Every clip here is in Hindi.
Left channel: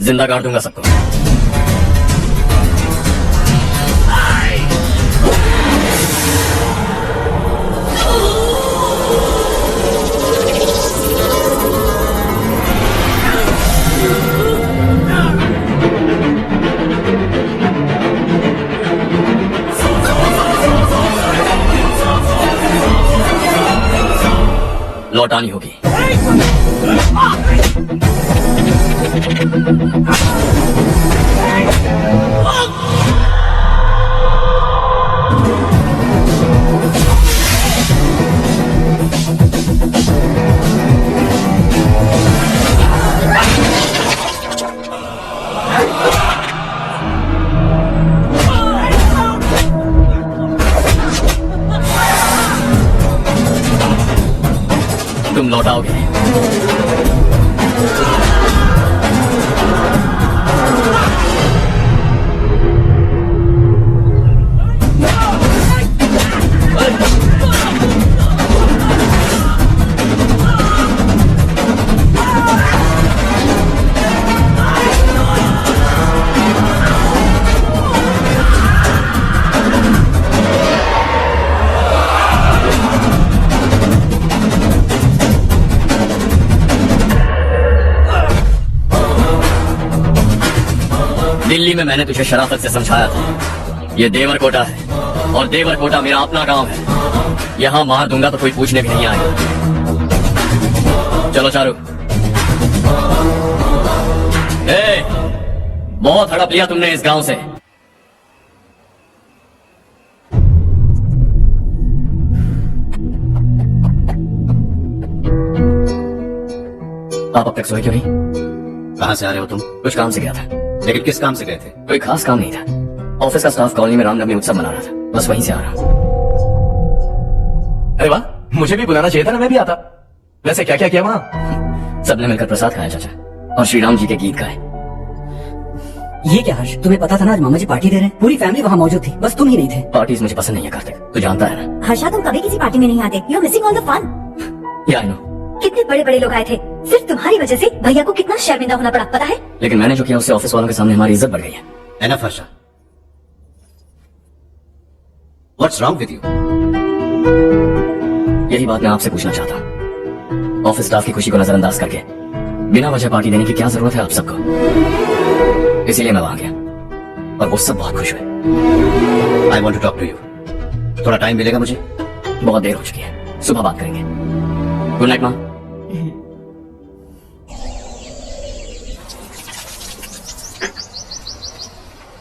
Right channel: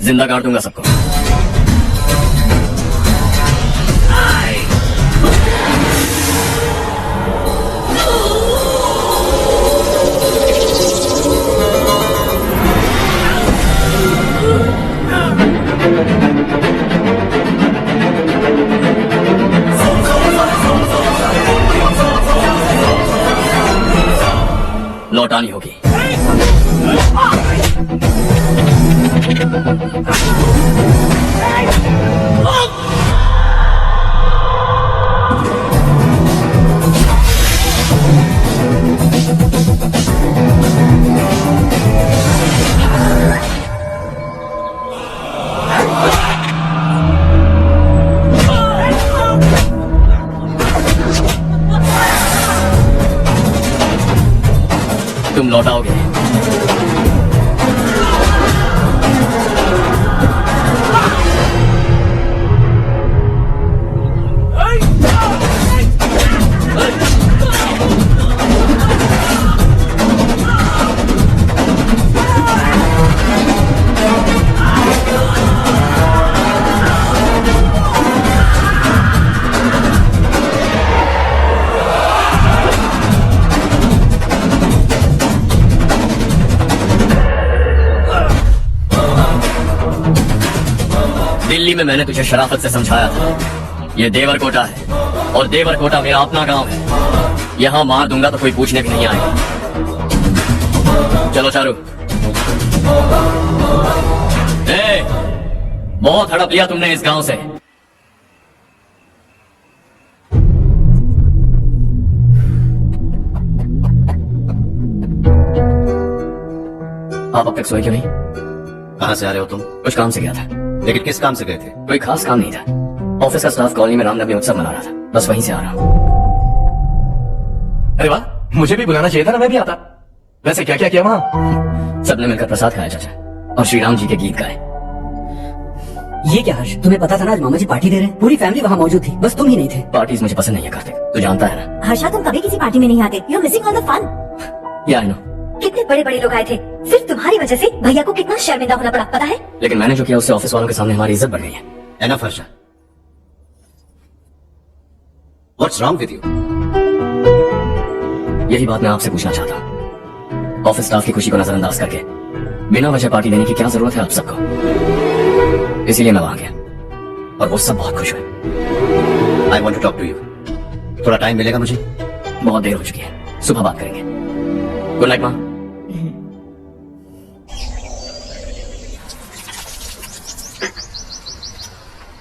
जिंदा काट दूंगा सबको। लौटानी होगी। तुम लौटाओगे। दिल्ली में मैंने तुझे शराफत से समझाया था, ये देवरकोटा है और देवरकोटा मेरा अपना गांव है। यहाँ मार दूंगा तो कोई पूछने भी नहीं आएगा। चलो चारू। ए, बहुत हड़प लिया तुमने इस गांव से। आप अब तक सोए क्यों नहीं? कहाँ से आ रहे हो तुम? कुछ काम से गया था। लेकिन किस काम से गए थे? कोई खास काम नहीं था। ऑफिस का स्टाफ कॉलोनी में रामनवमी उत्सव मना रहा था, बस वहीं से आ रहा हूँ। अरे वाह, मुझे भी बुलाना चाहिए था ना, मैं भी आता। वैसे क्या क्या किया वहाँ? सबने मिलकर प्रसाद खाया चाचा, और श्री राम जी के गीत गाए। ये क्या हर्ष, तुम्हें पता था ना आज मामा जी पार्टी दे रहे हैं? पूरी फैमिली वहाँ मौजूद थी, बस तुम ही नहीं थे। पार्टीज मुझे पसंद नहीं है कार्तिक, तू जानता है ना। हर्षा, तुम कभी किसी पार्टी में नहीं आते। You are missing all the fun. Yeah I no. कितने बड़े बड़े लोग आए थे, सिर्फ तुम्हारी वजह से भैया को कितना शर्मिंदा होना पड़ा, पता है? लेकिन मैंने जो किया उससे ऑफिस वालों के सामने हमारी इज्जत बढ़ गई है। Enough, Harsha. What's wrong with you? यही बात मैं आपसे पूछना चाहता हूँ। ऑफिस स्टाफ की खुशी को नजरअंदाज करके बिना वजह पार्टी देने की क्या जरूरत है आप सबको? इसीलिए मैं वहां गया और वो सब बहुत खुश हुए। I want to talk to you. थोड़ा टाइम मिलेगा मुझे? बहुत देर हो चुकी है, सुबह बात करेंगे। गुड नाइट माँ।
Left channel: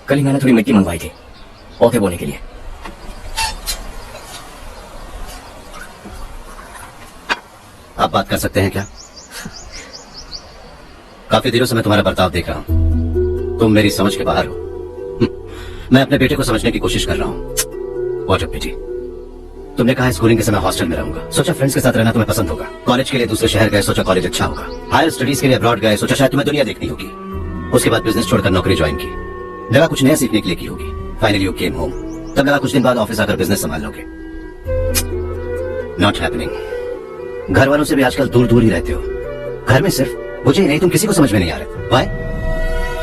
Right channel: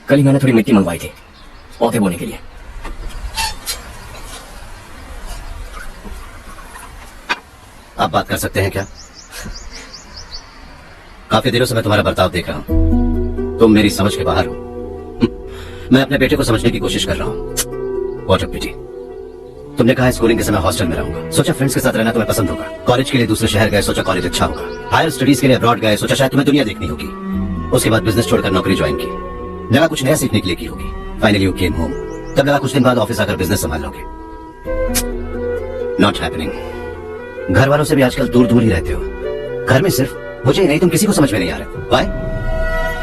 कल ही मैंने थोड़ी मिट्टी मंगवाई थी पौधे बोने के लिए। आप बात कर सकते हैं क्या? काफी दिनों से मैं तुम्हारा बर्ताव देख रहा हूं। तुम मेरी समझ के बाहर हो। मैं अपने बेटे को समझने की कोशिश कर रहा हूं। What a pity. तुमने कहा स्कूलिंग के समय हॉस्टल में रहूंगा, सोचा फ्रेंड्स के साथ रहना तुम्हें पसंद होगा। कॉलेज के लिए दूसरे शहर गए, सोचा कॉलेज अच्छा होगा। हायर स्टडीज के लिए अब्रॉड गए, सोचा शायद तुम्हें दुनिया देखनी होगी। उसके बाद बिजनेस छोड़कर नौकरी ज्वाइन की, लगा कुछ नया सीखने के लिए की होगी। फाइनली यू केम होम, तब लगा कुछ दिन बाद ऑफिस आकर बिजनेस संभाल लोगे। Not happening. घर वालों से भी आजकल दूर दूर ही रहते हो। घर में सिर्फ मुझे ही नहीं, तुम किसी को समझ में नहीं आ रहे। व्हाई?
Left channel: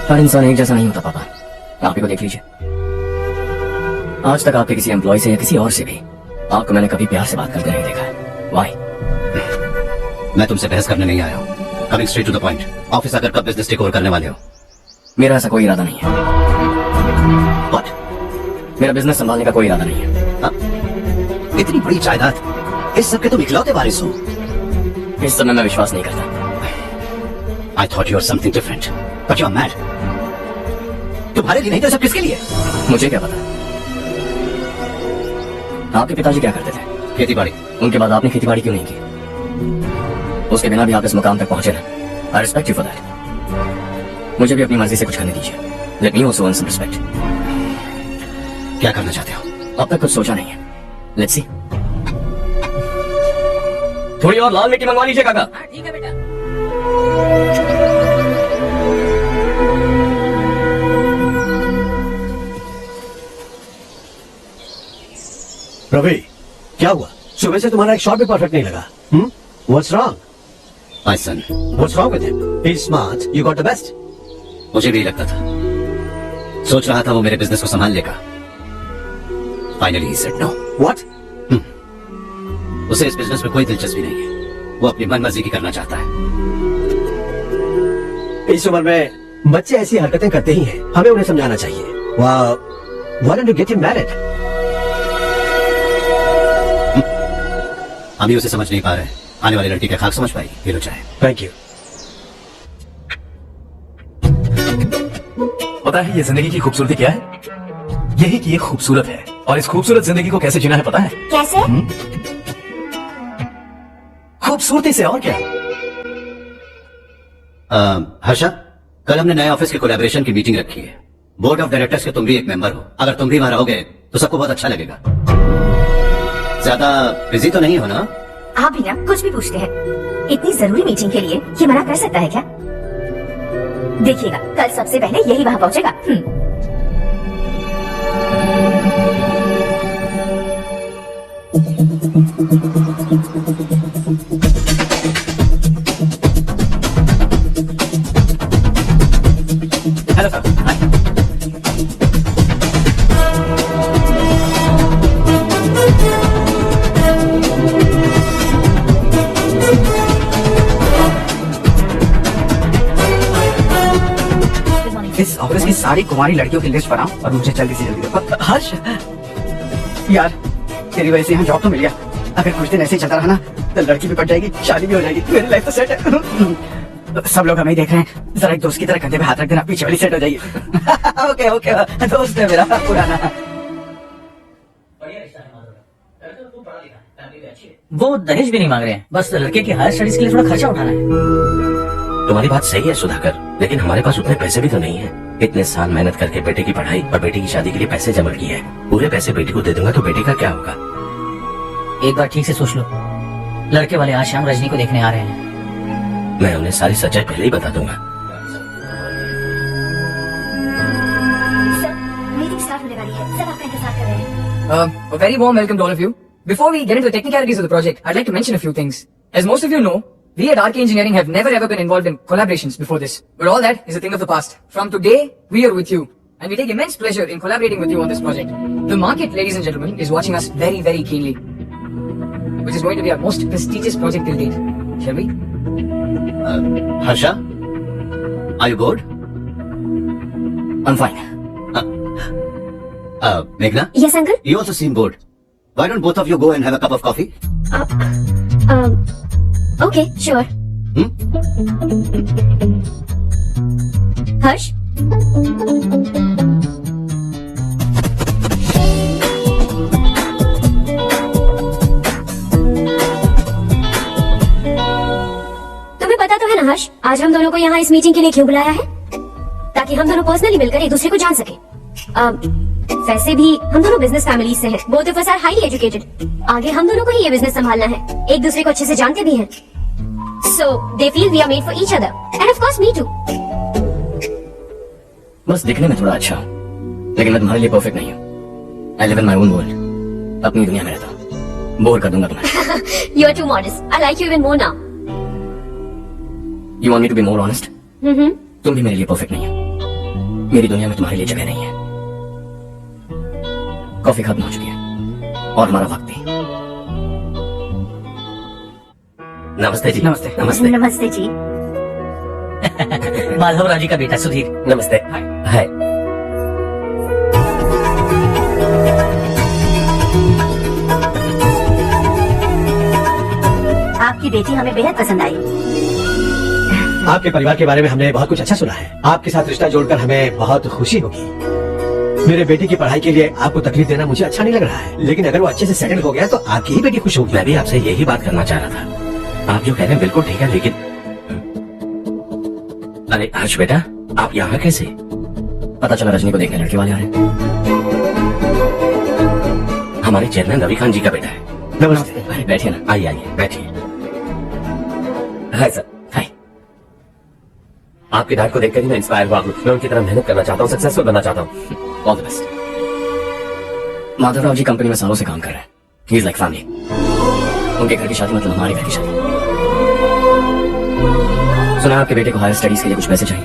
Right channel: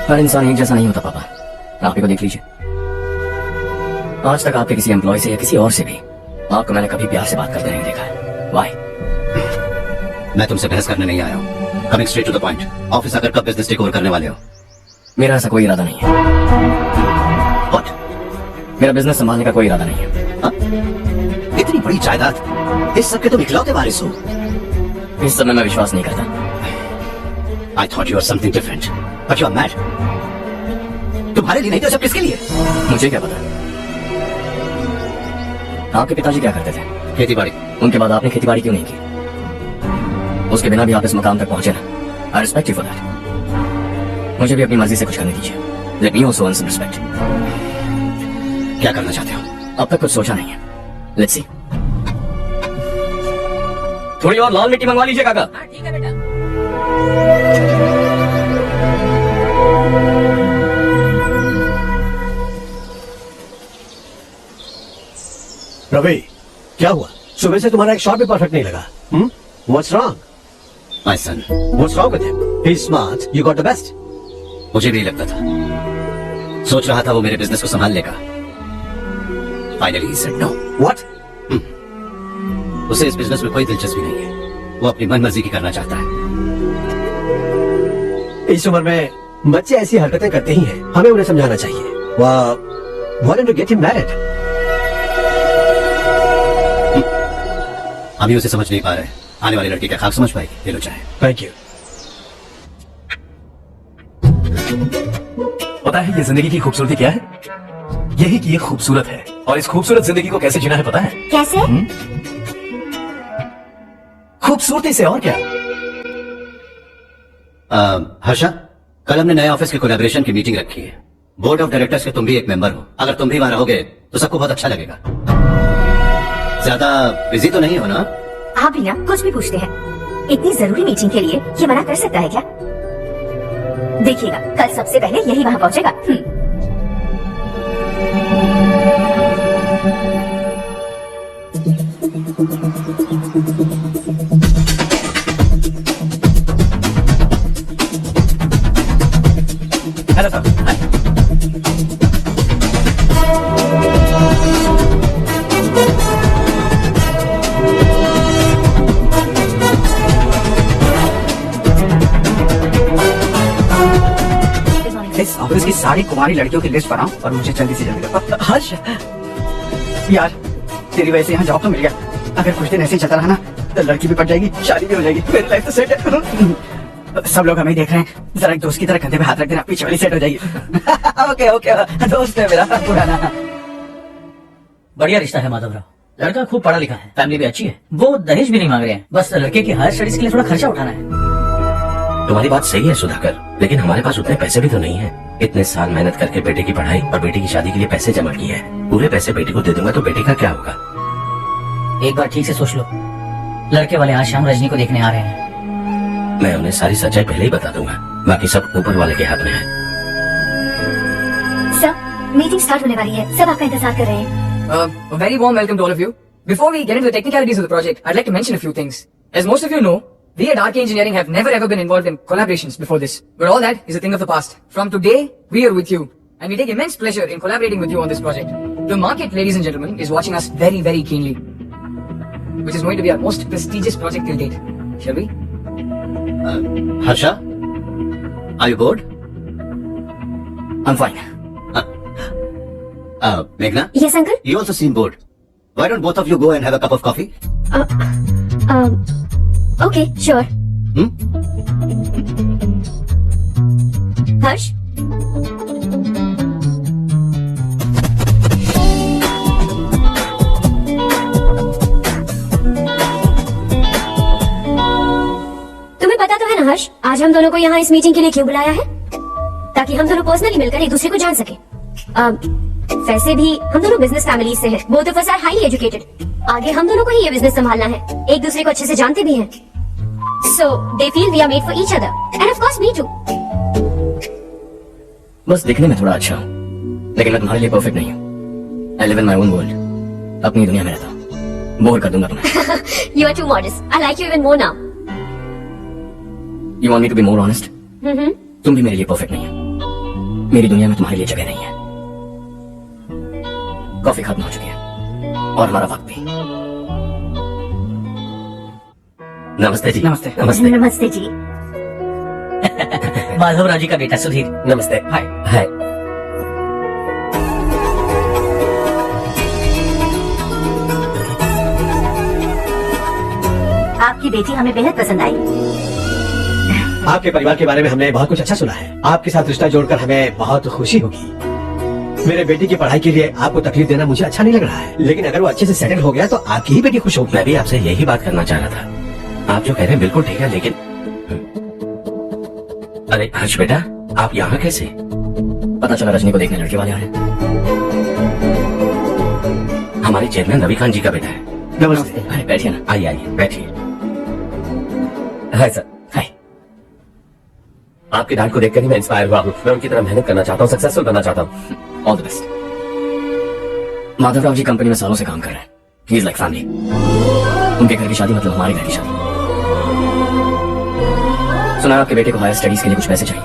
हर इंसान एक जैसा नहीं होता पापा, आप ही को देख लीजिए। आज तक आपके किसी एम्प्लॉय से या किसी और से भी आपको मैंने कभी प्यार से बात करते नहीं देखा है। व्हाई? मैं तुमसे बहस करने नहीं आया हूँ। Coming straight to the point, office आकर कब बिजनेस टेक ओवर करने वाले हो? मेरा ऐसा कोई इरादा नहीं है। What? मेरा बिजनेस संभालने का कोई इरादा नहीं है। हाँ? इतनी बड़ी जायदाद, इस सब के तुम इकलौते वारिस हो। इस समय मैं विश्वास नहीं करता। I thought you were something different, but you are mad. तुम्हारे लिए नहीं तो सब किसके लिए? मुझे क्या पता। आपके पिताजी क्या करते थे? खेती बाड़ी। उनके बाद आपने खेती बाड़ी क्यों नहीं की? उसके बिना भी आप इस मुकाम तक पहुंचे ना। I respect you for that. मुझे भी अपनी मर्जी से कुछ करने दीजिए। Let me also earn some respect. क्या करना चाहते हो? अब तक कुछ सोचा नहीं है। Let's see. थोड़ी और लाल मिट्टी मंगवा लीजिए काका। ठीक है बेटा। रवि, क्या हुआ? सुबह से तुम्हारा एक शॉट भी परफेक्ट नहीं लगा। What's wrong? My son. What's wrong with him? He's smart. You got the best. मुझे भी लगता था, सोच रहा था वो मेरे बिजनेस को संभाल लेगा। Finally he said no. What? उसे इस बिजनेस में कोई दिलचस्पी नहीं है, वो अपनी मनमर्जी की करना चाहता है। इस उम्र में बच्चे ऐसी हरकतें करते ही हैं, हमें उन्हें समझाना चाहिए। Why don't you get him married? अभी उसे समझ नहीं पा रहे, आने वाली लड़की का खाक समझ पाएगी। ले लो चाहे। Thank you. पता है ये जिंदगी की खूबसूरती क्या है? यही कि ये खूबसूरत है, और इस खूबसूरत जिंदगी को कैसे जीना है पता है? कैसे? खूबसूरती से, और क्या? हर्षा, कल हमने नए ऑफिस के कोलैबोरेशन की मीटिंग रखी है। बोर्ड ऑफ डायरेक्टर्स के तुम भी एक मेंबर हो। अगर तुम भी वहां रहोगे तो सबको बहुत अच्छा लगेगा। ज्यादा बिजी तो नहीं हो ना? आप भी ना कुछ भी पूछते हैं। इतनी जरूरी मीटिंग के लिए ये मना कर सकता है क्या? देखिएगा, कल सबसे पहले यही वहां पहुंचेगा। Hello sir. हाय। इस ऑफिस की सारी कुमारी लड़कियों की लिस्ट बनाओ और मुझे जल्दी से जल्दी दो। हर्ष, यार तेरी वजह से यहाँ जॉब तो मिल गया। अगर कुछ दिन ऐसे ही चलता रहा ना तो लड़की भी पट जाएगी, शादी भी हो जाएगी, मेरी लाइफ तो सेट है। सब लोग हमें देख रहे हैं, जरा एक दोस्त की तरह कंधे पे हाथ रख देना, पीछे वाली सेट हो जाएगी। ओके ओके, दोस्त है मेरा पुराना। बढ़िया रिश्ता है माधवराव। लड़का खूब पढ़ा लिखा है, फैमिली भी अच्छी है। वो दहेज भी नहीं मांग रहे हैं, बस लड़के की हायर स्टडीज के लिए थोड़ा खर्चा उठाना है। तुम्हारी बात सही है सुधाकर, लेकिन हमारे पास उतने पैसे भी तो नहीं है। इतने साल मेहनत करके बेटे की पढ़ाई और बेटी की शादी के लिए पैसे जमा किए हैं। पूरे पैसे बेटी को दे दूंगा तो बेटी का क्या होगा? एक बार ठीक से सोच लो, लड़के वाले आज शाम रजनी को देखने आ रहे हैं। मैं उन्हें सारी सच्चाई पहले ही बता दूंगा, बाकी सब ऊपर वाले के हाथ में है। सर, मीटिंग स्टार्ट होने वाली है, सब आपका इंतजार कर रहे हैं। A very warm welcome to all of you. Before we get into the technicalities of the project, I'd like to mention a few things. As most of you know, we at RK Engineering have never ever been involved in collaborations before this. But all that is a thing of the past. From today, we are with you. And we take immense pleasure in collaborating with you on this project. The market, ladies and gentlemen, is watching us very, very keenly. Which is going to be our most prestigious project till date. Shall we? Harsha, are you bored? I'm fine. Meghna, Yes, uncle. you also seem bored. Why don't both of you go and have a cup of coffee? Okay, sure. हर्ष, तुम्हें पता तो है ना हर्ष, आज हम दोनों को यहाँ इस मीटिंग के लिए क्यों बुलाया है? ताकि हम दोनों पर्सनली मिलकर एक दूसरे को जान सके। वैसे भी हम दोनों बिजनेस फैमिली से हैं, both of us are highly educated. आगे हम दोनों को ही ये बिजनेस संभालना है, एक दूसरे को अच्छे से जानते भी हैं। So they feel we are made for each other, and of course me too. बस दिखने में थोड़ा अच्छा, लेकिन मैं तुम्हारे लिए परफेक्ट नहीं हूँ। I live in my own world. अपनी दुनिया में रहता हूँ, बोर कर दूंगा तुम्हें। You are too modest. I like you even more now. You want me to be more honest? तुम भी मेरे लिए परफेक्ट नहीं हो। मेरी दुनिया में तुम्हारे लिए जगह नहीं है। कॉफी खत्म हो चुकी है और हमारा वक्त भी। नमस्ते जी। नमस्ते। नमस्ते। नमस्ते जी। माधवराव जी का बेटा सुधीर। नमस्ते। हाय। हाय। आपकी बेटी हमें बेहद पसंद आई। आपके परिवार के बारे में हमने बहुत कुछ अच्छा सुना है। आपके साथ रिश्ता जोड़कर हमें बहुत खुशी होगी। मेरे बेटे की पढ़ाई के लिए आपको तकलीफ देना मुझे अच्छा नहीं लग रहा है, लेकिन अगर वो अच्छे से सेटल हो गया तो आपकी ही बेटी खुश होगी। मैं भी आपसे यही बात करना चाह रहा था। आप जो कह रहे हैं बिल्कुल ठीक है, लेकिन अरे हर्ष बेटा, आप यहाँ कैसे? पता चला रजनी को देखने लड़के वाले आ रहे हैं। हमारे चेयरमैन रविकांत जी का बेटा है। नमस्ते। अरे बैठिए ना। आइए आइए बैठिए। Hi sir. हाय। आपके डैड को देखकर ही मैं इंस्पायर हुआ हूँ। मैं उनकी तरह मेहनत करना चाहता हूँ, सक्सेसफुल बनना चाहता हूँ। All the best. Madhavrao ji company में सालों से काम कर रहे हैं। He is like family. उनके घर की शादी मतलब हमारे घर की शादी। सुना आपके बेटे को हायर स्टडीज के लिए कुछ पैसे चाहिए।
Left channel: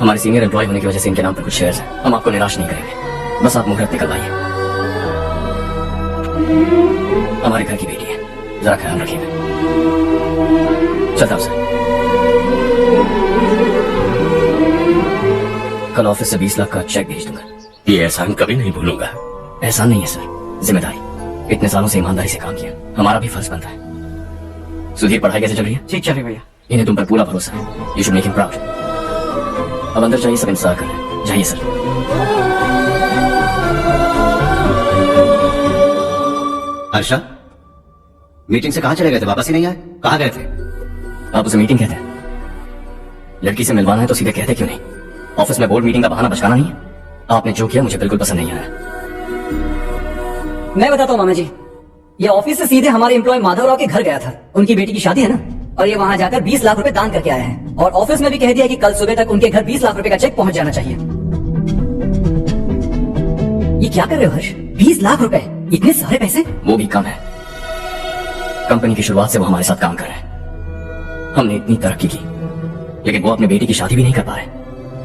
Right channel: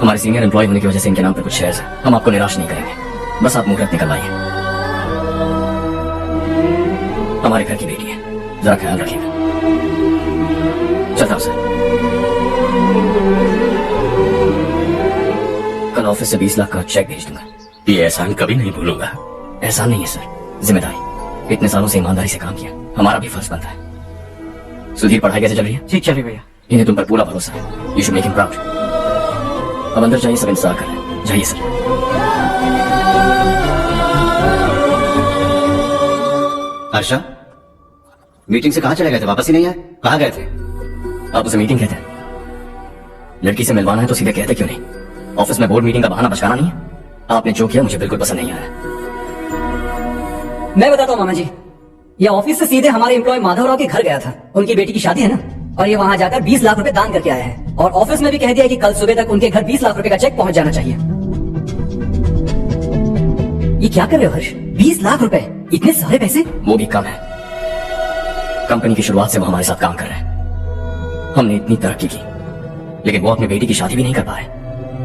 हमारे सीनियर एम्प्लॉय होने की वजह से इनके नाम पर कुछ शेयर्स हैं। हम आपको निराश नहीं करेंगे, बस आप मुहूर्त निकलवाइए। हमारे घर की बेटी है, जरा ख्याल रखिएगा। चलता हूं सर। कल ऑफिस से 20 लाख का चेक भेज दूंगा। ये एहसान कभी नहीं भूलूंगा। एहसान नहीं है सर, जिम्मेदारी। इतने सालों से ईमानदारी से काम किया, हमारा भी फर्ज बनता है। सुधीर, पढ़ाई कैसे चल रही है? ठीक चलिए भैया। इन्हें तुम पर पूरा भरोसा है। You should make him proud. अब अंदर जाइए, सब इंतजार कर रहे हैं। जाइए सर। हर्षा, मीटिंग से कहाँ चले गए थे? वापस ही नहीं आए? कहाँ गए थे? आप उसे मीटिंग कहते हैं? लड़की से मिलवाना है तो सीधे कहते क्यों नहीं? ऑफिस में बोर्ड मीटिंग का बहाना बचकाना नहीं है। आपने जो किया मुझे बिल्कुल पसंद नहीं आया। मैं बताता हूँ मामा जी, ये ऑफिस से सीधे हमारे एम्प्लॉय माधवराव के घर गया था। उनकी बेटी की शादी है ना, और ये वहाँ जाकर 20 लाख रुपए दान करके आया है। और ऑफिस में भी कह दिया कि कल सुबह तक उनके घर 20 लाख रुपए का चेक पहुंच जाना चाहिए। ये क्या कर रहे हो हर्ष? 20 लाख रुपए, इतने सारे पैसे? वो भी कम है। कंपनी की शुरुआत से वो हमारे साथ काम कर रहे हैं। हमने इतनी तरक्की की, लेकिन वो अपनी बेटी की शादी भी नहीं कर पा रहे।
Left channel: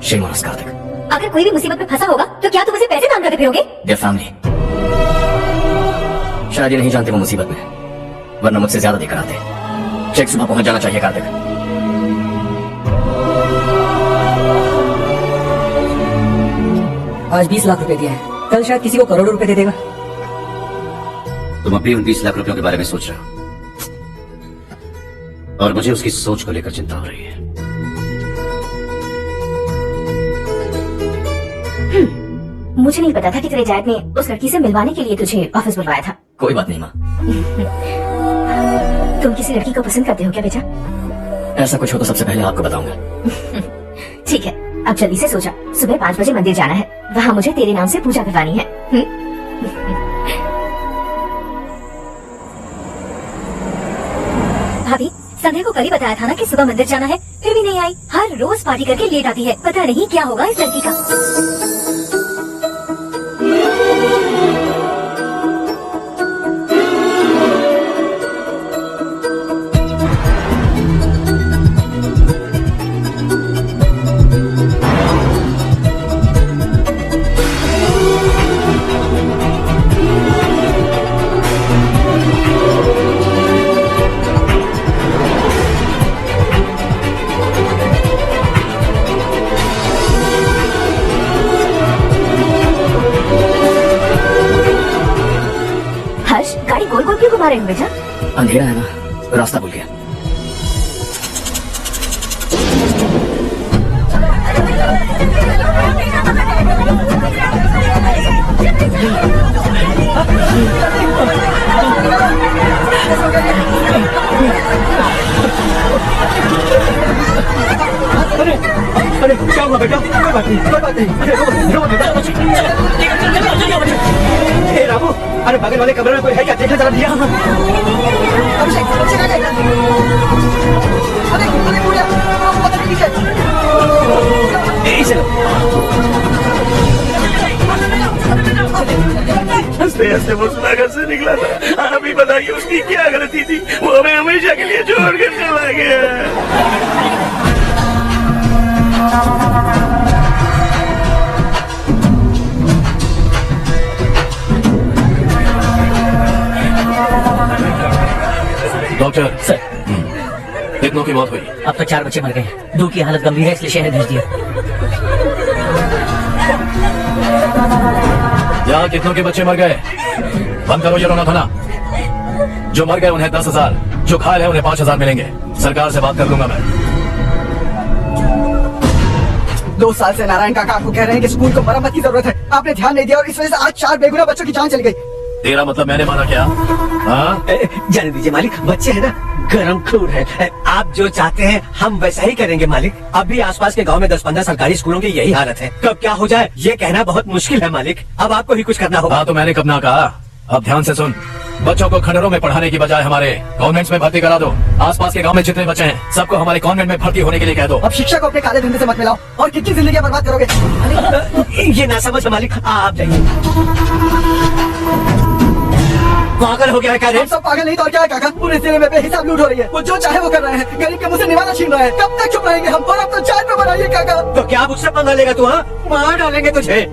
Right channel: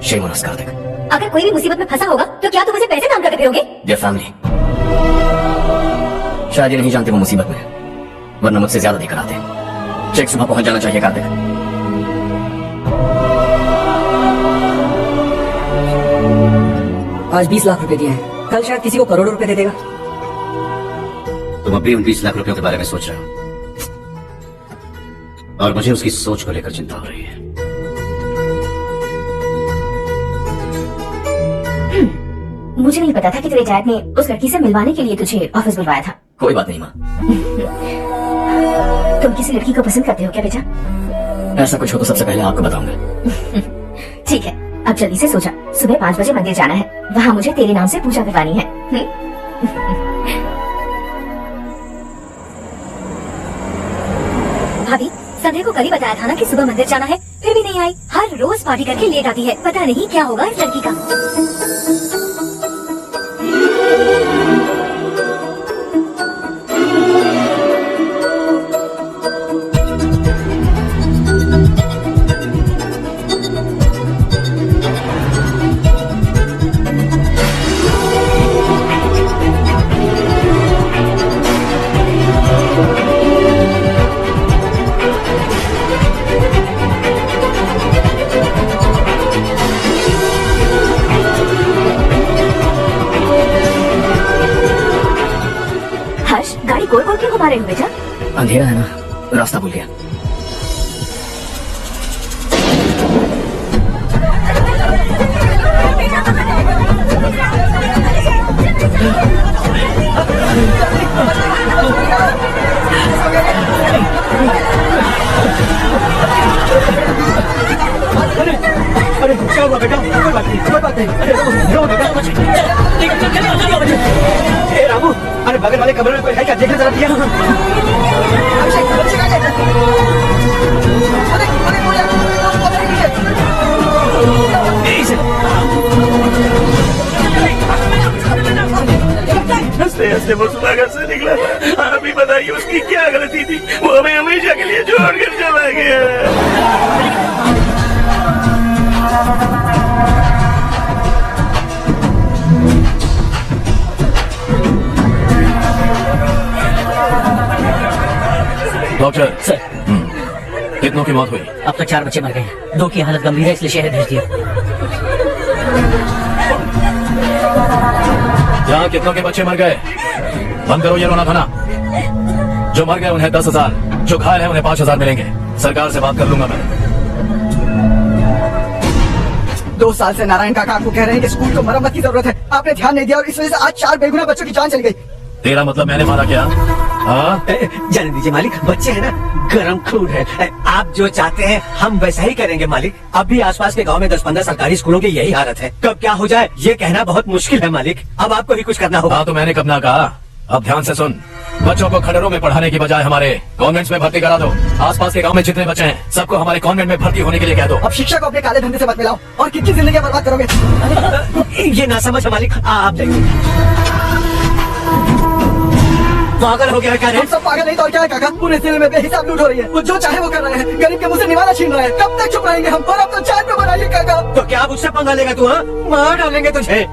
शेम और अस्कार तक। अगर कोई भी मुसीबत में फंसा होगा तो क्या तुम उसे पैसे दान करके फिरोगे? Their family. शायद ये नहीं जानते वो मुसीबत में है, वरना मुझसे ज्यादा देकर आते। चेक सुबह पहुंच जाना चाहिए कार्तिक। आज 20 लाख रुपए दिए हैं, कल शायद किसी को करोड़ों रुपए दे देगा। तुम अभी उन 20 लाख रुपयों के बारे में सोच रहे हो, और मुझे उसकी सोच को लेकर चिंता हो रही है। मुझे नहीं पता था कि तेरे डैड ने उस लड़की से मिलवाने के लिए तुझे ऑफिस बुलवाया था। कोई बात नहीं माँ। तुम किसी लड़की को पसंद करते हो क्या बेटा? ऐसा कुछ हो तो सबसे पहले आपको बताऊंगा। ठीक है, अब जल्दी से सो जा। सुबह 5 बजे मंदिर जाना है, वहाँ मुझे तेरे नाम से पूजा करवानी है। भाभी, संध्या को कल ही बताया था ना कि सुबह मंदिर जाना है, फिर भी नहीं आई। हर रोज पार्टी करके लेट आती है। पता नहीं क्या होगा इस लड़की का। गाड़ी गोल गोल क्यों घुमा रहे हो बेटा? अंधेरा है ना, रास्ता भूल गया। अरे क्या हुआ बेटा? कोई बात नहीं, कोई बात नहीं। रो बेटा। ए रामू, अरे बगल वाले कमरे में कोई है क्या? देखना जरा भैया। हंसते हंसते वो सुधाकर से निकला था। अभी बताइए उसकी क्या गलती थी? वो हमें हमेशा के लिए छोड़कर चला गया। डॉक्टर सर, कितनों की मौत हुई? अब तक 4 बच्चे मर गए हैं, 2 की हालत गंभीर है, इसलिए शहर भेज दिया। यहाँ कितनों के बच्चे मर गए? बंद करो ये रोना धोना। जो मर गए उन्हें 10,000, जो घायल है उन्हें 5,000 मिलेंगे। सरकार से बात कर लूंगा मैं। 2 साल से नारायण काका आपको कह रहे हैं कि स्कूल को मरम्मत की जरूरत है। आपने ध्यान नहीं दिया और इस वजह से आज 4 बेगुनाह बच्चों की जान चली गई। तेरा मतलब मैंने मारा क्या? हाँ? जाने दीजिए मालिक, बच्चे हैं ना, गरम खून है। आप जो चाहते हैं हम वैसा ही करेंगे मालिक। अब भी आसपास के गांव में 10-15 सरकारी स्कूलों की यही हालत है। कब क्या हो जाए ये कहना बहुत मुश्किल है मालिक। अब आपको ही कुछ करना होगा। हाँ तो मैंने कब ना कहा। अब ध्यान से सुन, बच्चों को खंडरों में पढ़ाने की बजाय हमारे कॉन्वेंट्स में भर्ती करा दो। आसपास के गांव में जितने बच्चे हैं सबको हमारे कॉन्वेंट में भर्ती होने के लिए कह दो। अब शिक्षा को अपने काले धंधे से मत मिलाओ और कितनी जिंदगी बर्बाद करोगे। ये ना समझ है मालिक, आप जाइए। पागल हो गया क्या रे? हम सब पागल नहीं तो और क्या है काका? पूरे जिले में बेहिसाब लूट हो रही है। वो जो चाहे वो कर रहे हैं। गरीब के मुंह से निवाला छीन रहे हैं। कब तक चुप रहेंगे हम? और अब तो चाय पे बनाइए काका। तो क्या मुझसे पंगा लेगा तू? हाँ, मार डालेंगे तुझे।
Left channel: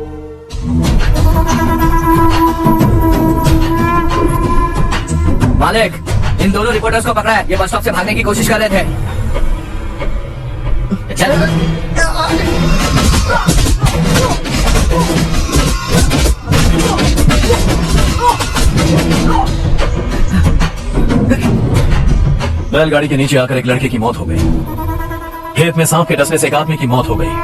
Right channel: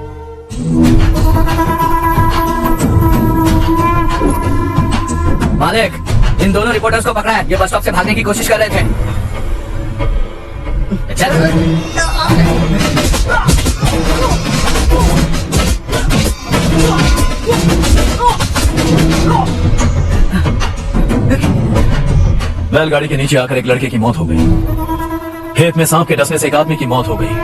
मालिक, इन दोनों रिपोर्टर्स को पकड़ा है। ये बस स्टॉप से भागने की कोशिश कर रहे थे। बैलगाड़ी के नीचे आकर एक लड़के की मौत हो गई। खेत में सांप के डसने से एक आदमी की मौत हो गई,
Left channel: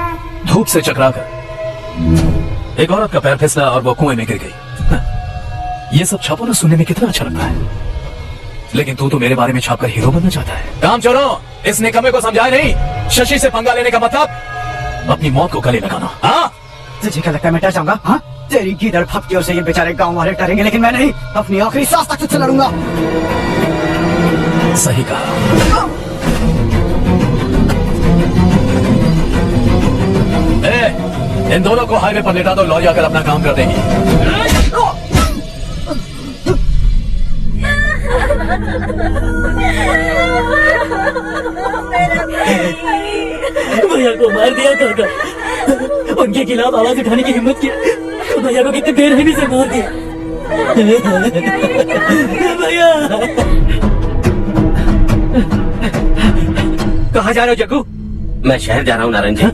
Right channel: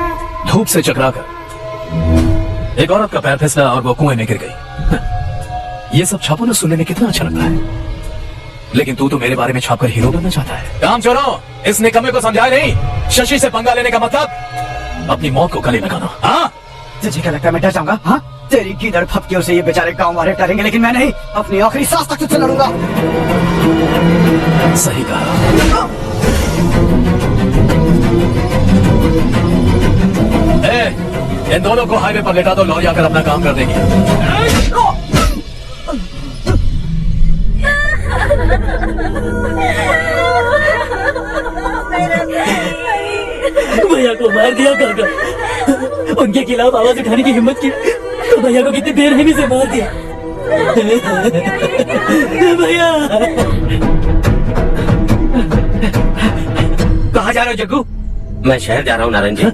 धूप से चकराकर। एक औरत का पैर फिसला और वो कुएं में गिर गई। ये सब छापो ना, सुनने में कितना अच्छा लगता है, लेकिन तू तो मेरे बारे में छापकर हीरो बनना चाहता है। काम छोड़ो, इस निकम्मे को समझाए नहीं। शशि से पंगा लेने का मतलब अपनी मौत को गले लगाना। हाँ, तुझे क्या लगता है मैं डर जाऊंगा? हाँ, तेरी गीदड़ फपकियों से ये बेचारे गांव वाले डरेंगे, लेकिन मैं नहीं। अपनी आखिरी सांस तक तुझसे लड़ूंगा। सही कहा। इन दोनों को हाईवे पर लेटा दो, लॉरी आकर अपना काम कर देगी। भैया को मार दिया काका। उनके खिलाफ आवाज उठाने की हिम्मत की तो भैया को कितने बेरहमी से मार दिया। भैया कहाँ जा रहे हो जग्गू? मैं शहर जा रहा हूँ नारायण जी,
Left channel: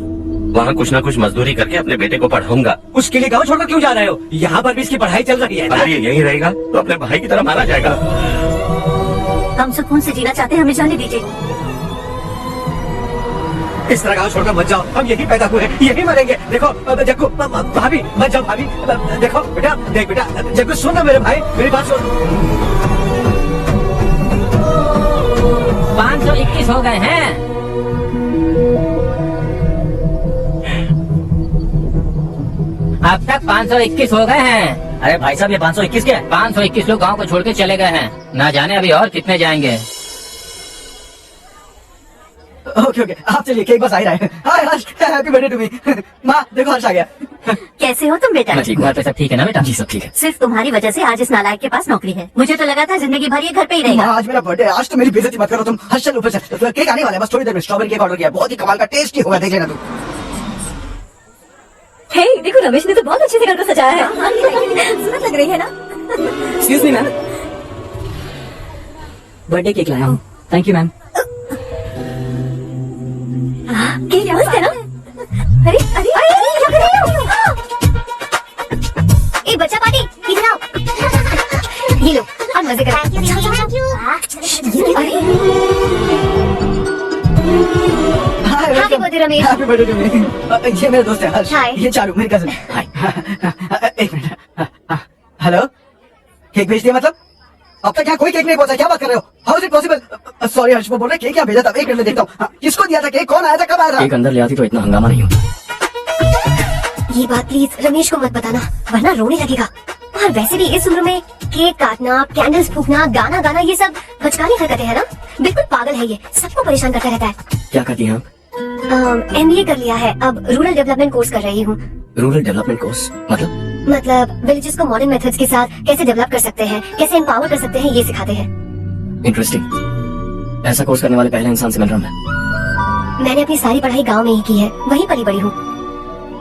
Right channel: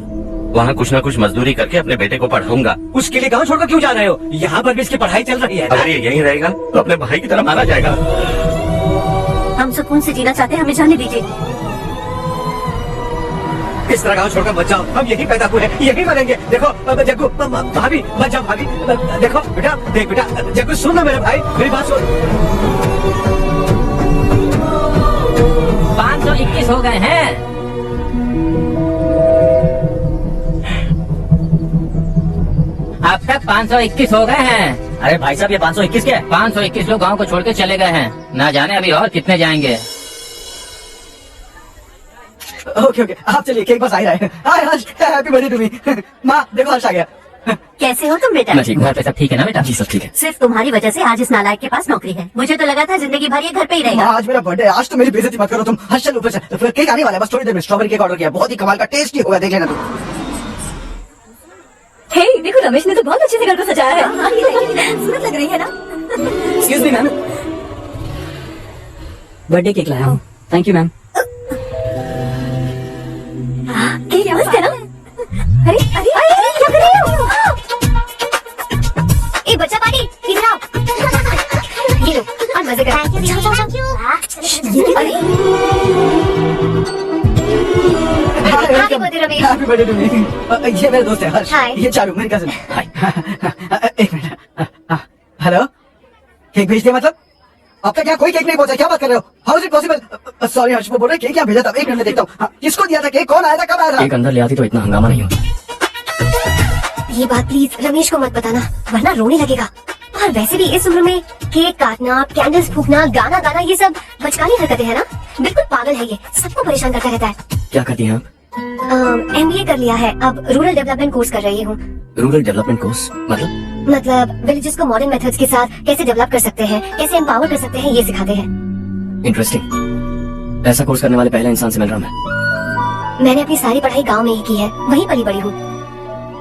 वहाँ कुछ ना कुछ मजदूरी करके अपने बेटे को पढ़ाऊंगा। उसके लिए गाँव छोड़कर क्यों जा रहे हो? यहाँ पर भी इसकी पढ़ाई चल रही है ना? अगर ये यही रहेगा तो अपने भाई की तरह मारा जाएगा। हम सुकून से जीना चाहते हैं, हमें जाने दीजिए। इस तरह गाँव छोड़कर मत जाओ। हम यही पैदा हुए हैं, यही मरेंगे। देखो जग्गू, भाभी मत जाओ। भाभी देखो बेटा, देख बेटा, जग्गू सुन ना मेरे भाई, मेरी बात सुन। 521 हो गए हैं। अब तक 521 हो गए हैं। अरे भाई साहब, ये 521 क्या है? 521 लोग गांव को छोड़ के चले गए हैं। ना जाने अभी और कितने जाएंगे। ओके ओके, आप चलिए, केक बस आ ही रहा है। हाय हर्ष, हैप्पी बर्थडे टू मी। माँ देखो, हर्ष आ गया। कैसे हो तुम बेटा? मैं ठीक हूँ। घर पे सब ठीक है ना बेटा? जी सब ठीक है। सिर्फ तुम्हारी वजह से आज इस नालायक के पास नौकरी है। मुझे तो लगा था जिंदगी भर ये घर पे ही रहेगा। आज मेरा बर्थडे, आज तो मेरी बेइज्जती मत करो तुम। हर्ष चल ऊपर से, केक आने वाला है, बस थोड़ी देर में। स्ट्रॉबेरी केक ऑर्डर किया, बहुत ही कमाल का, टेस्टी होगा, देख लेना तुम। हे देखो, रमेश ने तो बहुत अच्छे से घर को सजाया है। सूरत लग रही है ना? Excuse me ma'am, birthday cake लाया हूँ। Thank you ma'am. केक मस्त है ना? अरे अरे अरे, क्या कर रहे हो? ए बच्चा पार्टी, इधर आओ। ये लो, हम मजे करें। Thank you. अरे happy birthday Ramesh. Happy birthday to me. ये मेरे दोस्त है हर्ष। हाय। ये चालू, मेरी कजिन। हाय। एक मिनट। हेलो, केक भेज दिया मतलब? अब तक यहाँ कोई केक नहीं पहुंचा, क्या बात कर रहे हो? How is it possible? Sorry Harsh, वो बोल रहे केक यहाँ भेजा था। एक मिनट में देखता हूँ। किसको दिया था केक? कौन आया था? कब आया था? एक अंदर ले आती तो इतना हंगामा नहीं होता। ये बात प्लीज रमेश को मत बताना, वरना रोने लगेगा। और वैसे भी इस उम्र में केक काटना, कैंडल्स फूकना, गाना गाना, ये सब बचकानी हरकतें हैं ना? बिल्कुल पागल है ये, सबको परेशान करता रहता है। क्या करती हैं आप? MBA कर लिया है, अब रूरल डेवलपमेंट कोर्स कर रही हूँ। रूरल डेवलपमेंट कोर्स मतलब विलेजेस को मॉडर्न मेथड्स के साथ कैसे डेवलप कर सकते हैं, कैसे एम्पावर कर सकते हैं, ये सिखाते हैं। इंटरेस्टिंग। ऐसा कोर्स करने वाले पहले इंसान से मिल रहा हूँ मैं। मैंने अपनी सारी पढ़ाई गांव में ही की है, वहीं पली बड़ी हूँ।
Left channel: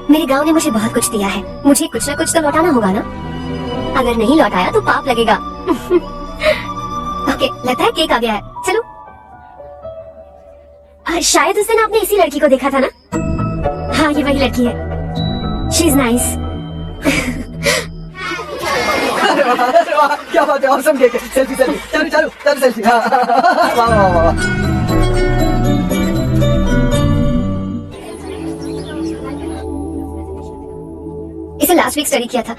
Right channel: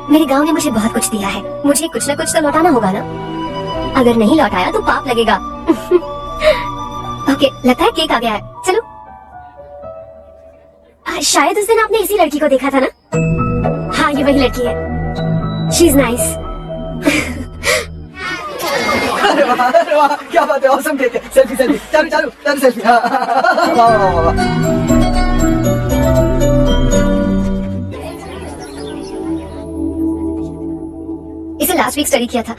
मेरे गांव ने मुझे बहुत कुछ दिया है, मुझे कुछ न कुछ तो लौटाना होगा ना। अगर नहीं लौटाया तो पाप लगेगा। ओके, लगता है केक आ गया है, चलो। शायद उस दिन आपने इसी लड़की को देखा था ना? हाँ, ये वही लड़की है। She is nice. अरे वाह, क्या बात है, ऑसम केक है। सेल्फी सेल्फी, चालू चालू चालू सेल्फी। हाँ, वाह वाह वाह वाह। इसे लास्ट वीक स्टडी किया था।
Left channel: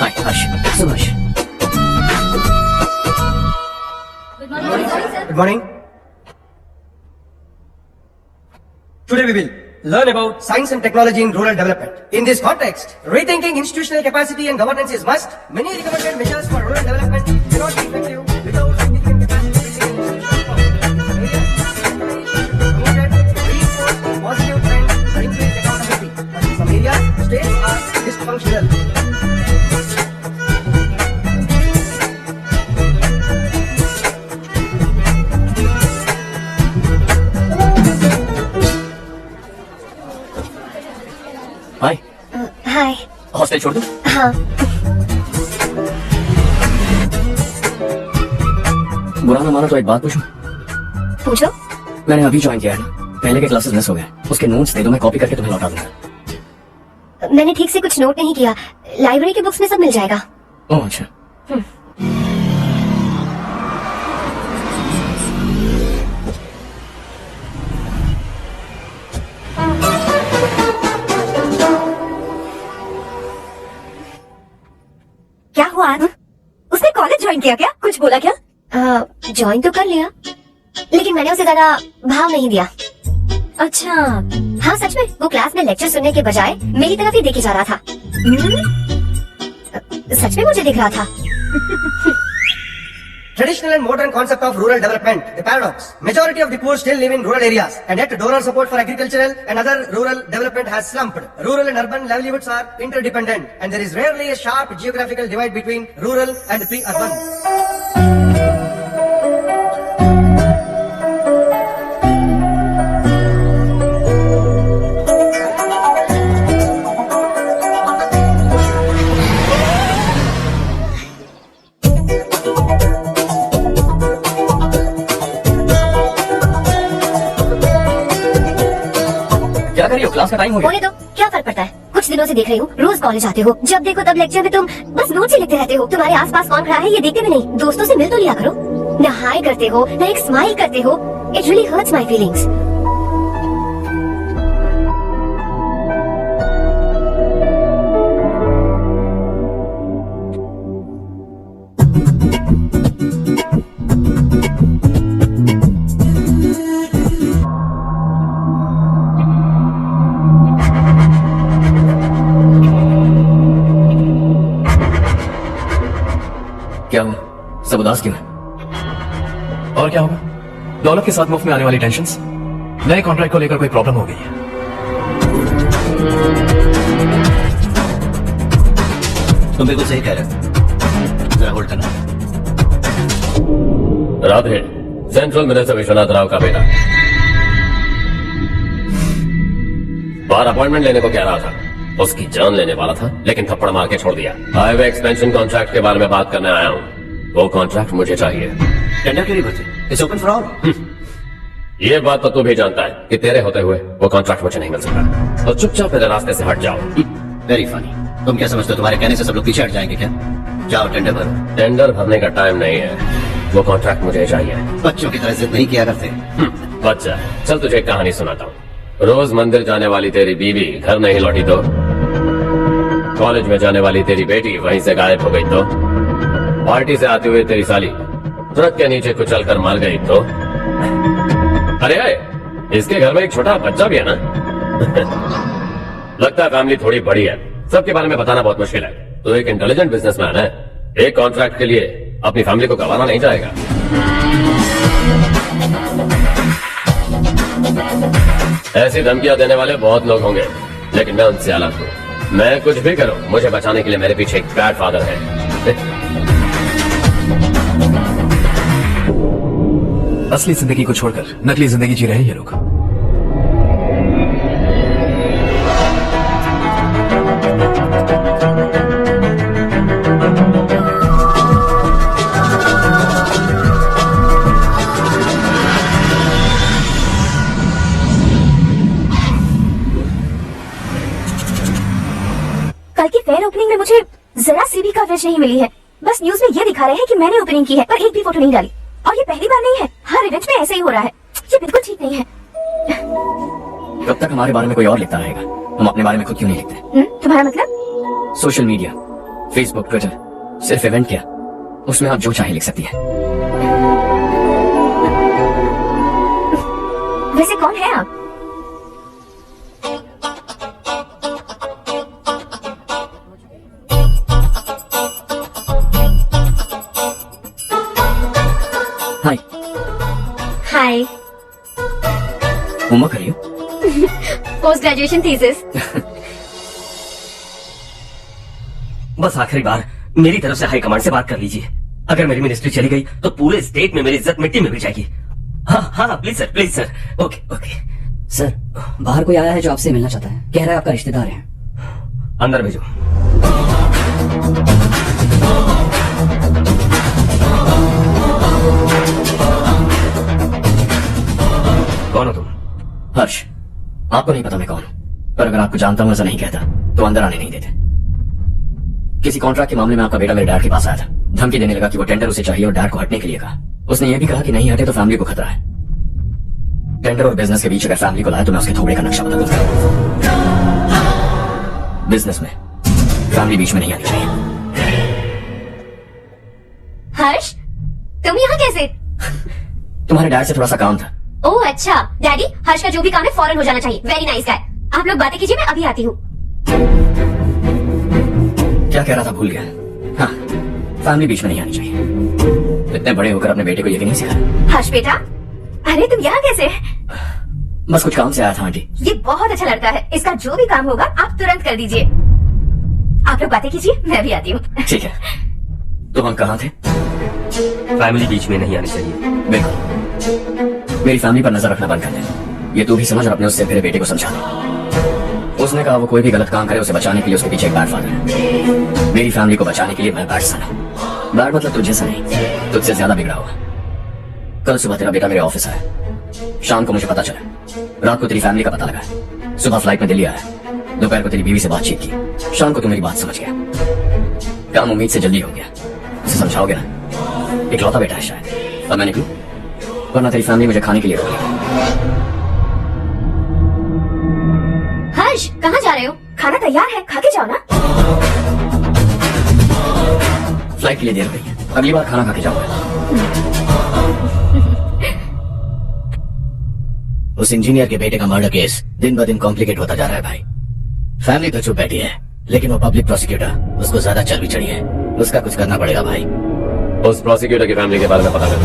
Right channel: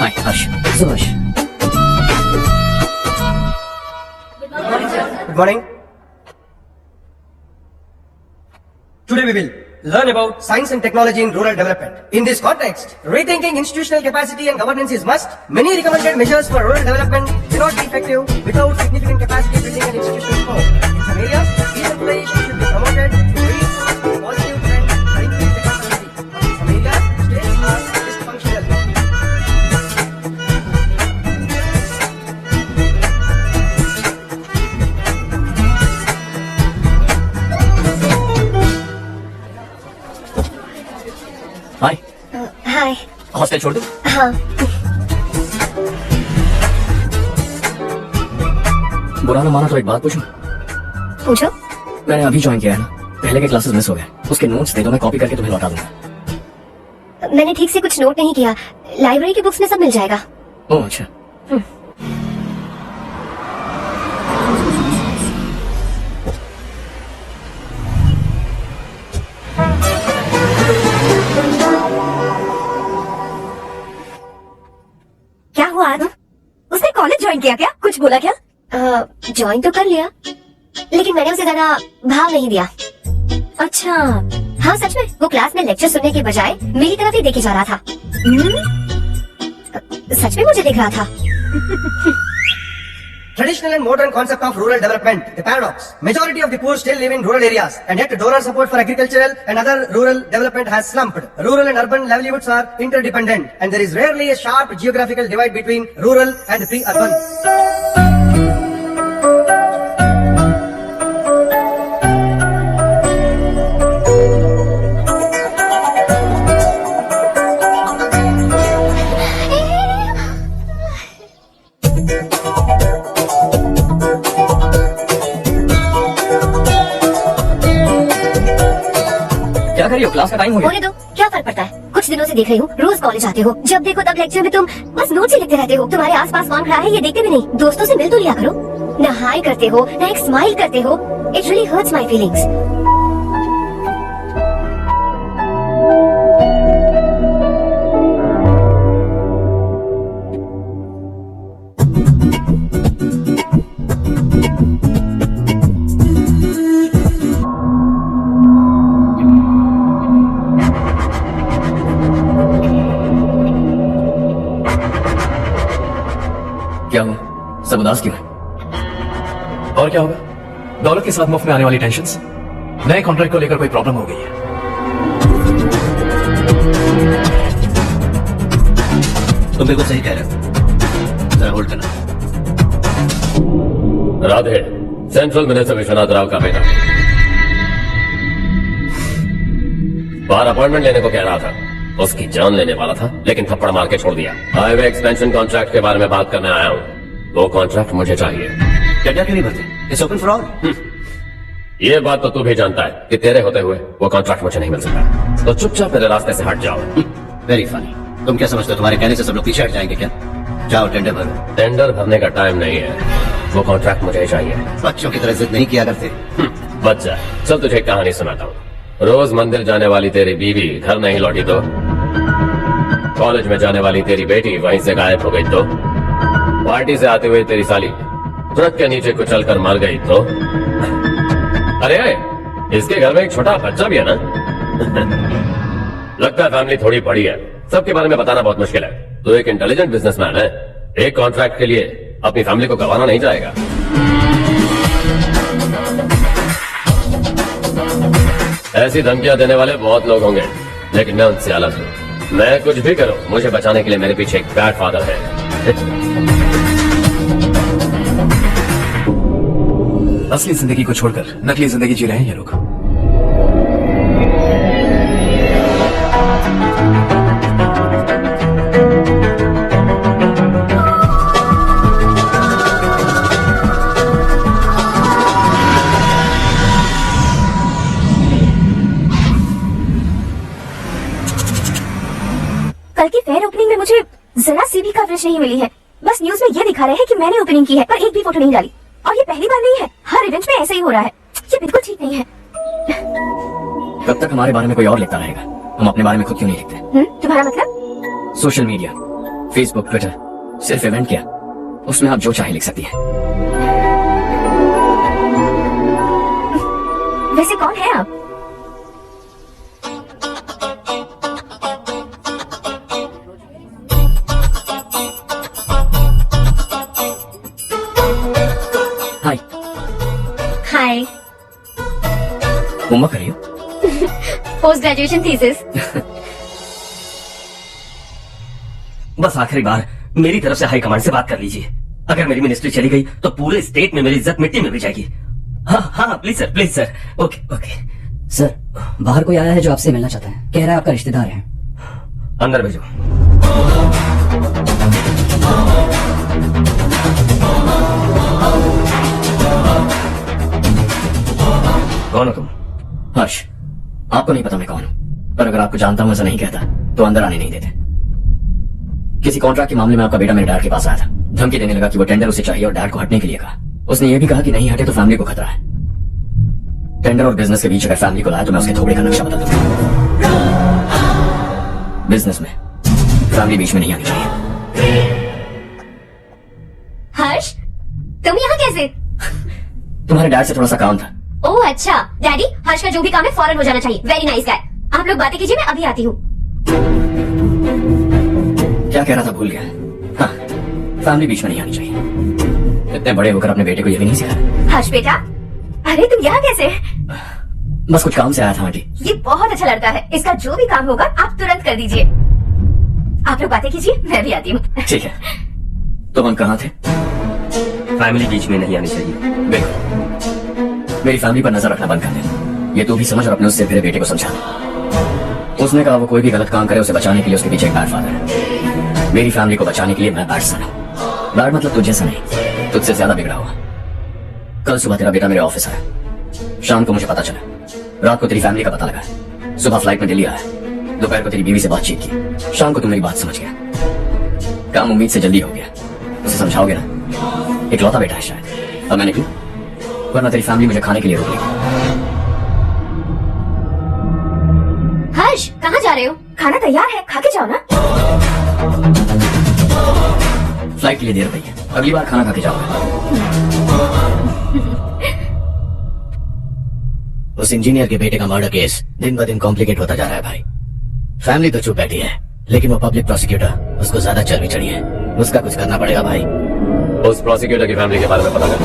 Hi Harsh, Subhash. Good morning. Today we will learn about science and technology in rural development. In this context, rethinking institutional capacity and governance is must. Many recommended measures for rural development cannot be effective without significant capacity building and institutional reform. In some areas, decentralization should be promoted, reinforce positive trends, and increase accountability. But in some areas, states are dysfunctional. Hi hi. Hostel छोड़ दे। हाँ। बुरा ना मानो तो एक बात पूछूं? पूछो। मैंने अभी ज्वाइन किया है ना, पहले के क्लासेस मिस हो गए, उसके नोट्स दे दो, मैं कॉपी करके तुम्हें लौटा दूंगा। मैंने ठीक से कुछ नोट नहीं किया, लाइब्रेरी के बुक्स में सब मिल जाएगा। ओह अच्छा। क्या हुआ आज? उसने कॉलेज ज्वाइन किया क्या? कुछ बोला क्या? ज्वाइन तो कर लिया, लेकिन मैंने उसे ज्यादा भाव नहीं दिया। अच्छा। हाँ सच में, वो क्लास में लेक्चर सुनने के बजाय मेरी तरफ ही देखे जा रहा था। सच में मुझे देख रहा था। Traditional and modern concept of rural development, the paradox. Majority of the poor still live in rural areas, and yet donor support for agricultural and other rural development has slumped. Rural and urban livelihoods are interdependent, and there is rarely a sharp geographical divide between rural and pre-urban. क्या कर रही हो? क्लास का टाइम हो गया। होने दो, क्या फर्क पड़ता है? कुछ दिनों से देख रही हूँ, रोज कॉलेज आते हो, जब देखो तब लेक्चर में तुम बस नोट्स ही लिखते रहते हो। तुम्हारे आसपास कौन खड़ा है ये देखते भी नहीं। दोस्तों से मिल तो लिया करो। न हाय करते हो, न एक स्माइल करते हो। It really hurts my feelings. क्या हुआ? सब उदास क्यों है? और क्या होगा? दौलत के साथ मुफ्त में आने वाली टेंशन्स, नए कॉन्ट्रैक्ट को लेकर कोई प्रॉब्लम हो गई है। तुम बिल्कुल सही कह रहे हो, जरा होल्ड करना। राधे, सेंट्रल मिनिस्टर विश्वनाथ राव का बेटा बाहर अपॉइंटमेंट लेने को कह रहा था, उसकी जान लेने वाला था, लेकिन थप्पड़ मार के छोड़ दिया। हाईवे एक्सपेंशन कॉन्ट्रैक्ट के बारे में बात करने आया हूँ, वो कॉन्ट्रैक्ट मुझे चाहिए। टेंडर के लिए भर्ती, इट्स ओपन फॉर ऑल। ये बात तो तू भी जानता है कि तेरे होते हुए वो कॉन्ट्रैक्ट मुझे नहीं मिल सकता, तो चुपचाप मेरे रास्ते से हट जाओ। Very funny. तुम क्या समझते हो तुम्हारे कहने से सब लोग पीछे हट जाएंगे क्या? जाओ टेंडर भरो। टेंडर भरने का टाइम नहीं है, वो कॉन्ट्रैक्ट मुझे चाहिए। बच्चों की तरह जिद नहीं किया करते। बच्चा, चल तुझे एक कहानी सुनाता हूँ। रोज मंदिर जाने वाली तेरी बीवी घर नहीं लौटी तो, कॉलेज में जाने वाली तेरी बेटी वहीं से गायब हो गई तो, पार्टी से आती हुई तेरी साली ट्रक के नीचे कुचल कर मर गई तो, अरे इसके घर में एक छोटा बच्चा भी है ना। लगता है फैमिली थोड़ी बड़ी है, सबके बारे में बताना बहुत मुश्किल है। तो एक इंटेलिजेंट बिजनेसमैन है, एक कॉन्ट्रैक्ट के लिए अपनी फैमिली को गंवाना नहीं चाहेगा। ऐसी धमकियां देने वाले बहुत लोग होंगे, लेकिन मैं उनसे अलग हूँ। मैं कुछ भी करूं, मुझे बचाने के लिए मेरे पीछे एक बैड फादर है। असली जिंदगी को छोड़कर नकली जिंदगी जी रहे हैं ये लोग। कल की फेयर ओपनिंग में मुझे जरा सी भी कवरेज नहीं मिली है। बस न्यूज में ये दिखा रहे हैं कि मैंने ओपनिंग की है, पर एक भी फोटो नहीं डाली। और ये पहली बार नहीं है, हर इवेंट में ऐसे ही हो रहा है। ये बिल्कुल ठीक नहीं है। कब तक हमारे बारे में कोई और लिखता रहेगा? हम अपने बारे में खुद क्यों नहीं लिखते? तुम्हारा मतलब? सोशल मीडिया, फेसबुक, ट्विटर, सिर्फ इवेंट क्या, उसमें आप जो चाहे लिख सकती हैं। वैसे कौन है आप? होमवर्क कर रही हो? Post graduation thesis. बस आखिरी बार मेरी तरफ से हाई कमांड से बात कर लीजिए। अगर मेरी मिनिस्ट्री चली गई तो पूरे स्टेट में मेरी इज्जत मिट्टी में मिल जाएगी। हाँ हाँ please sir. Okay okay. Sir, बाहर कोई आया है जो आपसे मिलना चाहता है। कह रहा है आपका रिश्तेदार है। अंदर भेजो। कौन हो तुम? हर्ष, आपको नहीं पता मैं कौन हूं, पर अगर आपको जानता हूं ऐसा नहीं कहता तो अंदर आने नहीं देते। किसी कॉन्ट्रैक्ट के मामले में आपका बेटा मेरे डैड के पास आया था। धमकी देने लगा कि वो टेंडर उसे चाहिए और डैड को हटने के लिए कहा। उसने ये भी कहा कि नहीं हटे तो फैमिली को खतरा है। टेंडर और बिजनेस के बीच अगर फैमिली को लाया तो मैं उसके थोड़े का नक्शा बता दूंगा। बिजनेस में फैमिली बीच में नहीं आनी चाहिए। हर्ष, तुम यहाँ कैसे? तुम्हारे डैड से थोड़ा सा काम था। ओह अच्छा, डैडी, हर्ष का जो भी काम है फौरन हो जाना चाहिए। Very nice guy. आप लोग बातें कीजिए, मैं अभी आती हूँ। क्या कह रहा था भूल गया। हाँ, फैमिली बीच में नहीं आनी चाहिए। इतने बड़े होकर अपने बेटे को ये भी नहीं सिखाया। हर्ष बेटा, अरे तुम यहाँ कैसे? बस कुछ काम से आया था आंटी। ये बहुत अच्छा लड़का है। इसका जो भी काम होगा आप तुरंत कर दीजिए। आप लोग बातें कीजिए, मैं भी आती हूँ। ठीक है, तो हम कहाँ थे? फैमिली बीच में नहीं आनी चाहिए। बिल्कुल। मेरी फैमिली पर नजर रखना बंद कर दे। ये तू भी समझ और अपने उससे मेरे बेटे को समझा। उसने कहा वो कोई भी गलत काम करे उसे बचाने के लिए उसके पीछे एक बैड फादर है। मेरी फैमिली को बचाने के लिए मैं बैड सन हूँ। बैड मतलब तुझे सा नहीं, तुझसे ज्यादा बिगड़ा हुआ। कल सुबह तेरा बेटा मेरे ऑफिस आया। शाम को मुझे पता चला। रात को तेरी फैमिली का पता लगा। सुबह फ्लाइट में दिल्ली आया। दोपहर को तेरी बीवी से बातचीत की। शाम को तू मेरी बात समझ गया। काम उम्मीद से जल्दी हो गया। उसे समझाओगे ना? इकलौता बेटा है शायद। अब मैं निकलूं, वरना तेरी फैमिली मुझे खाने के लिए रोक लेगी। हर्ष, कहाँ जा रहे हो? खाना तैयार है, खा के जाओ ना। फ्लाइट के लिए देर हो गई है। अगली बार खाना खा के जाओगे। उस इंजीनियर के बेटे का मर्डर केस दिन ब दिन कॉम्प्लिकेट होता जा रहा है भाई। फैमिली तो चुप बैठी है, लेकिन वो पब्लिक प्रोसिक्यूटर, उसको ज्यादा चर्बी चढ़ी है। उसका कुछ करना पड़ेगा भाई। उस प्रोसिक्यूटर की फैमिली के बारे में पता कर।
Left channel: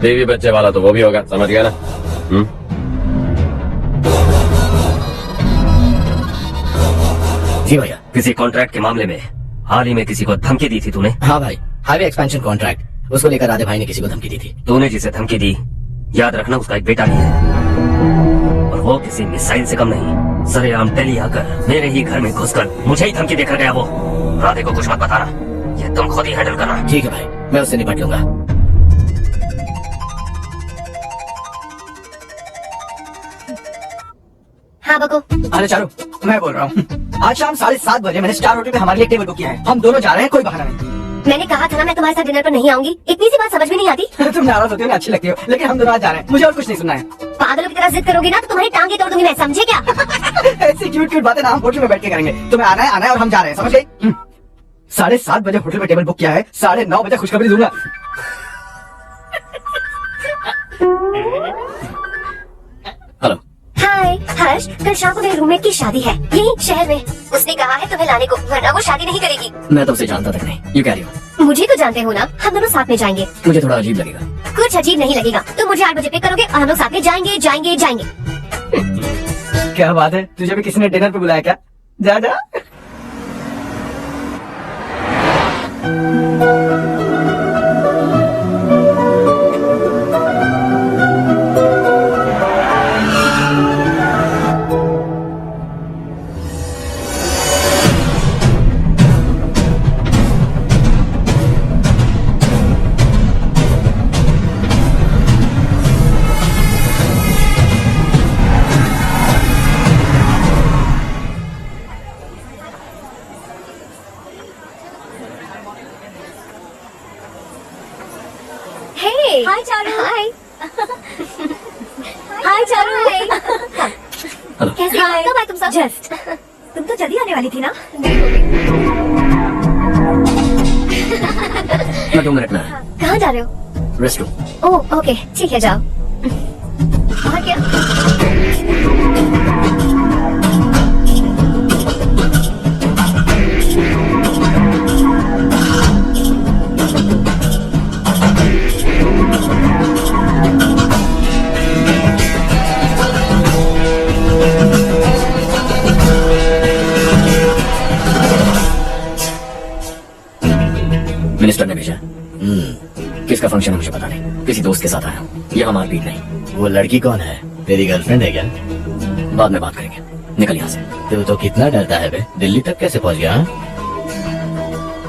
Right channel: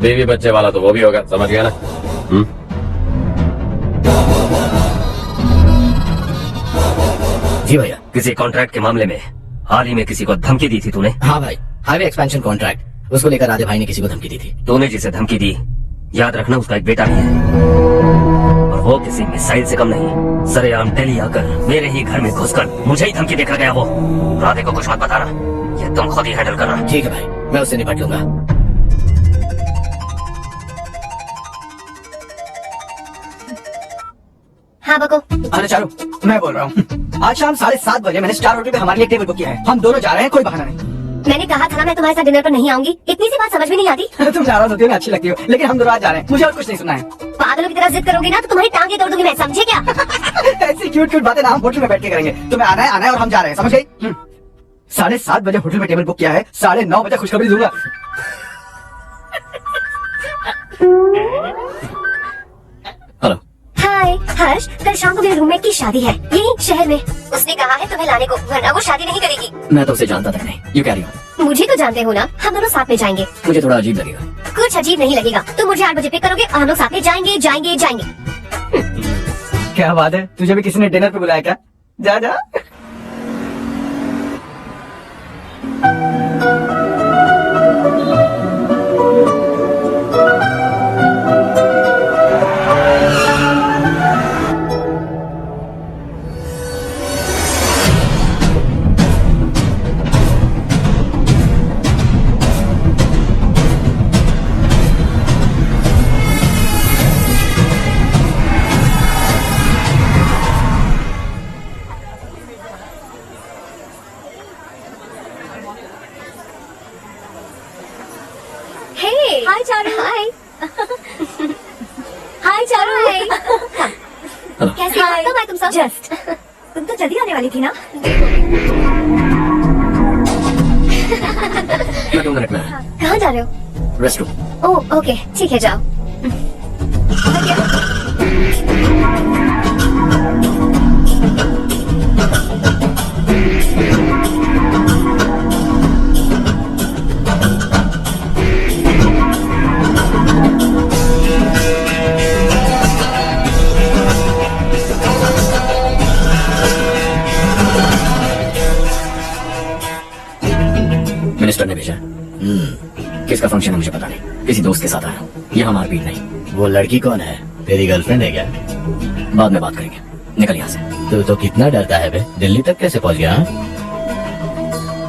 बेबी बच्चे वाला तो वो भी होगा, समझ गया ना? जी भैया। किसी कॉन्ट्रैक्ट के मामले में हाल ही में किसी को धमकी दी थी तूने? हाँ भाई, हाईवे एक्सपेंशन कॉन्ट्रैक्ट, उसको लेकर राधे भाई ने किसी को धमकी दी थी। तूने जिसे धमकी दी, याद रखना उसका एक बेटा भी है, और वो किसी मिसाइल से कम नहीं। सरेआम दिल्ली आकर मेरे ही घर में घुसकर मुझे ही धमकी देकर गया वो। राधे को कुछ मत बताना, ये तुम खुद ही हैंडल करना। ठीक है भाई, मैं उससे निपट लूंगा। हाँ बको। अरे चारू, मैं बोल रहा हूँ। आज शाम 7:30 बजे मैंने स्टार होटल में हमारे लिए टेबल बुक किया है। हम दोनों जा रहे हैं, कोई बहाना नहीं। मैंने कहा था ना मैं तुम्हारे साथ डिनर पर नहीं आऊंगी। इतनी सी बात समझ में नहीं आती। तुम नाराज होती हो ना, अच्छी लगती हो, लेकिन हम दोनों आज जा रहे हैं। मुझे और कुछ नहीं सुनना है। पागलों की तरह जिद करोगे ना तो तुम्हारी टांगे तोड़ दूंगी मैं, समझे क्या? ऐसी क्यूट क्यूट बातें ना हम होटल में बैठ के करेंगे। तुम्हें आना है और हम जा रहे हैं, समझ गई? 7:30 बजे होटल में टेबल बुक किया है, 9:30 बजे खुशखबरी दूंगा। हेलो। हाय हर्ष, कल शाम को मेरे रूममेट की शादी है यही शहर में। उसने कहा है तुम्हें लाने को, वरना वो शादी नहीं करेगी। मैं तो उसे जानता तक नहीं। You carry on. मुझे तो जानते हो ना, हम दोनों साथ में जाएंगे। मुझे थोड़ा अजीब लगेगा। कुछ अजीब नहीं लगेगा। तुम मुझे 8 बजे पिक करोगे और हम लोग साथ में जाएंगे। क्या बात है, तुझे भी किसी ने डिनर पे बुलाया क्या? जा जा। हाय चारू। हाय हाय चारू। हेलो। कैसे हो? कब आए तुम सब? जस्ट। तुम तो जल्दी आने वाली थी ना? मैं 2 मिनट में आया। कहाँ जा रहे हो? Rest room. ओह ओके, ठीक है जाओ। और क्या? मिनिस्टर ने भेजा। किसका फंक्शन है मुझे पता नहीं, किसी दोस्त के साथ आया हूँ। यहाँ मारपीट नहीं। वो लड़की कौन है? तेरी गर्लफ्रेंड है क्या? बाद में बात करेंगे, निकल यहाँ से। तो कितना डरता है बे? दिल्ली तक कैसे पहुंच गया? हाँ?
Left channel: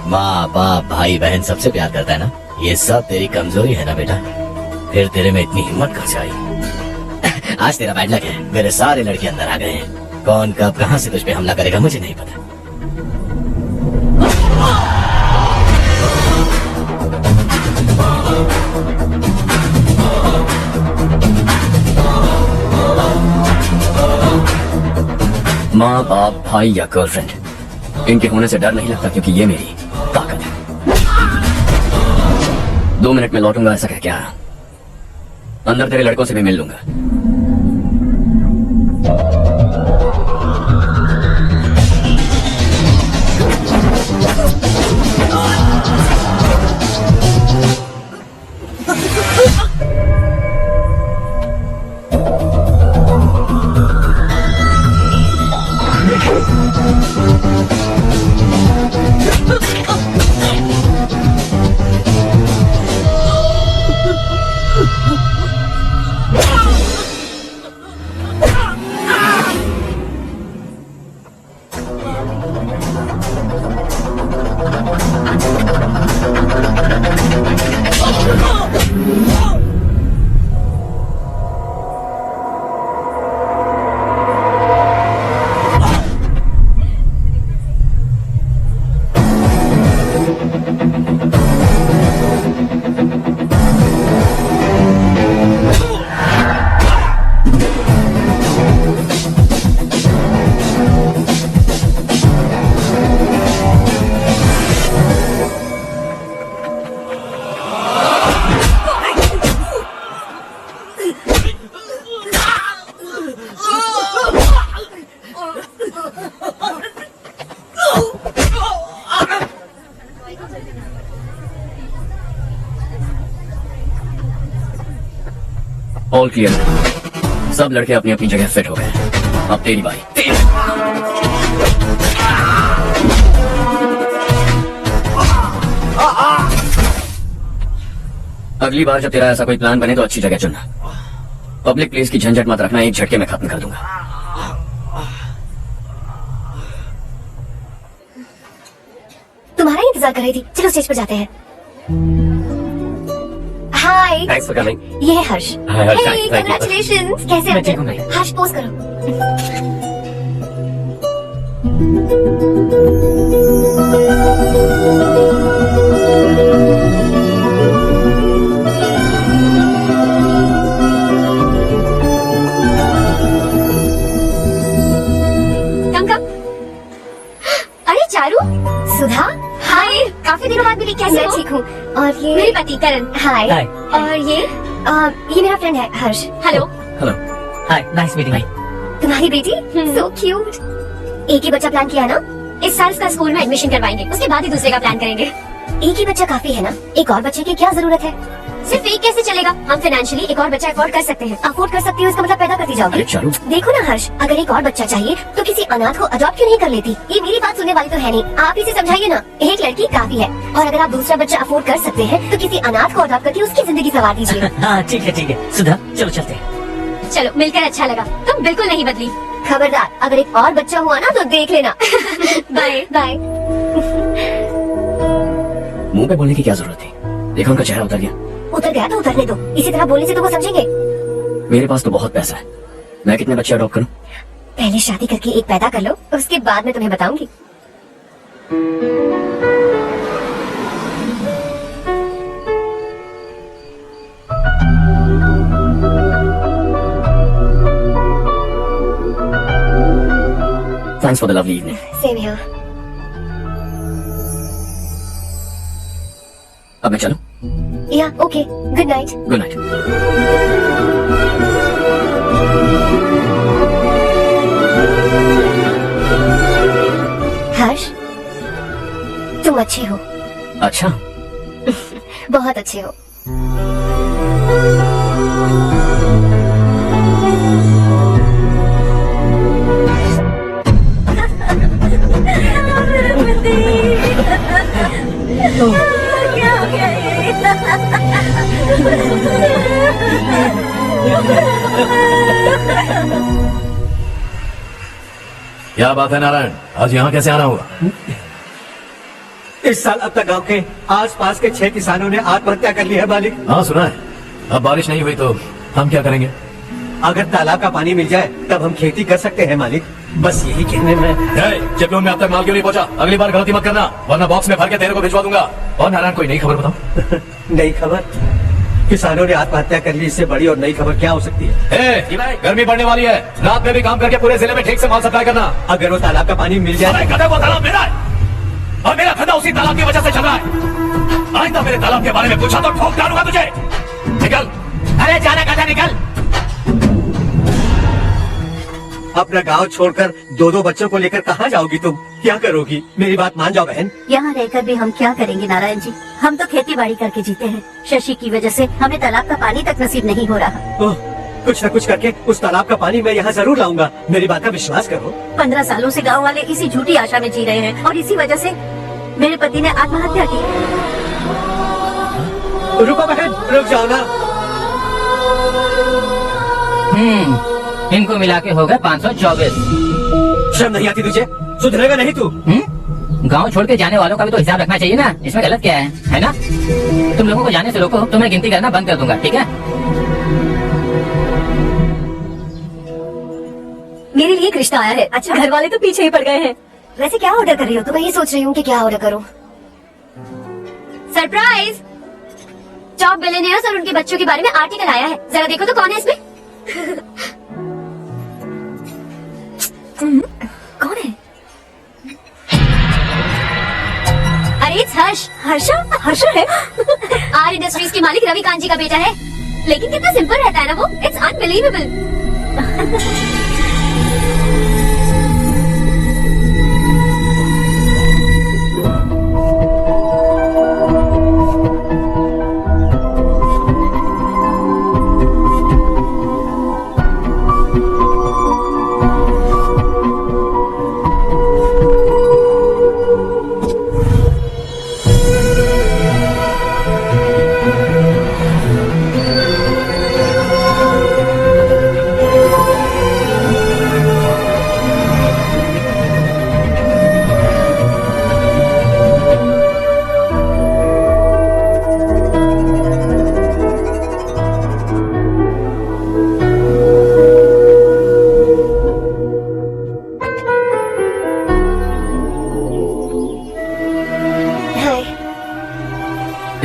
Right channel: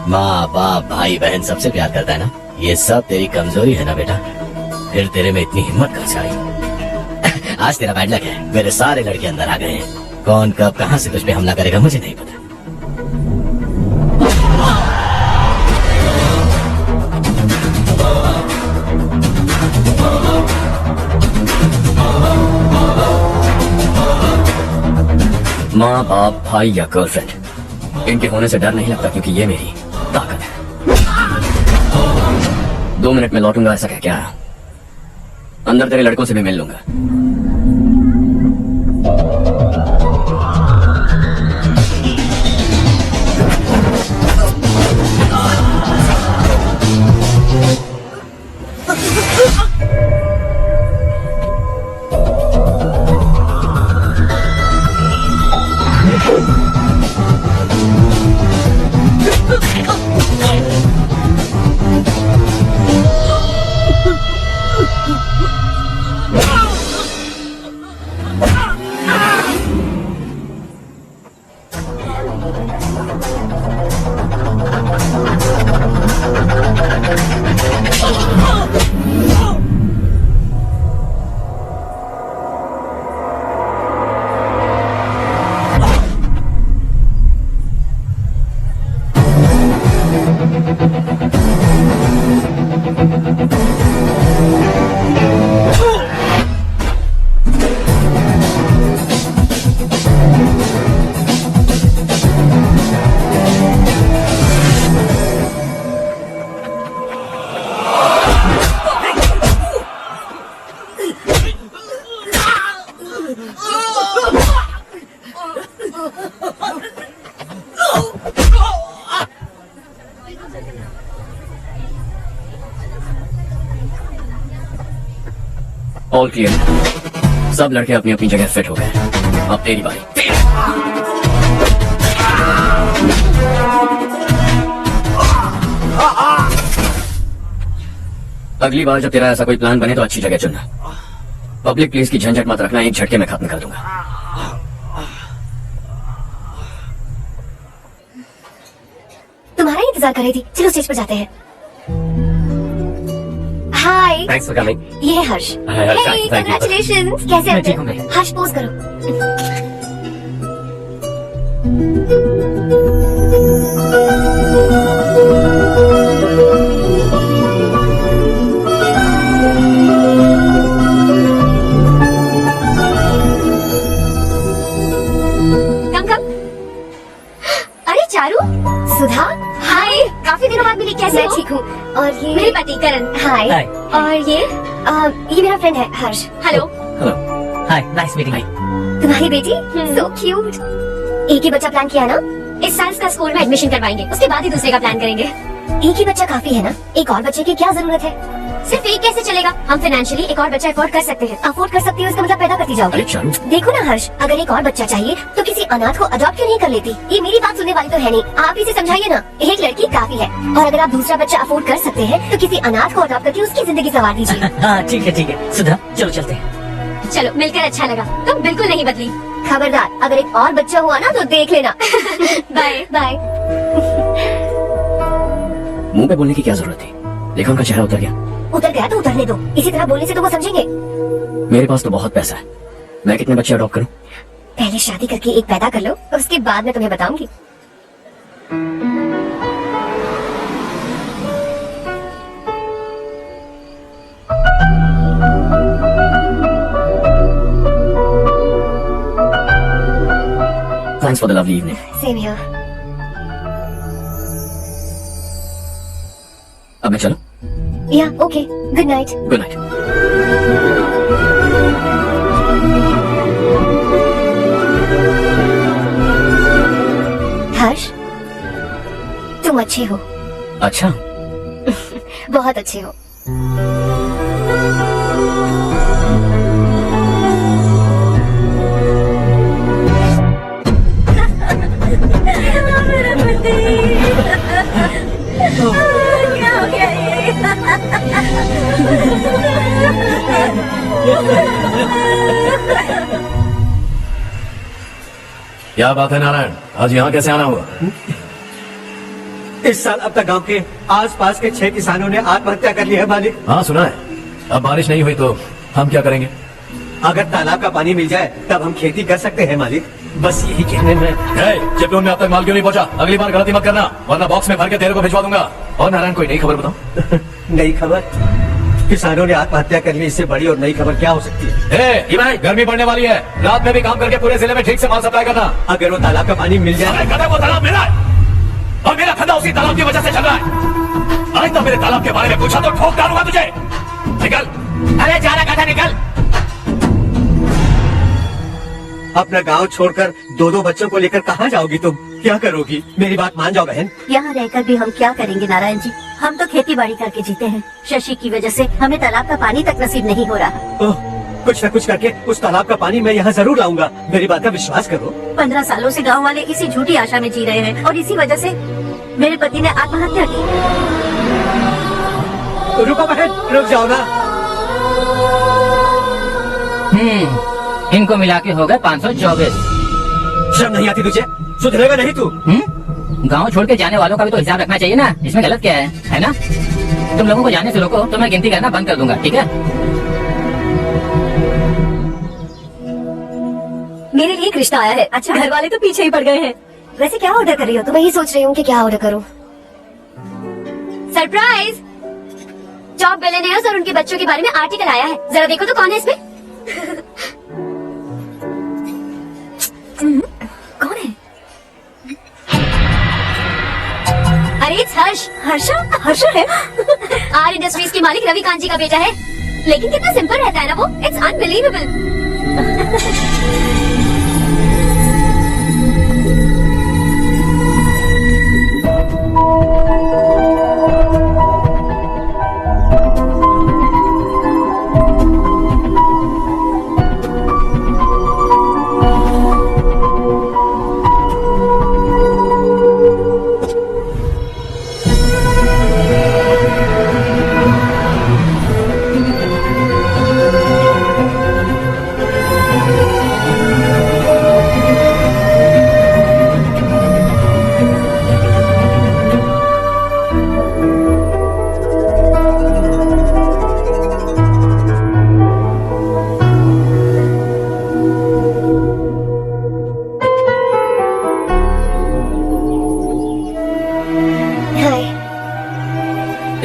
माँ बाप भाई बहन सबसे प्यार करता है ना? ये सब तेरी कमजोरी है ना बेटा? फिर तेरे में इतनी हिम्मत कहाँ से आई? आज तेरा बैड लक है, मेरे सारे लड़के अंदर आ गए हैं। कौन कब कहाँ से तुझ पे हमला करेगा मुझे नहीं पता। माँ बाप भाई या गर्लफ्रेंड, इनके होने से डर नहीं लगता, क्योंकि ये मेरी ताकत है। 2 मिनट में लौटूंगा ऐसा कह के आया। अंदर तेरे लड़कों से भी मिल लूंगा। All clear. सब लड़के अपनी अपनी जगह फिट हो गए। अब तेरी बारी। अगली बार जब तेरा ऐसा कोई प्लान बने तो अच्छी जगह चुनना। पब्लिक प्लेस की झंझट मत रखना, एक झटके में खत्म कर दूंगा। तुम्हारा इंतजार कर रही थी, चलो स्टेज पर जाते हैं। हाय, थैंक्स फॉर कमिंग। ये है हर्ष। Hi, Harsh. Thank you. Congratulations. कैसे मैं ठीक हूँ, हो? हर्ष पोज करो। कम। अरे चारू, सुधा, हाय। काफी दिनों बाद मिली, कैसे हो? ठीक हूँ। और ये मेरे पति करण। हाय। Hi. और ये मेरा फ्रेंड है हर्ष। हेलो। हेलो। हाय, नाइस मीटिंग। तुम्हारी बेटी सो क्यूट। एक ही बच्चा प्लान किया ना? इस साल इसका स्कूल में एडमिशन करवाएंगे, उसके बाद ही दूसरे का प्लान करेंगे। एक ही बच्चा काफी है ना? एक और बच्चे की क्या जरूरत है? सिर्फ एक कैसे चलेगा? हम फाइनेंशियली एक और बच्चा अफोर्ड कर सकते हैं। अफोर्ड कर सकती हूँ इसका मतलब पैदा करती जाओगे। अरे चारू, देखो ना हर्ष, अगर एक और बच्चा चाहिए तो किसी अनाथ को अडॉप्ट क्यों नहीं कर लेती? ये मेरी बात सुनने वाली तो है नहीं, आप इसे समझाइए ना। एक लड़की काफी है, और अगर आप दूसरा बच्चा अफोर्ड कर सकते हैं तो किसी अनाथ को अडॉप्ट करके उसकी जिंदगी संवार दीजिए। हाँ ठीक है सुधा, चलो चलते हैं। चलो, मिलकर अच्छा लगा। तुम बिल्कुल नहीं बदली। खबरदार, अगर एक और बच्चा हुआ ना तो देख लेना। Bye bye. मुंह पे बोलने की क्या जरूरत थी? देखा उनका चेहरा उतर गया। उतर गया तो उतरने दो, इसी तरह बोलने से तो वो समझेंगे। मेरे पास तो बहुत पैसा है, मैं कितने बच्चे अडॉप्ट करूं? पहले शादी करके एक पैदा कर लो, उसके बाद मैं तुम्हें बताऊंगी। Thanks for the lovely evening. Same here. अब मैं चलूं? या okay, good night. Good night. Harsh, तुम अच्छे हो। अच्छा, बहुत अच्छे हो। क्या बात है नारायण, आज यहाँ कैसे आना हुआ? इस साल अब तक गांव के आसपास के 6 किसानों ने आत्महत्या कर ली है मालिक। हाँ सुना है। अब बारिश नहीं हुई तो हम क्या करेंगे? अगर तालाब का पानी मिल जाए तब हम खेती कर सकते हैं मालिक। बस यही कहने में। चिपलून में अब तक माल क्यों नहीं पहुंचा? अगली बार गलती मत करना, वरना बॉक्स में भर के तेरे को भिजवा दूंगा। और नारायण कोई नई खबर बताऊं? नई खबर? किसानों ने आत्महत्या कर ली, इससे बड़ी और नई खबर क्या हो सकती है? गर्मी पड़ने वाली है, रात में भी काम करके पूरे जिले में ठीक से माल सप्लाई करना। अगर वो तालाब का पानी मिल जाए। वो तालाब मेरा है और मेरा धंधा उसी तालाब की वजह से चल रहा है। आज तक मेरे तालाब के बारे में पूछा तो ठोक डालूंगा तुझे। निकल। अरे जाना कहा निकल। अपना गांव छोड़कर 2-2 बच्चों को लेकर कहाँ जाओगी तुम? क्या करोगी? मेरी बात मान जाओ बहन। यहाँ रहकर भी हम क्या करेंगे नारायण जी? हम तो खेती बाड़ी करके जीते हैं। शशि की वजह से हमें तालाब का पानी तक नसीब नहीं हो रहा। ओह, कुछ न कुछ करके उस तालाब का पानी मैं यहाँ जरूर लाऊंगा। मेरी बात का विश्वास करो। 15 सालों से गाँव वाले किसी झूठी आशा में जी रहे हैं और इसी वजह से मेरे पति ने आत्महत्या की। रुको बहन, रुक जाओ ना। इनको मिला के हो गए 524। शर्म नहीं आती तुझे? सुधरेगा नहीं तू? गांव छोड़ के जाने वालों का भी तो हिसाब रखना चाहिए ना। इसमें गलत क्या है ना? तुम लोगों को जाने से रोको तो मैं गिनती करना बंद कर दूंगा, ठीक है? मेरे लिए एक रिश्ता आया है। अच्छा, घर वाले तो पीछे ही पड़ गए हैं। वैसे क्या ऑर्डर कर रही हो? तो मैं ये सोच रही हूँ कि क्या ऑर्डर करूँ। सरप्राइज! जॉब बिलियनियर्स और उनके बच्चों के बारे में आर्टिकल आया है। जरा देखो तो कौन है इसमें। कौन है? अरे हर्ष। हर्ष है। आर इंडस्ट्रीज के मालिक रविकांत जी का बेटा है। लेकिन कितना सिंपल रहता है ना वो। It's unbelievable.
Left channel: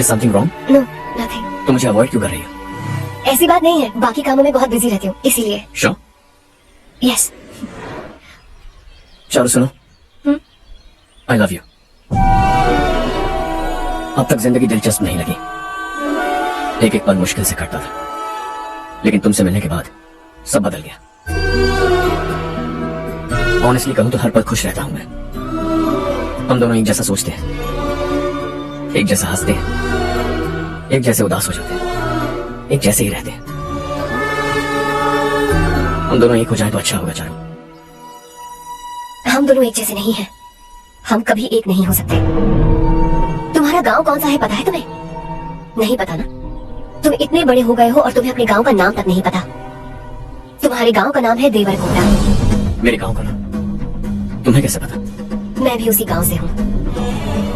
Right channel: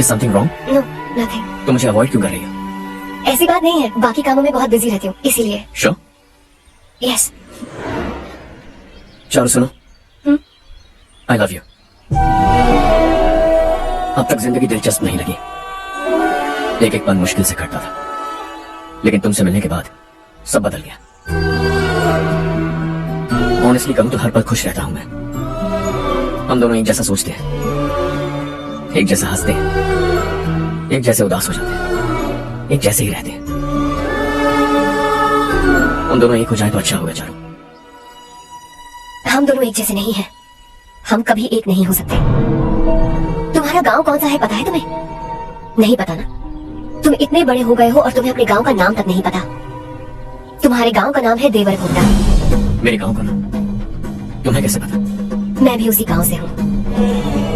Something wrong? No, nothing. तो मुझे अवॉइड क्यों कर रही हो? ऐसी बात नहीं है, बाकी कामों में बहुत बिजी रहती हूँ इसीलिए। श्योर? यस। चलो सुनो, आई लव यू। अब तक जिंदगी दिलचस्प नहीं लगी, एक एक पल मुश्किल से कटता था, लेकिन तुमसे मिलने के बाद सब बदल गया। ऑनेस्टली कहूं तो हर पल खुश रहता हूं मैं। हम दोनों एक जैसा सोचते हैं, एक जैसा हंसते हैं, एक जैसे उदास हो जाते हैं, एक जैसे ही रहते हैं। हम दोनों एक हो जाए तो अच्छा होगा चारू। हम दोनों एक जैसे नहीं हैं। हम कभी एक नहीं हो सकते। तुम्हारा गांव कौन सा है पता है तुम्हें? नहीं पता ना? तुम इतने बड़े हो गए हो और तुम्हें अपने गांव का नाम तक नहीं पता। तुम्हारे गांव का नाम है देवरकोटा। मेरे गांव का नाम तुम्हें कैसे पता? मैं भी उसी गांव से हूँ।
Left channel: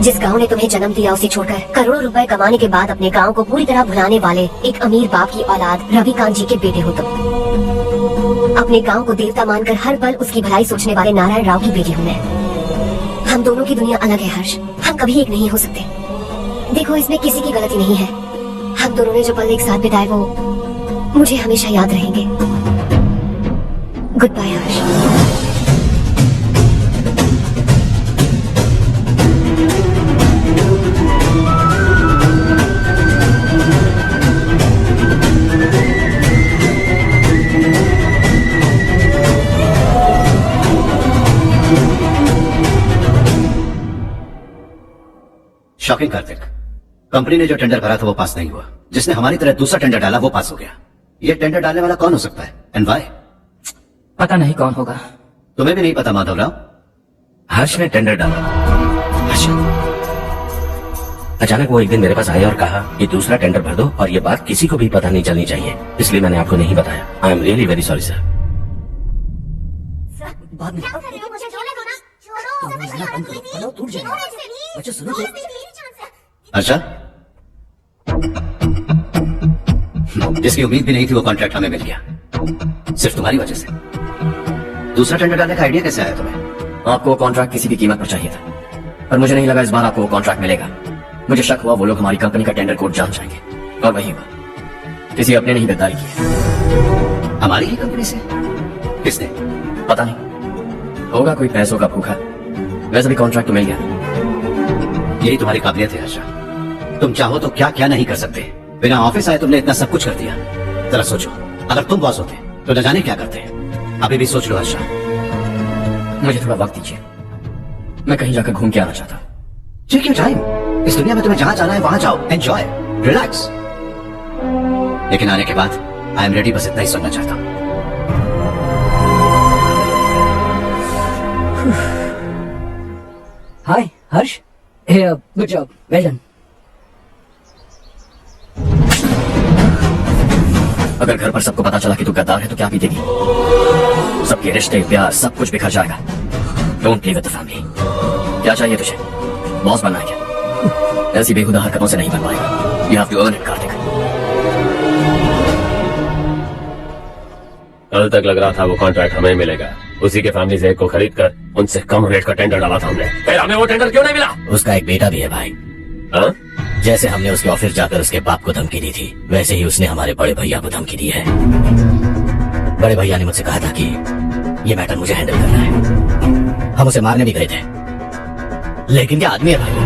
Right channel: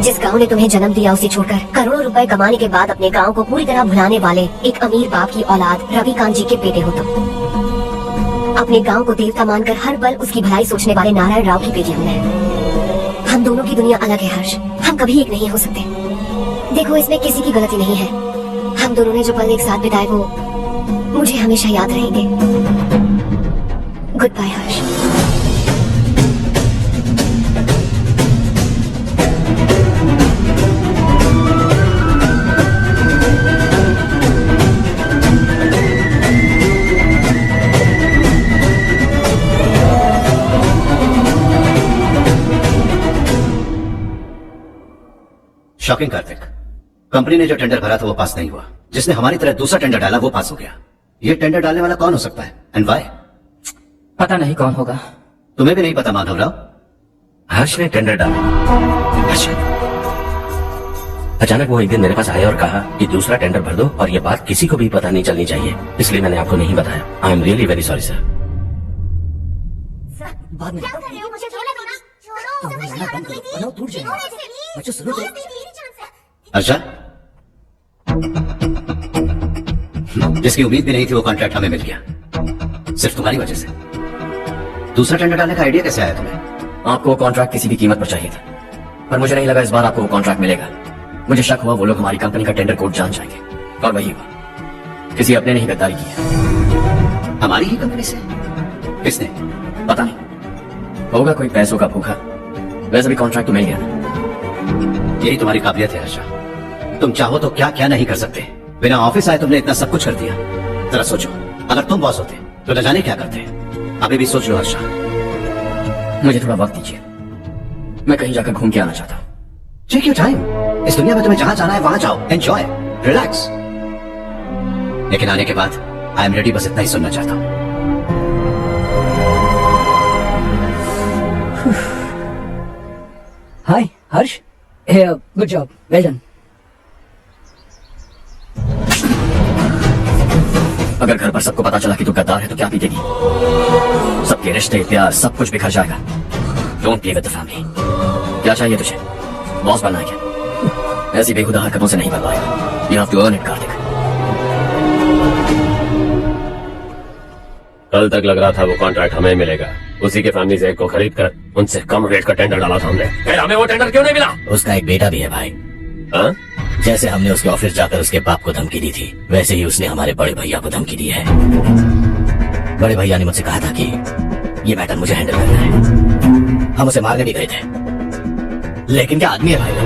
जिस गांव ने तुम्हें जन्म दिया उसे छोड़कर करोड़ों रुपए कमाने के बाद अपने गांव को पूरी तरह भुलाने वाले एक अमीर बाप की औलाद रविकांत जी के बेटे हो तुम। अपने गांव को देवता मानकर हर पल उसकी भलाई सोचने वाले नारायण राव की बेटी हूँ मैं। हम दोनों की दुनिया अलग है हर्ष, हम कभी एक नहीं हो सकते। देखो इसमें किसी की गलती नहीं है। हम दोनों ने जो पल एक साथ बिताए वो मुझे हमेशा याद रहेंगे। गुड बाय हर्ष। शॉकिंग कार्तिक, कंपनी ने जो टेंडर करा था वो पास नहीं हुआ। जिसने हमारी तरह दूसरा टेंडर डाला वो पास हो गया। ये टेंडर डालने वाला कौन हो सकता है एंड व्हाई? पता नहीं कौन होगा। तुम्हें भी नहीं पता माधवराव? हर्ष ने टेंडर डाला। हर्ष अचानक वो एक दिन मेरे पास आया और कहा कि दूसरा टेंडर भर दो और ये बात किसी को भी पता नहीं चलनी चाहिए, इसलिए मैंने आपको नहीं बताया। I am really very sorry sir. बाद में क्या कर रहे हो? मुझे छोड़ने दो ना। छोड़ो, अब रोजाना कम करो, बनाओ टूट जाएगा। बच्चों सुनो तो। अच्छा, जिसकी उम्मीद भी नहीं थी वो कॉन्ट्रैक्ट हमें मिल गया, सिर्फ तुम्हारी वजह से। दूसरा टेंडर डालने का आइडिया कैसे आया तुम्हें? आपको वो कॉन्ट्रैक्ट किसी भी कीमत पर चाहिए था, पर मुझे नहीं लगा इस बार आपको वो कॉन्ट्रैक्ट मिलेगा। मुझे शक हुआ वो लोग हमारी कंपनी का टेंडर कोड जान जाएंगे, और वही हुआ। किसी अपने ने ही गद्दारी की है। हमारी ही कंपनी से? किसने? पता नहीं, होगा कोई पैसों का भूखा। वैसे भी कॉन्ट्रैक्ट तो मिल गया ना। यही तुम्हारी काबिलियत है आशा, तुम चाहो तो क्या क्या नहीं कर सकते। बिना ऑफिस आए तुमने इतना सब कुछ कर दिया। जरा सोचो, अगर तुम बॉस होते तो न जाने क्या करते। अभी भी सोच लो आशा। मुझे थोड़ा वक्त दीजिए, मैं कहीं जाकर घूम के आना चाहता हूँ। Take your time. इस दुनिया में तुम्हें जहां जाना है वहां जाओ, एंजॉय, रिलैक्स। लेकिन आने के बाद आई एम रेडी, बस इतना ही सुनना चाहता हूँ। Hi, Harsh. Hey, good job. Well done. अगर घर पर सबको पता चला कि तू गद्दार है तो क्या पीतेगी? सबके रिश्ते, प्यार, सब कुछ बिखर जाएगा। Don't play with the family. क्या चाहिए तुझे? बॉस बनना है क्या? ऐसी बेहुदा हरकतों से नहीं बन पाएगा। You have to earn it, Kartik. कल तक लग रहा था वो कॉन्ट्रैक्ट हमें मिलेगा, उसी के फैमिली से एक को खरीद कर उनसे कम रेट का टेंडर डाला था हमने। फिर हमें वो टेंडर क्यों नहीं मिला? उसका एक बेटा भी है भाई। हाँ? जैसे हमने उसके ऑफिस जाकर उसके बाप को धमकी दी थी, वैसे ही उसने हमारे बड़े भैया को धमकी दी है। बड़े भैया ने मुझसे कहा था कि ये मैटर मुझे हैंडल करना है। हम उसे मारने भी गए थे, लेकिन क्या आदमी है भाई वो।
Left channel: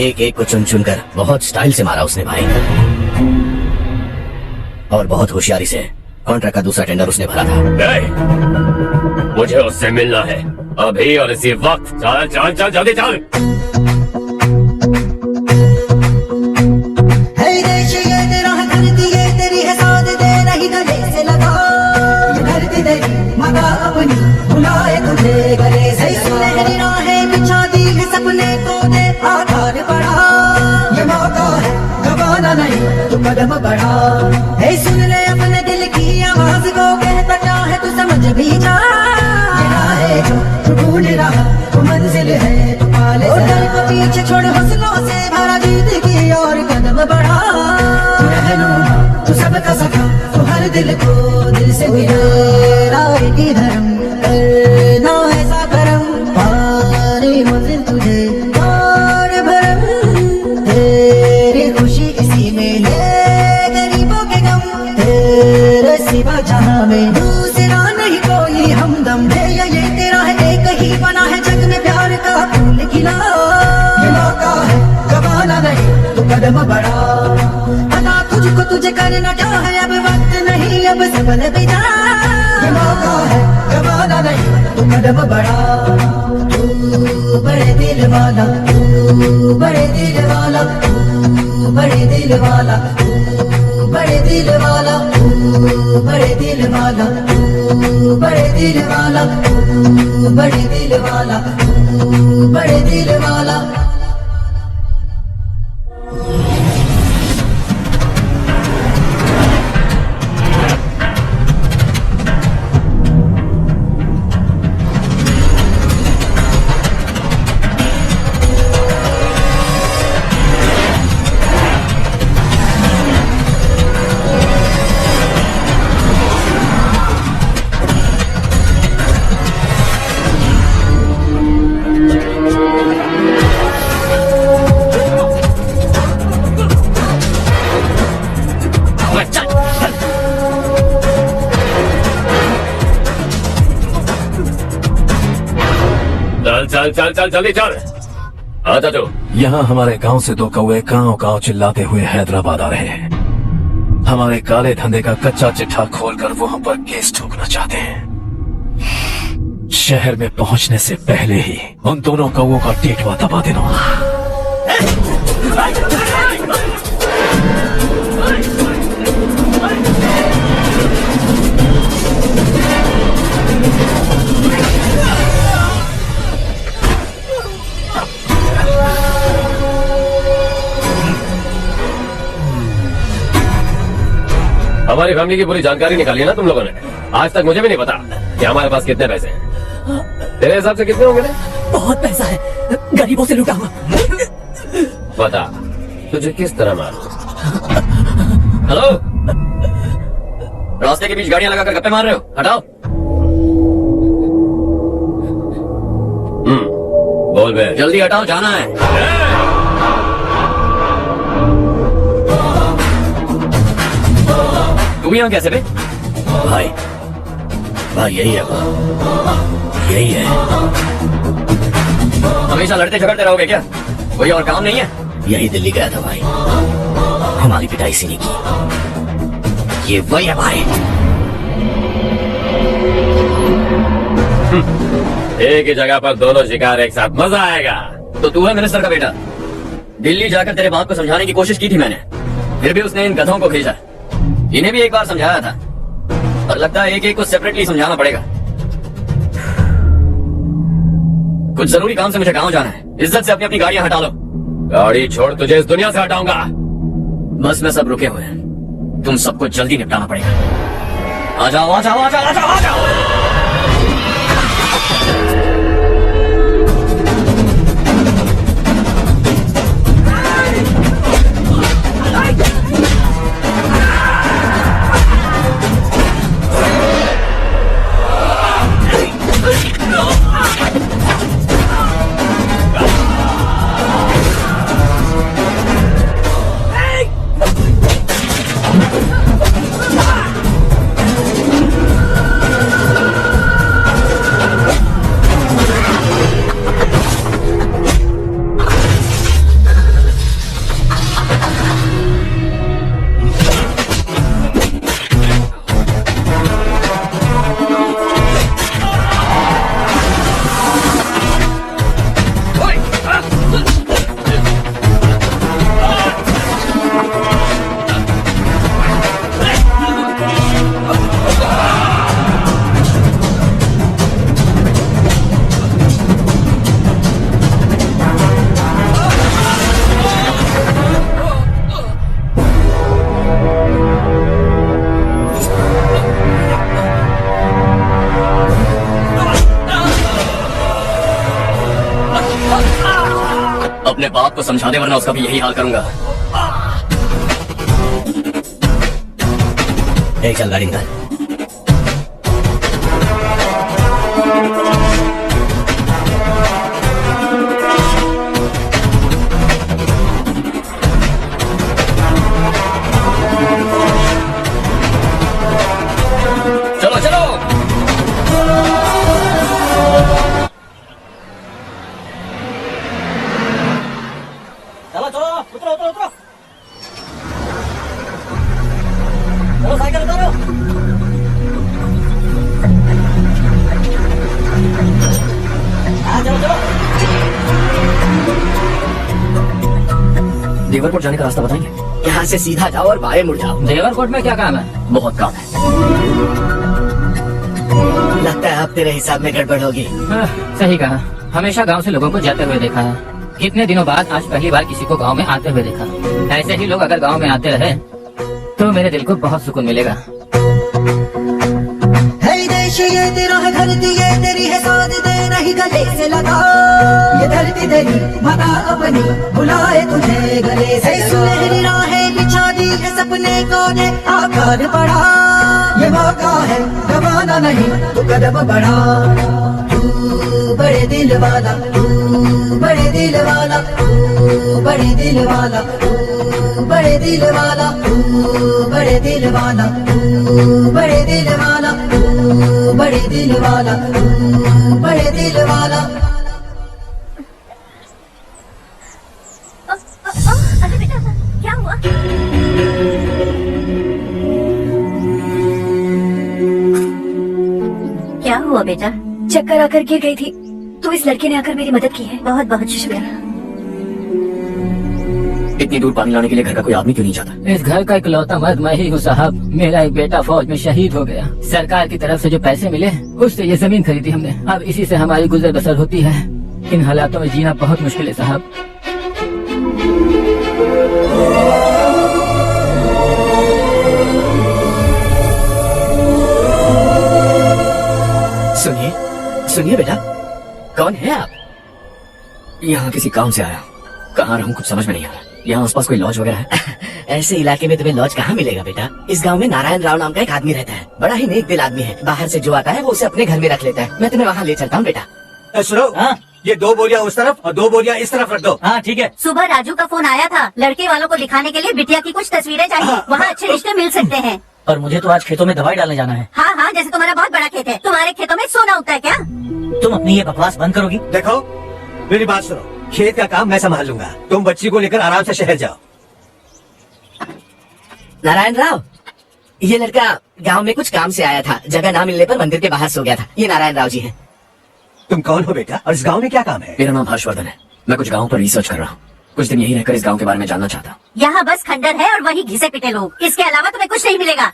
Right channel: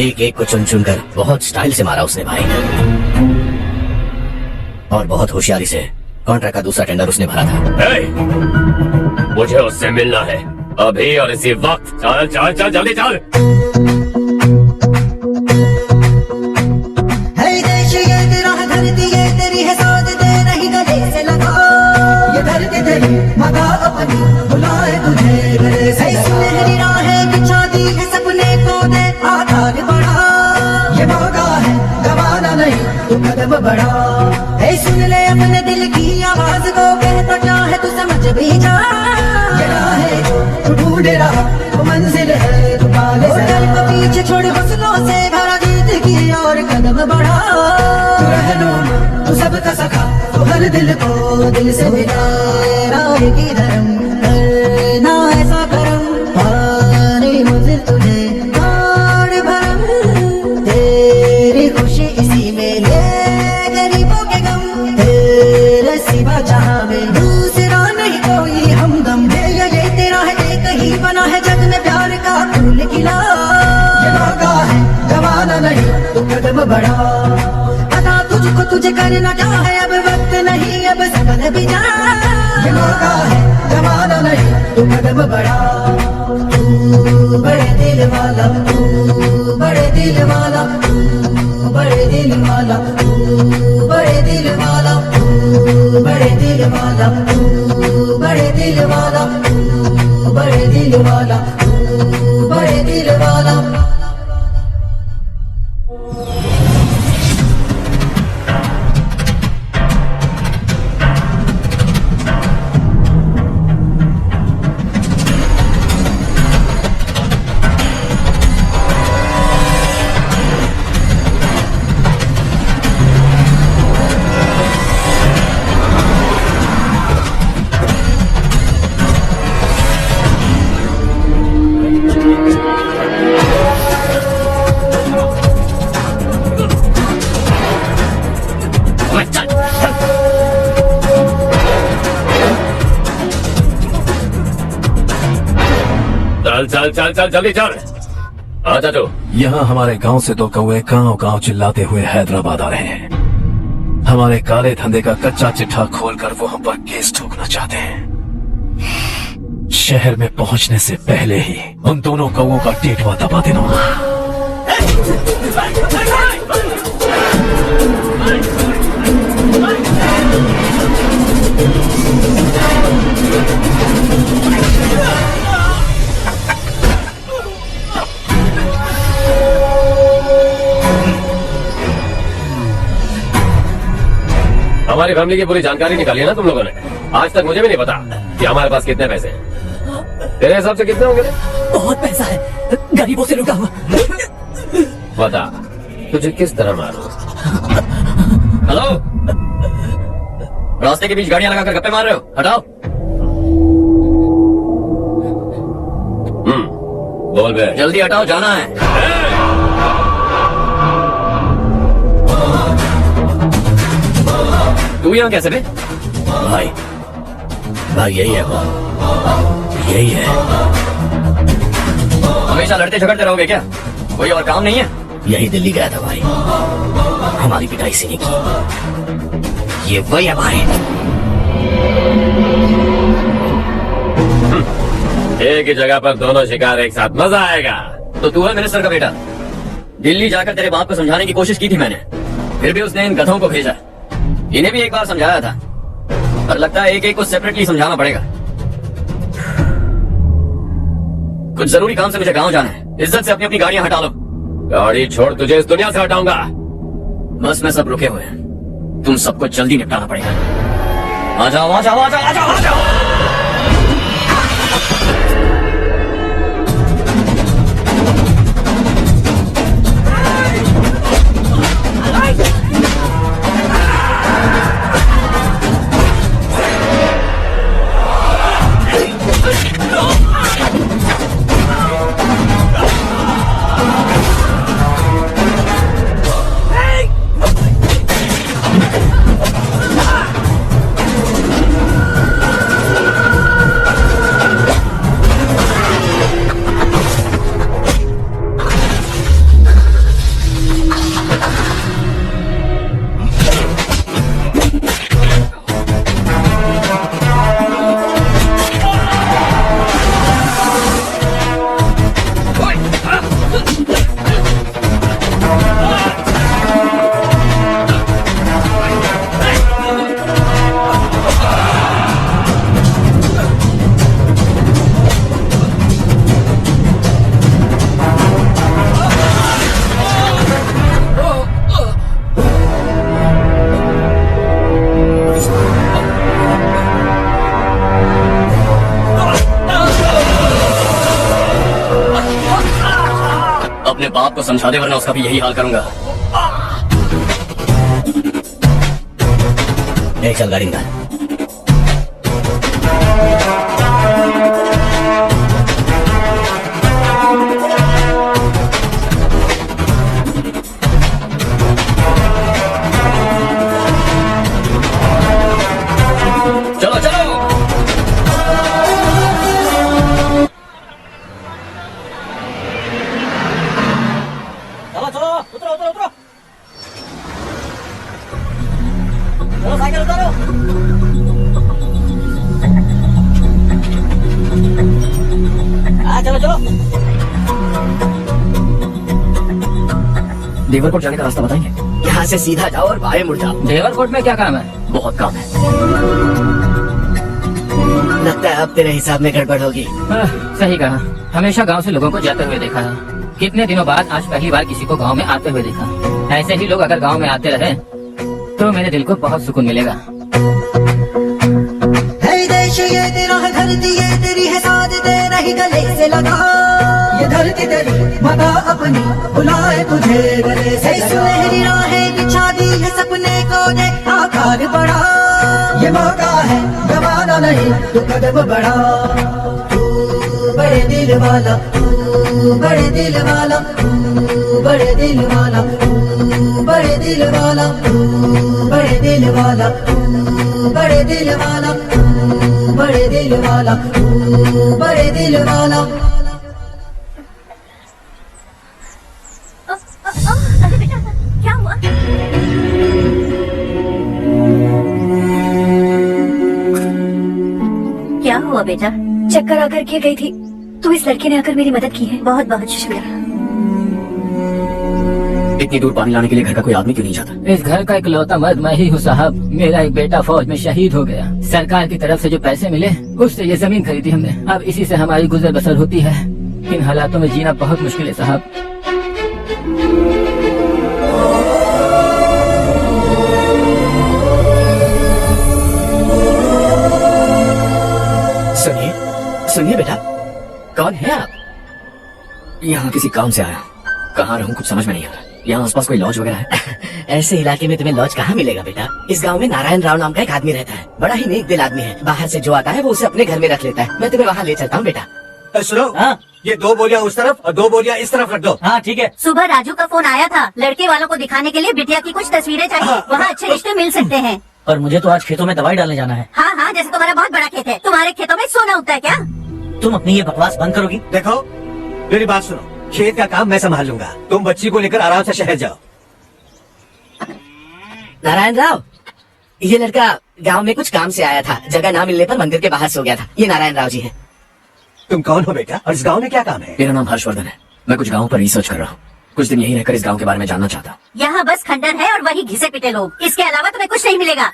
एक एक को चुन चुन कर बहुत स्टाइल से मारा उसने भाई, और बहुत होशियारी से कॉन्ट्रैक्ट का दूसरा टेंडर उसने भरा था। मुझे उससे मिलना है अभी और इसी वक्त। चल चल चल जल्दी चल। है देश ये तेरा है, धरती ये तेरी है, साथ दे नहीं गले से लगा। ये धरती तेरी माता अपनी बुलाए तुझे गले से लगा। सुनहरी राहें बिछा दी है, सपने को दे आधार बढ़ा। ये मौका है गवाना नहीं, तू कदम बढ़ा। है सुन ले अपने दिल की आवाज को, कहता क्या है तू समझ भी जा। ये राहें जो तू ढूंढ रहा वो मंजिल है, तू पाले को पीछे छोड़, हौसलों से भरा जीत की और कदम बढ़ा। तू रहनुमा, तू सबका सखा, तू हर दिल को दिल से मिला। राह की धर्म ना ऐसा करम, पाने मंजिल तुझे और भरम। तेरी खुशी इसी में है, गरीबों के गम तेरे सिवा जहां में दूसरा नहीं कोई हमदम। ये तेरा है, एक ही बना है जग में प्यार का फूल खिला। ये मौका है गवाना नहीं, तू कदम बढ़ा। पता तुझको तुझे करना क्या है, अब वक्त नहीं, अब संभल भी जा। ये मौका है गवाना नहीं, तू कदम बढ़ा। तू बड़े दिल वाला, तू बड़े दिल वाला, तू बड़े दिल वाला, तू बड़े दिल वाला, तू बड़े दिल वाला, तू बड़े दिल वाला, तू बड़े दिल वाला, तू बड़े दिल वाला। चल चल चल चल जल्दी चल। हाँ चाचू। यहाँ हमारे गांव से दो कौए गांव गांव चिल्लाते हुए हैदराबाद आ रहे हैं। हमारे काले धंधे का कच्चा चिट्ठा खोलकर वो हम पर केस ठोकना चाहते हैं। शहर में पहुंचने से पहले ही उन दोनों कौओं का टेटवा दबा देना। हमारी फैमिली की पूरी जानकारी निकाली है ना तुम लोगों ने, आज तक मुझे भी नहीं पता। कि हमारे पास कितने पैसे हैं? तेरे हिसाब से कितने होंगे? बहुत पैसा है, गरीबों से लूटा हुआ। बता तुझे किस तरह मारूं? हेलो, रास्ते के बीच गाड़ियां लगाकर गप्पे मार रहे हो? हटाओ। बोल बे। जल्दी हटाओ, जाना है। तू यहाँ कैसे बे? भाई भाई यही है भाई, यही है। हमेशा लड़ते झगड़ते रहोगे क्या? कोई और काम नहीं है? यही दिल्ली गया था भाई, हमारी पिटाई इसी ने की। ये वही है भाई। एक ही जगह पर दोनों शिकार एक साथ, मजा आएगा। तो तू है मिनिस्टर का बेटा। दिल्ली जाकर तेरे बाप को समझाने की कोशिश की थी मैंने, फिर भी उसने इन गधों को भेजा। इन्हें भी एक बार समझाया था, पर लगता है एक एक को सेपरेटली समझाना पड़ेगा। कुछ जरूरी काम से मुझे गांव जाना है। इज्जत से अपनी अपनी गाड़ियां हटा लो। गाड़ी छोड़, तुझे इस दुनिया से हटाऊंगा। बस में सब रुके हुए हैं, तुम सबको जल्दी निपटाना पड़ेगा। आ जाओ आ जाओ आ जाओ आ जाओ आ जाओ। अपने बाप को समझा दे, वरना उसका भी यही हाल करूंगा। एक चल गाड़ी निकाल। चलो चलो। चलो चलो, उतरो उतरो उतरो। चलो साइकिल उतारो। हाँ चलो चलो। देवरकोट जाने का रास्ता बताएंगे? यहाँ से सीधा जाओ और बाएं मुड़ जाओ। देवरकोट में क्या काम है? बहुत काम है। लगता है अब तेरे हिसाब में गड़बड़ होगी। सही कहा। हमेशा गांव से लोगों को जाते हुए देखा है, कितने दिनों बाद आज पहली बार किसी को गांव में आते हुए देखा। ऐसे ही लोग अगर गांव में आते रहे तो मेरे दिल को बहुत सुकून मिलेगा। है देश ये तेरा है, धरती ये तेरी है, साथ तेरा ही गले से लगा। ये धरती तेरी माता अपनी बुलाए तुझे गले से। सुनहरी राहें बिछा दी है, सपने को दे आकार बढ़ा। ये मौका है, दबाना नहीं तो कदम बढ़ा। तू बड़े दिल वाला, तू बड़े दिल वाला, तू बड़े दिल वाला, तू बड़े दिल वाला, तू बड़े दिल वाला, तू बड़े दिल वाला, तू बड़े दिल वाला, तू बड़े दिल वाला। अरे बेटा क्या हुआ? क्या हुआ बेटा? चक्कर आकर के गई थी तो इस लड़के ने आकर मेरी मदद की है। बहुत बहुत शुक्रिया। इतनी दूर पानी लाने के लिए घर का कोई आदमी क्यों नहीं जाता? इस घर का इकलौता मर्द मैं ही हूँ साहब। मेरा एक बेटा फौज में शहीद हो गया। सरकार की तरफ से जो पैसे मिले उससे ये जमीन खरीदी हमने। अब इसी से हमारी गुजर बसर होती है। इन हालातों में जीना बहुत मुश्किल है साहब। सुनिए बेटा, कौन है आप? यहाँ किसी काम से आया हूँ। कहाँ रहूँ कुछ समझ में नहीं आ रहा। यहाँ आसपास कोई लॉज वगैरह है? ऐसे इलाके में तुम्हें लॉज कहाँ मिलेगा बेटा? इस गांव में नारायण राव नाम का एक आदमी रहता है। बड़ा ही नेक दिल आदमी है। बाहर से जो आता है वो उसे अपने घर में रख लेता है। मैं तुम्हें वहाँ ले चलता हूँ बेटा। सुनो, ये 2 बोरियां उस तरफ और 2 बोरियां इस तरफ रख दो। हाँ ठीक है। सुबह राजू का फोन आया था, लड़के वालों को दिखाने के लिए बिटिया की कुछ तस्वीरें चाहिए। वहाँ अच्छे रिश्ते मिल सकते हैं। और मुझे तो आज खेतों में दवाई डालने जाना है। हाँ हाँ, जैसे तुम्हारा बहुत बड़ा खेत है, तुम्हारे खेतों में सोना उगता है क्या? तुम अपनी ये बकवास बंद करोगी? देखो मेरी बात सुनो, खेत का काम मैं संभाल लूंगा, तुम बच्ची को लेकर आराम से शहर जाओ। नारायण राव, ये लड़का गांव में कुछ काम से आया था। जगह ना मिलने पर मंदिर के बाहर सो गया था। ये नारायण राव जी हैं। तुम कौन हो बेटा और इस गांव में क्या काम है? मेरा नाम हर्षवर्धन है। मैं कुछ गाँव पर रिसर्च कर रहा हूँ। कुछ दिन यही रहकर इस गाँव के बारे में जानना चाहता। यहाँ बस खंडर है और वही घिसे पिटे लोग। इसके अलावा तुम्हें कुछ नहीं मिलेगा।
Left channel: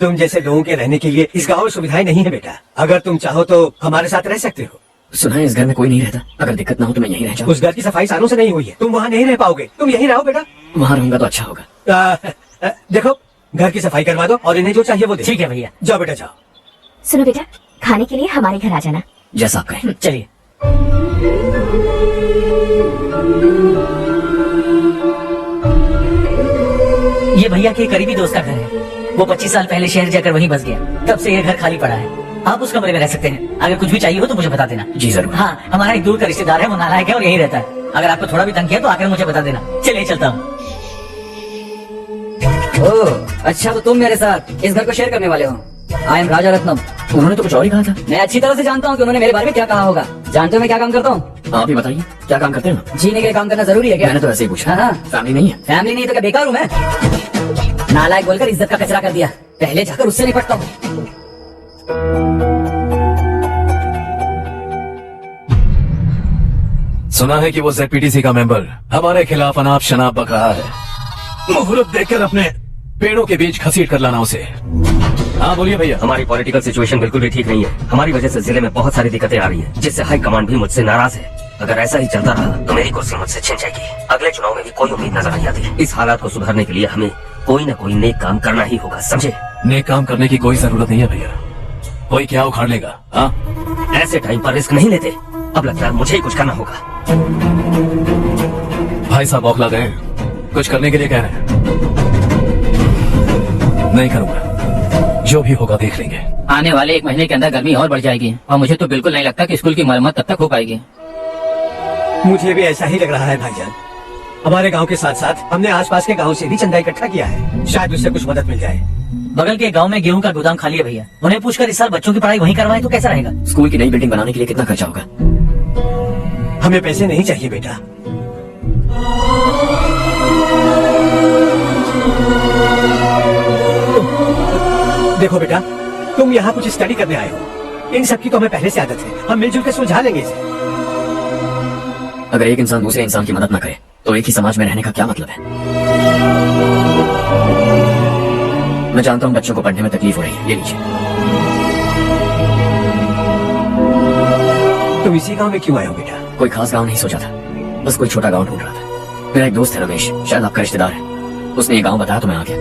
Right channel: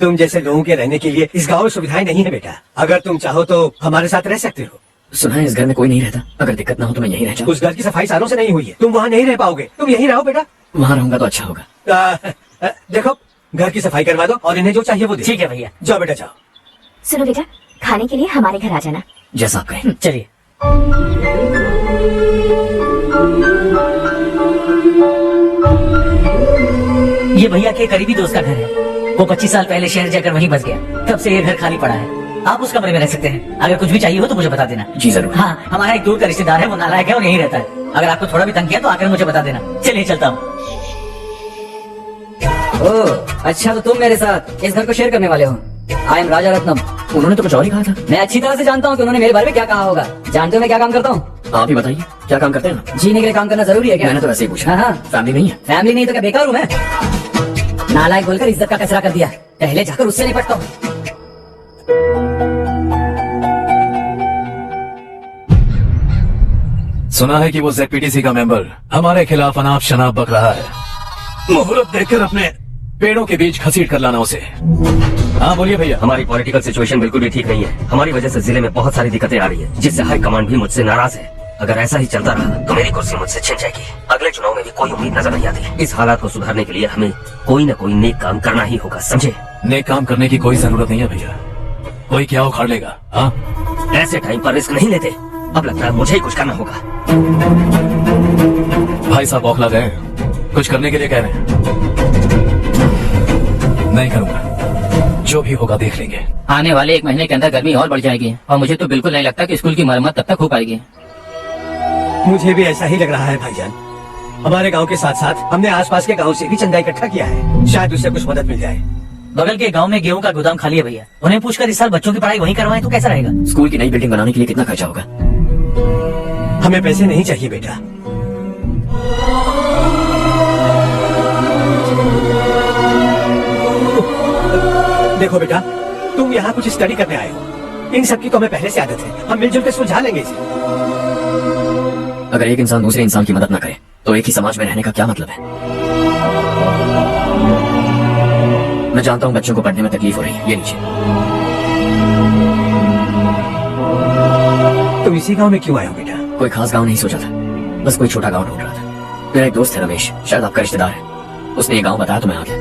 तुम जैसे लोगों के रहने के लिए इस गांव में सुविधाएं नहीं है बेटा। अगर तुम चाहो तो हमारे साथ रह सकते हो। सुना है इस घर में कोई नहीं रहता। अगर दिक्कत ना हो तो मैं यहीं रह जाऊँ। उस घर की सफाई सालों से नहीं हुई है, तुम वहाँ नहीं रह पाओगे। तुम यहीं रहो बेटा। वहाँ रहूंगा तो अच्छा होगा। देखो घर की सफाई करवा दो और इन्हें जो चाहिए वो दे। ठीक है भैया। जाओ बेटा जाओ। सुनो बेटा, खाने के लिए हमारे घर आ जाना। जैसा आप कहें। चलिए। ये भैया के करीबी दोस्त का घर है। वो 25 साल पहले शहर जाकर वहीं बस गया। तब से ये घर खाली पड़ा है। आप उस कमरे में रह सकते हैं। अगर कुछ भी चाहिए हो तो मुझे बता देना। जी जरूर। हाँ, हमारा एक दूर का रिश्तेदार है, वो नालायक है और यहीं रहता है। अगर आपको थोड़ा भी तंग किया तो आकर मुझे बता देना। चलिए चलता हूँ। ओह, अच्छा तो तुम मेरे साथ इस घर को शेयर करने वाले हो। आई एम राजा रत्नम। उन्होंने तो कुछ और ही कहा था। मैं अच्छी तरह से जानता हूँ कि उन्होंने मेरे बारे में क्या कहा होगा। जानते हो मैं क्या काम करता हूँ? आप ही बताइए, क्या काम करते हैं? जीने के लिए काम करना जरूरी है क्या? मैंने तो ऐसे ही पूछा। हाँ। फैमिली नहीं है? फैमिली नहीं तो क्या बेकार हूँ मैं? नालायक बोलकर इज्जत का कचरा कर दिया। पहले जाकर उससे निपटता हूँ। सुना है कि वो ZPTC का मेंबर हमारे खिलाफ अनाप शनाप बक रहा है। मुहूर्त देखकर अपने पेड़ों के बीच घसीट कर लाना उसे। हाँ बोलिए भैया। हमारी पॉलिटिकल सिचुएशन बिल्कुल भी ठीक नहीं है। हमारी वजह से जिले में बहुत सारी दिक्कतें आ रही है, जिससे हाई कमांड भी मुझसे नाराज है। अगर ऐसा ही चलता रहा तो मेरी कुर्सी मुझसे छिन जाएगी। अगले चुनाव में भी कोई उम्मीद नजर नहीं आती। इस हालात को सुधारने के लिए हमें कोई न कोई नेक काम करना ही होगा, समझे? नेक काम करने की कोई जरूरत नहीं है भैया। कोई क्या उखाड़ लेगा? हाँ, ऐसे टाइम पर रिस्क नहीं लेते। अब लगता है मुझे ही कुछ करना होगा। भाई साहब बौखला गए, कुछ करने के लिए कह रहे हैं। नहीं करूंगा, जो भी होगा देख लेंगे। आने वाले 1 महीने के अंदर गर्मी और बढ़ जाएगी और मुझे तो बिल्कुल नहीं लगता कि स्कूल की मरम्मत तब तक हो पाएगी। मुझे भी ऐसा ही लग रहा है भाईजान। हमारे गांव के साथ साथ हमने आसपास के गांव से भी चंदा इकट्ठा किया है, शायद उससे कुछ मदद मिल जाए। बगल के गांव में गेहूं का गोदाम खाली है भैया। उन्हें पूछकर इस साल बच्चों की पढ़ाई वहीं करवाएं तो कैसा रहेगा? स्कूल की नई बिल्डिंग बनाने के लिए कितना खर्चा होगा? हमें पैसे नहीं चाहिए बेटा। देखो बेटा, तुम यहाँ कुछ स्टडी करने आए हो। इन सब की तो हमें पहले से आदत है। हम मिलजुल के सुलझा लेंगे इसे। अगर एक इंसान दूसरे इंसान की मदद न करे तो एक ही समाज में रहने का क्या मतलब है? मैं जानता हूँ बच्चों को पढ़ने में तकलीफ हो रही है, ये लीजिए। तुम इसी गांव में क्यों आए हो बेटा? कोई खास गांव नहीं सोचा था, बस कोई छोटा गांव ढूंढ रहा था। मेरा एक दोस्त है रमेश, शायद आपका रिश्तेदार है। उसने ये गांव बताया तो मैं आ गया।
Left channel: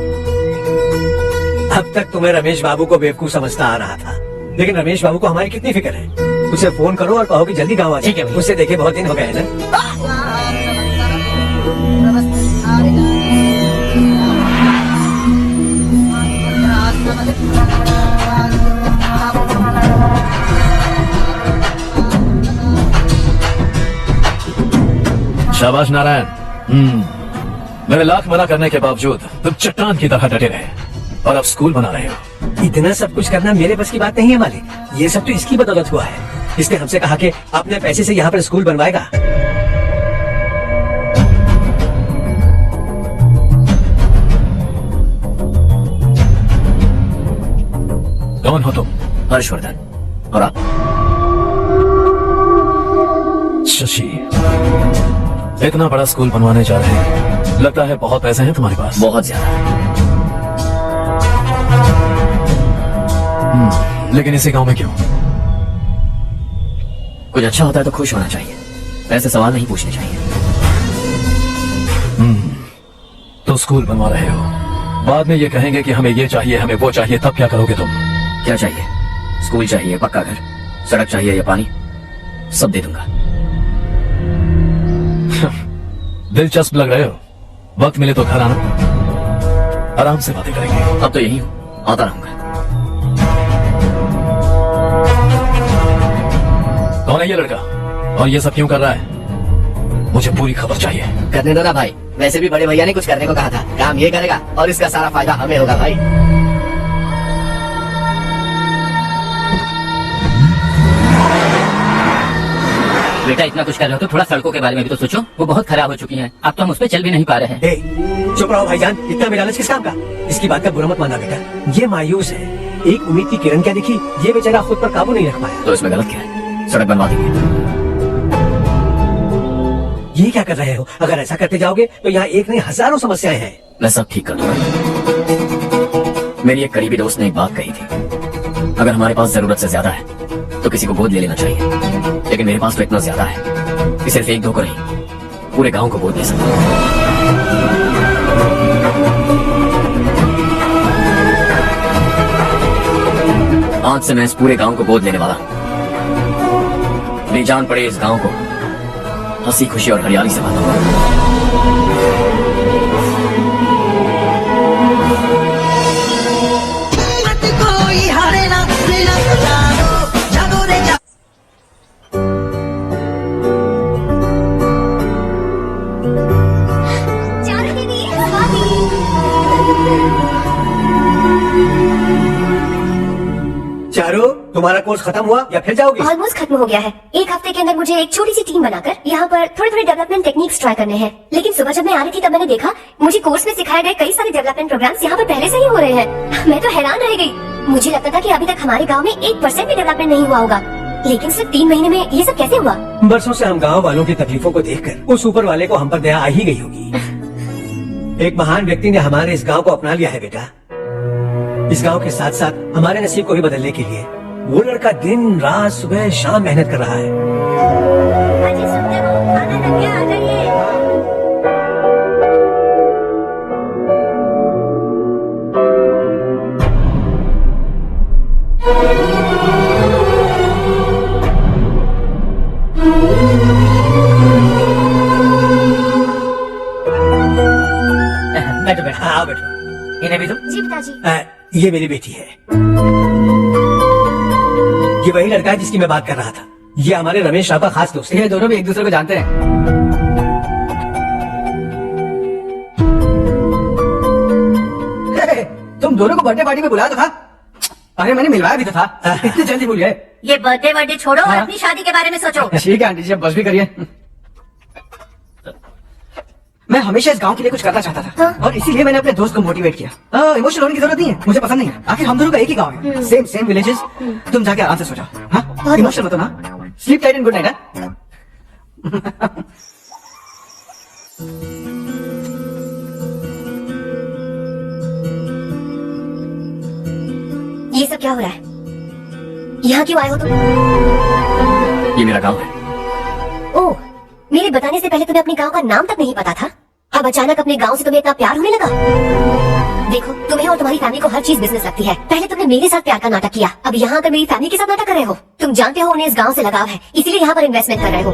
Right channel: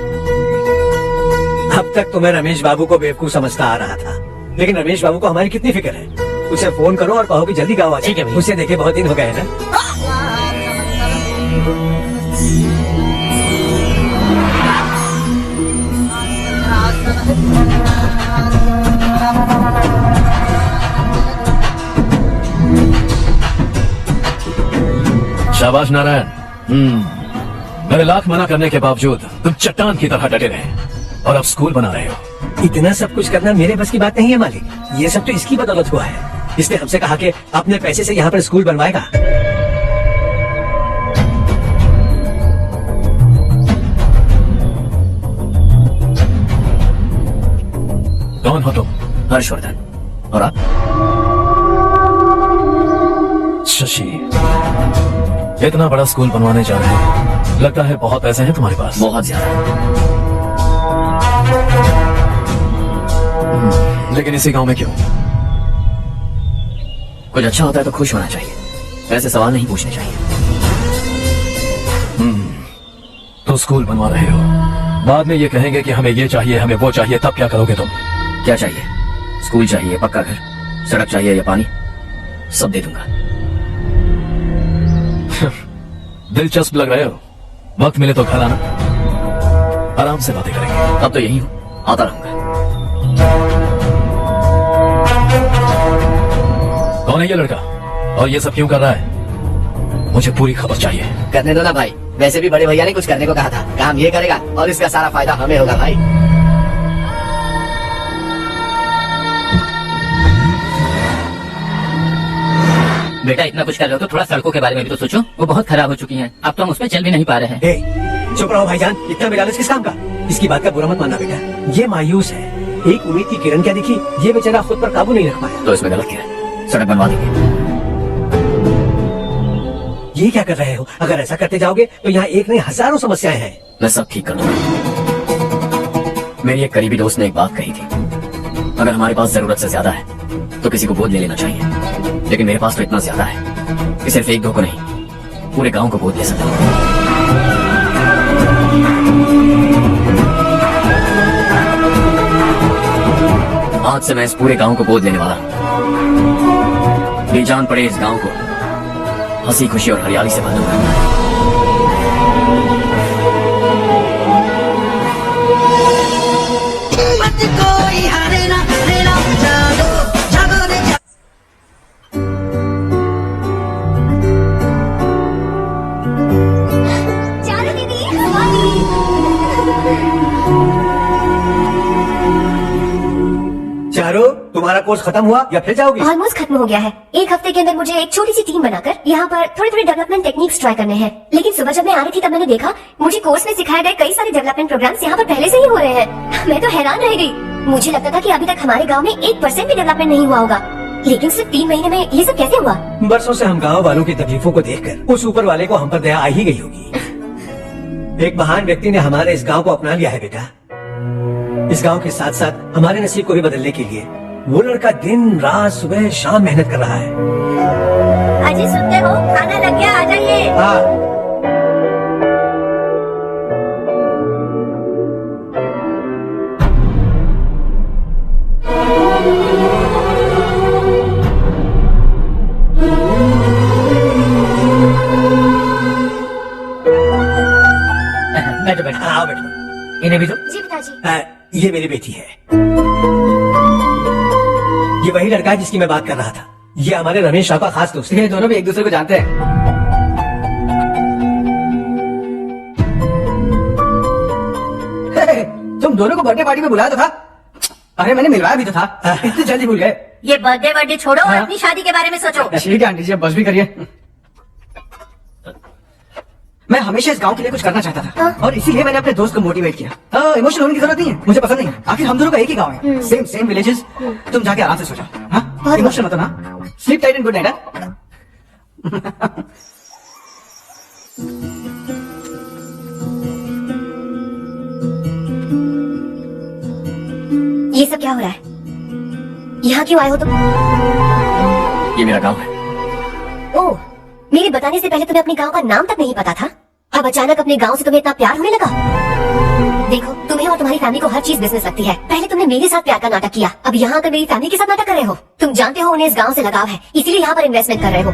अब तक तो मैं रमेश बाबू को बेवकूफ समझता आ रहा था, लेकिन रमेश बाबू को हमारी कितनी फिक्र है। उसे फोन करो और कहो कि जल्दी गांव आ जाए। ठीक है भैया। उसे देखे बहुत दिन हो गए हैं ना। शाबाश नारायण। मेरे लाख मना करने के बावजूद तुम चट्टान की तरह डटे रहे और अब स्कूल बना रहे हो। इतना सब कुछ करना मेरे बस की बात नहीं है मालिक। ये सब तो इसकी बदौलत हुआ है। इसने हमसे कहा कि अपने पैसे से यहाँ पर स्कूल बनवाएगा। कौन हो तुम? हर्षवर्धन। और आप? शशि। इतना बड़ा स्कूल बनवाने जा रहे हैं, लगता है बहुत पैसे हैं तुम्हारे पास। बहुत ज्यादा। लेकिन इसी गांव में क्यों? कुछ अच्छा होता है तो खुश होना चाहिए, ऐसे सवाल नहीं पूछने चाहिए। तो स्कूल बनवा रहे हो, बाद में ये कहेंगे कि हमें ये चाहिए हमें वो चाहिए, तब क्या करोगे तुम? क्या चाहिए? स्कूल चाहिए, पक्का घर, सड़क चाहिए या पानी, सब दे दूंगा। दिलचस्प लग रहे हो। वक्त मिले तो घर आना, आराम से बातें करेंगे। अब तो यही हूं, आता रहूंगा। कौन है ये लड़का और ये सब क्यों कर रहा है? मुझे पूरी खबर चाहिए। करने दो ना भाई, वैसे भी बड़े भैया ने कुछ करने को कहा था, काम ये करेगा और इसका सारा फायदा हमें होगा भाई। बेटा इतना कुछ कर रहे हो तो थोड़ा सड़कों के बारे में भी तो सोचो, वो बहुत खराब हो चुकी हैं। अब तो हम उसमें चल भी नहीं पा रहे हैं। ए, चुप रहो भाईजान, इतना बेलालच किस काम का? इसकी बात का बुरा मत मानना बेटा, ये मायूस है। एक उम्मीद की किरण क्या दिखी, ये बेचारा खुद पर काबू नहीं रख पाया। तो इसमें गलत क्या है? सड़क बनवा देंगे। ये क्या कर रहे हो? अगर ऐसा करते जाओगे तो यहाँ एक नहीं हजारों समस्याएं हैं। मैं सब ठीक कर दूंगा। मेरी एक करीबी दोस्त ने एक बात कही थी, अगर हमारे पास जरूरत से ज्यादा है तो किसी को गोद ले लेना चाहिए, लेकिन मेरे पास तो इतना ज्यादा है कि सिर्फ एक दो को नहीं, पूरे गांव को गोद ले सकता हूं। आज से मैं इस पूरे गांव को गोद लेने वाला हूं। मेरी जान पड़े इस गांव को हंसी खुशी और हरियाली से भरूंगा। चारू दीदी, हाँ दीदी। चारू, तुम्हारा कोर्स खत्म हुआ या फिर जाओगी? ऑलमोस्ट खत्म हो गया है। एक हफ्ते के अंदर मुझे एक छोटी सी टीम बनाकर यहाँ पर थोड़े थोड़े डेवलपमेंट टेक्निक्स ट्राई करने हैं। लेकिन सुबह जब मैं आ रही थी तब मैंने देखा मुझे कोर्स में सिखाए गए कई सारे डेवलपमेंट प्रोग्राम्स यहाँ पर पहले से ही हो रहे हैं। मैं तो हैरान रह गई। मुझे लगता था कि अभी तक हमारे गाँव में 1% भी डेवलपमेंट नहीं हुआ होगा, लेकिन सिर्फ 3 महीने में ये सब कैसे हुआ? बरसों से हम गांव वालों की तकलीफों को देखकर उस ऊपर वाले को हम पर दया आ ही गई होगी। एक महान व्यक्ति ने हमारे इस गांव को अपना लिया है बेटा। इस गांव के साथ साथ हमारे नसीब को भी बदलने के लिए वो लड़का दिन रात सुबह शाम मेहनत कर रहा है। अजी सुनते हो, खाना लग गया, आ जाइए। हाँ। बैठो बैठो। हाँ बेटा। इन्हें भी दो। जी पिताजी। ये मेरी बेटी है। ये वही लड़का है जिसकी मैं बात कर रहा था। ये हमारे रमेश राव का खास दोस्त है। ये दोनों भी एक दूसरे को जानते हैं। तुम दोनों को बर्थडे पार्टी में बुलाया तो था? अरे मैंने मिलवाया भी तो था। इतनी जल्दी भूल गए? ये बर्थडे छोड़ो और अपनी शादी के बारे में सोचो। ठीक है आंटी जी, अब बस भी करिए। मैं हमेशा इस गांव के लिए कुछ करना चाहता था और इसीलिए मैंने अपने दोस्त को मोटिवेट किया। इमोशनल होने की जरूरत नहीं है, मुझे पसंद नहीं है। आखिर हम दोनों का एक ही गांव है, सेम विलेजेस। तुम जाके आराम से सो जाओ। हाँ, इमोशनल मत होना। Sleep tight and good night. ये सब क्या हो रहा है? यहाँ क्यों आए हो तुम? ये मेरा गांव है। ओह, मेरे बताने से पहले तुम्हें अपने गांव का नाम तक नहीं पता था। अब अचानक अपने गांव से तुम्हें इतना प्यार होने लगा। देखो, तुम्हें और तुम्हारी फैमिली को हर चीज बिजनेस लगती है। पहले तुमने मेरे साथ प्यार का नाटक किया, अब यहाँ आकर मेरी फैमिली के साथ नाटक कर रहे हो। तुम जानते हो उन्हें इस गांव से लगाव है, इसीलिए यहाँ पर इन्वेस्टमेंट कर रहे हो।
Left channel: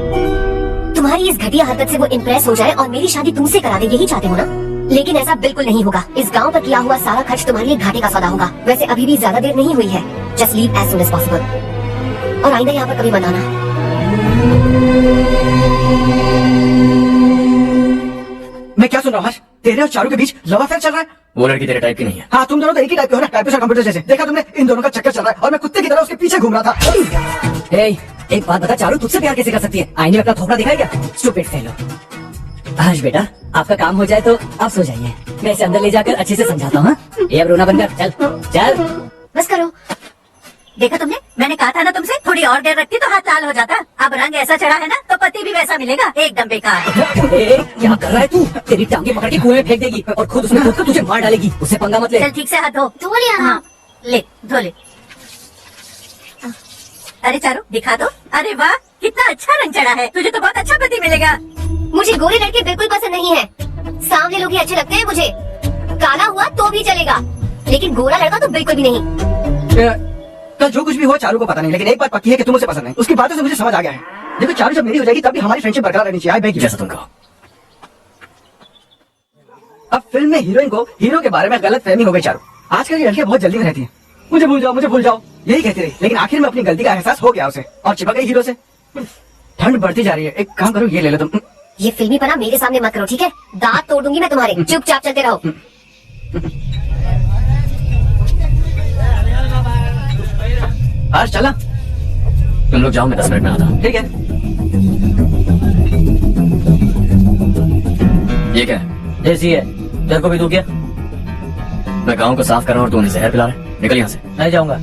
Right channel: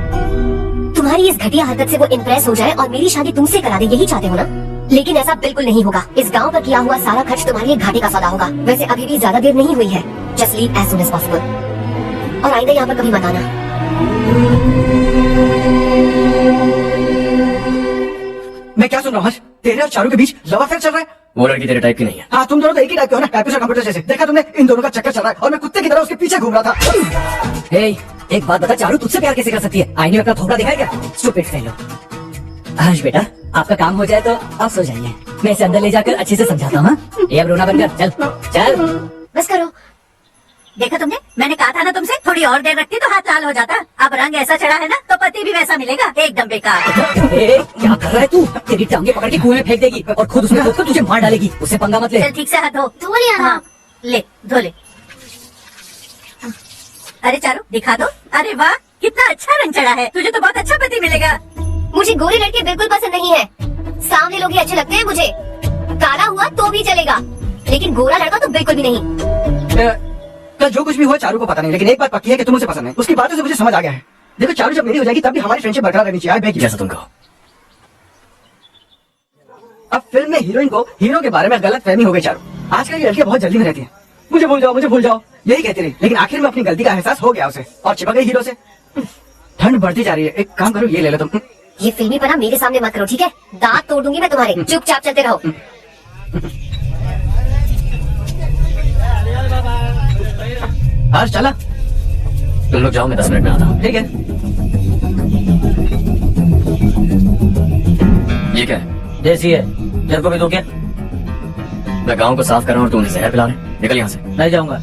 तुम्हारी इस घटिया हरकत से वो इम्प्रेस हो जाए और मेरी शादी तुमसे करा दे, यही चाहते हो ना? लेकिन ऐसा बिल्कुल नहीं होगा। इस गांव पर किया हुआ सारा खर्च तुम्हारे एक घाटे का सौदा होगा। वैसे अभी भी ज्यादा देर नहीं हुई है। Just leave as soon as possible और आइंदा यहाँ पर कभी मत आना। मैं क्या सुन रहा हूँ? तेरे और चारू के बीच लव अफेयर चल रहा है? वो लड़की तेरे टाइप की नहीं है। हाँ, तुम दोनों तो एक ही टाइप के हो ना, टाइपिस्ट और कंप्यूटर जैसे। देखा तुमने, इन दोनों का चक्कर चल रहा है और मैं कुत्ते की तरह उसके पीछे घूम रहा था। एक बात बता, चारू तुझसे प्यार कैसे कर सकती है? आईने में अपना थोपड़ा दिखाई क्या? Stupid fellow. आज बेटा आपका काम हो जाए तो आप सो जाइए, मैं इसे अंदर ले जाकर अच्छे से समझाता हूँ। ये अब रोना बंद कर, चल चल। बस करो। देखा तुमने, मैंने कहा था ना तुमसे, थोड़ी और देर रखती तो हाथ लाल हो जाता। अब रंग ऐसा चढ़ा है ना तो पति भी वैसा मिलेगा, एकदम बेकार। क्या कर रहा है तू? तेरी टांगे पकड़ के कुएं में फेंक देगी और खुद उसमें कूदकर तुझे मार डालेगी। उससे पंगा मत ले। चल ठीक से हाथ धो। धो लिया ना? हाँ, ले धो ले। अरे चारू दिखा दो। अरे वाह, कितना अच्छा रंग चढ़ा है। तुझे तो बहुत अच्छा पति मिलेगा। मुझे गोरी लड़के बिल्कुल पसंद नहीं है। सांवले लोग ही अच्छे लगते हैं मुझे। काला हुआ तो भी चलेगा, लेकिन गोरा लड़का तो बिल्कुल भी नहीं। कल जो कुछ भी हुआ चारू को पता नहीं, लेकिन एक बात पक्की है कि तुम उसे पसंद है। उसकी बातों से मुझे समझ आ गया है। देखो चारू जब मेरी हो जाएगी तब भी हमारी फ्रेंडशिप बरकरार रहनी चाहिए। I beg you. जैसा तुम कहो। अब फिल्म में हीरोइन को हीरो के बारे में गलत फहमी हो गई चारू। आजकल ये लड़कियां बहुत जल्दी में रहती हैं। मुझे भूल जाओ यही कहती रही, लेकिन आखिर में अपनी गलती का एहसास हो गया उसे और चिपक गई हीरो से। ठंड बढ़ती जा रही है, एक काम करो ये ले लो तुम। ये फिल्मी पना मेरे सामने मत करो, ठीक है? दांत तोड़ दूंगी मैं तुम्हारे। चुपचाप चलते रहो। हर्ष चला। तुम लोग जाओ, मैं 10 मिनट में आता हूँ। ठीक है। ये क्या है? जैसी है तेरे को भी दूं क्या? मैं गांव को साफ कर रहा हूँ और तू उन्हें जहर पिला रहा है। निकल यहाँ से। नहीं जाऊंगा।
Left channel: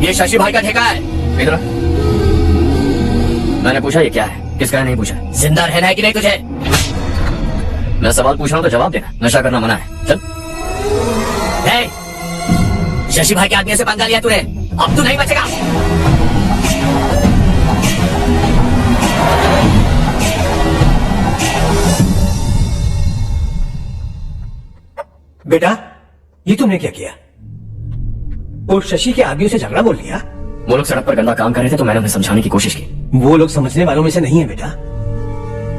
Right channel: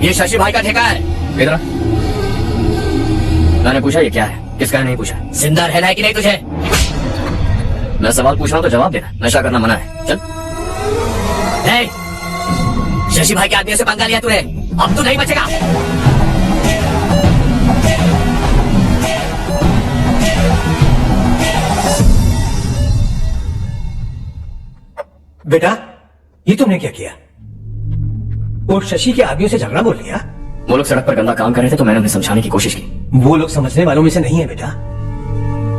ये शशि भाई का ठेका है। इधर आ। मैंने पूछा ये क्या है, किसका है नहीं पूछा। जिंदा रहना है कि नहीं तुझे? मैं सवाल पूछ रहा हूँ तो जवाब देना। नशा करना मना है। चल। शशि भाई के आदमी से पंगा लिया तूने, अब तू नहीं बचेगा। बेटा ये तुमने क्या किया? वो शशि के आदमियों से झगड़ा बोल लिया? वो लोग सड़क पर गंदा काम कर रहे थे तो मैंने उन्हें समझाने की कोशिश की। वो लोग समझने वालों में से नहीं है बेटा।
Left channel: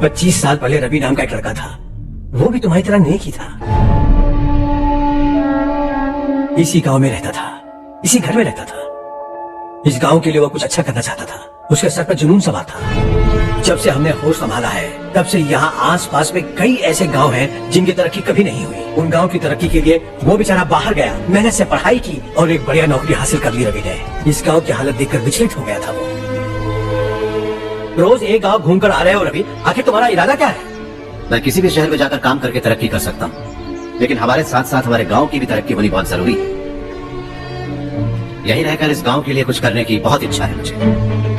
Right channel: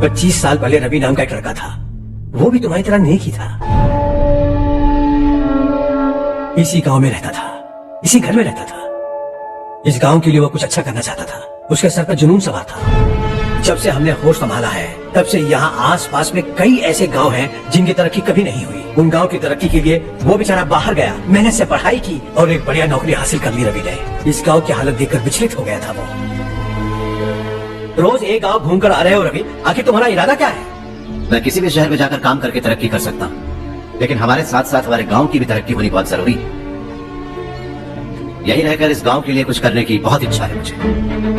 25 साल पहले रवि नाम का एक लड़का था, वो भी तुम्हारी तरह नेक ही था। इसी गांव में रहता था, इसी घर में रहता था। इस गांव के लिए वो कुछ अच्छा करना चाहता था। उसके सर पर जुनून सवार था। जब से हमने होश संभाला है तब से यहाँ आस-पास में कई ऐसे गांव हैं जिनकी तरक्की कभी नहीं हुई। उन गांव की तरक्की के लिए वो बेचारा बाहर गया, मेहनत से पढ़ाई की और एक बढ़िया नौकरी हासिल कर ली रवि ने। इस गांव की हालत देखकर विचलित हो गया था वो। रोज एक गांव घूमकर आ रहे हो रवि, आखिर तुम्हारा इरादा क्या है? मैं किसी भी शहर में जाकर काम करके तरक्की कर सकता हूँ, लेकिन हमारे साथ साथ हमारे गांव की भी तरक्की होनी बहुत जरूरी है। यही रहकर इस गांव के लिए कुछ करने की बहुत इच्छा है मुझे।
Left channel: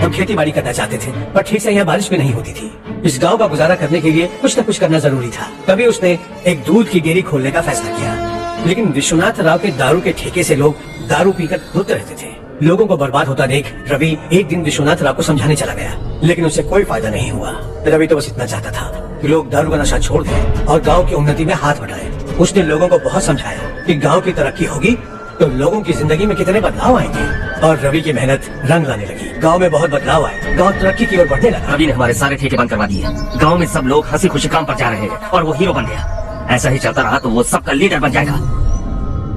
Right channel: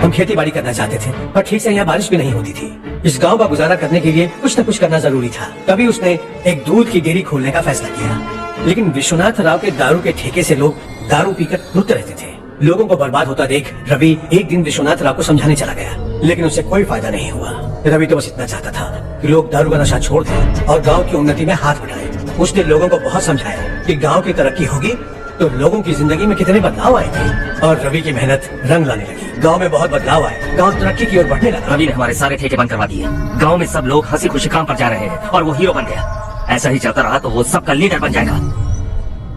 हम खेती बाड़ी करना चाहते थे पर ठीक से यहाँ बारिश भी नहीं होती थी। इस गांव का गुजारा करने के लिए कुछ न कुछ करना जरूरी था। तभी उसने एक दूध की डेयरी खोलने का फैसला किया। लेकिन विश्वनाथ राव के दारू के ठेके से लोग दारू पीकर धुत रहते थे। लोगों को बर्बाद होता देख रवि एक दिन विश्वनाथ राव को समझाने चला गया, लेकिन उससे कोई फायदा नहीं हुआ। रवि तो बस इतना चाहता था कि लोग दारू का नशा छोड़ दें और गांव की उन्नति में हाथ बढ़ाएं। उसने लोगों को बहुत समझाया कि गांव की तरक्की होगी तो लोगों की जिंदगी में कितने बदलाव आएंगे। और रवि की मेहनत रंग लाने लगी। गांव में बहुत बदलाव आए, गांव तरक्की की ओर बढ़ने लगा। रवि ने हमारे सारे ठेके बंद करवा दिए। गांव में सब लोग हंसी खुशी काम पर जा रहे हैं और वो हीरो बन गया। ऐसा ही चलता रहा तो वो सबका लीडर बन जाएगा।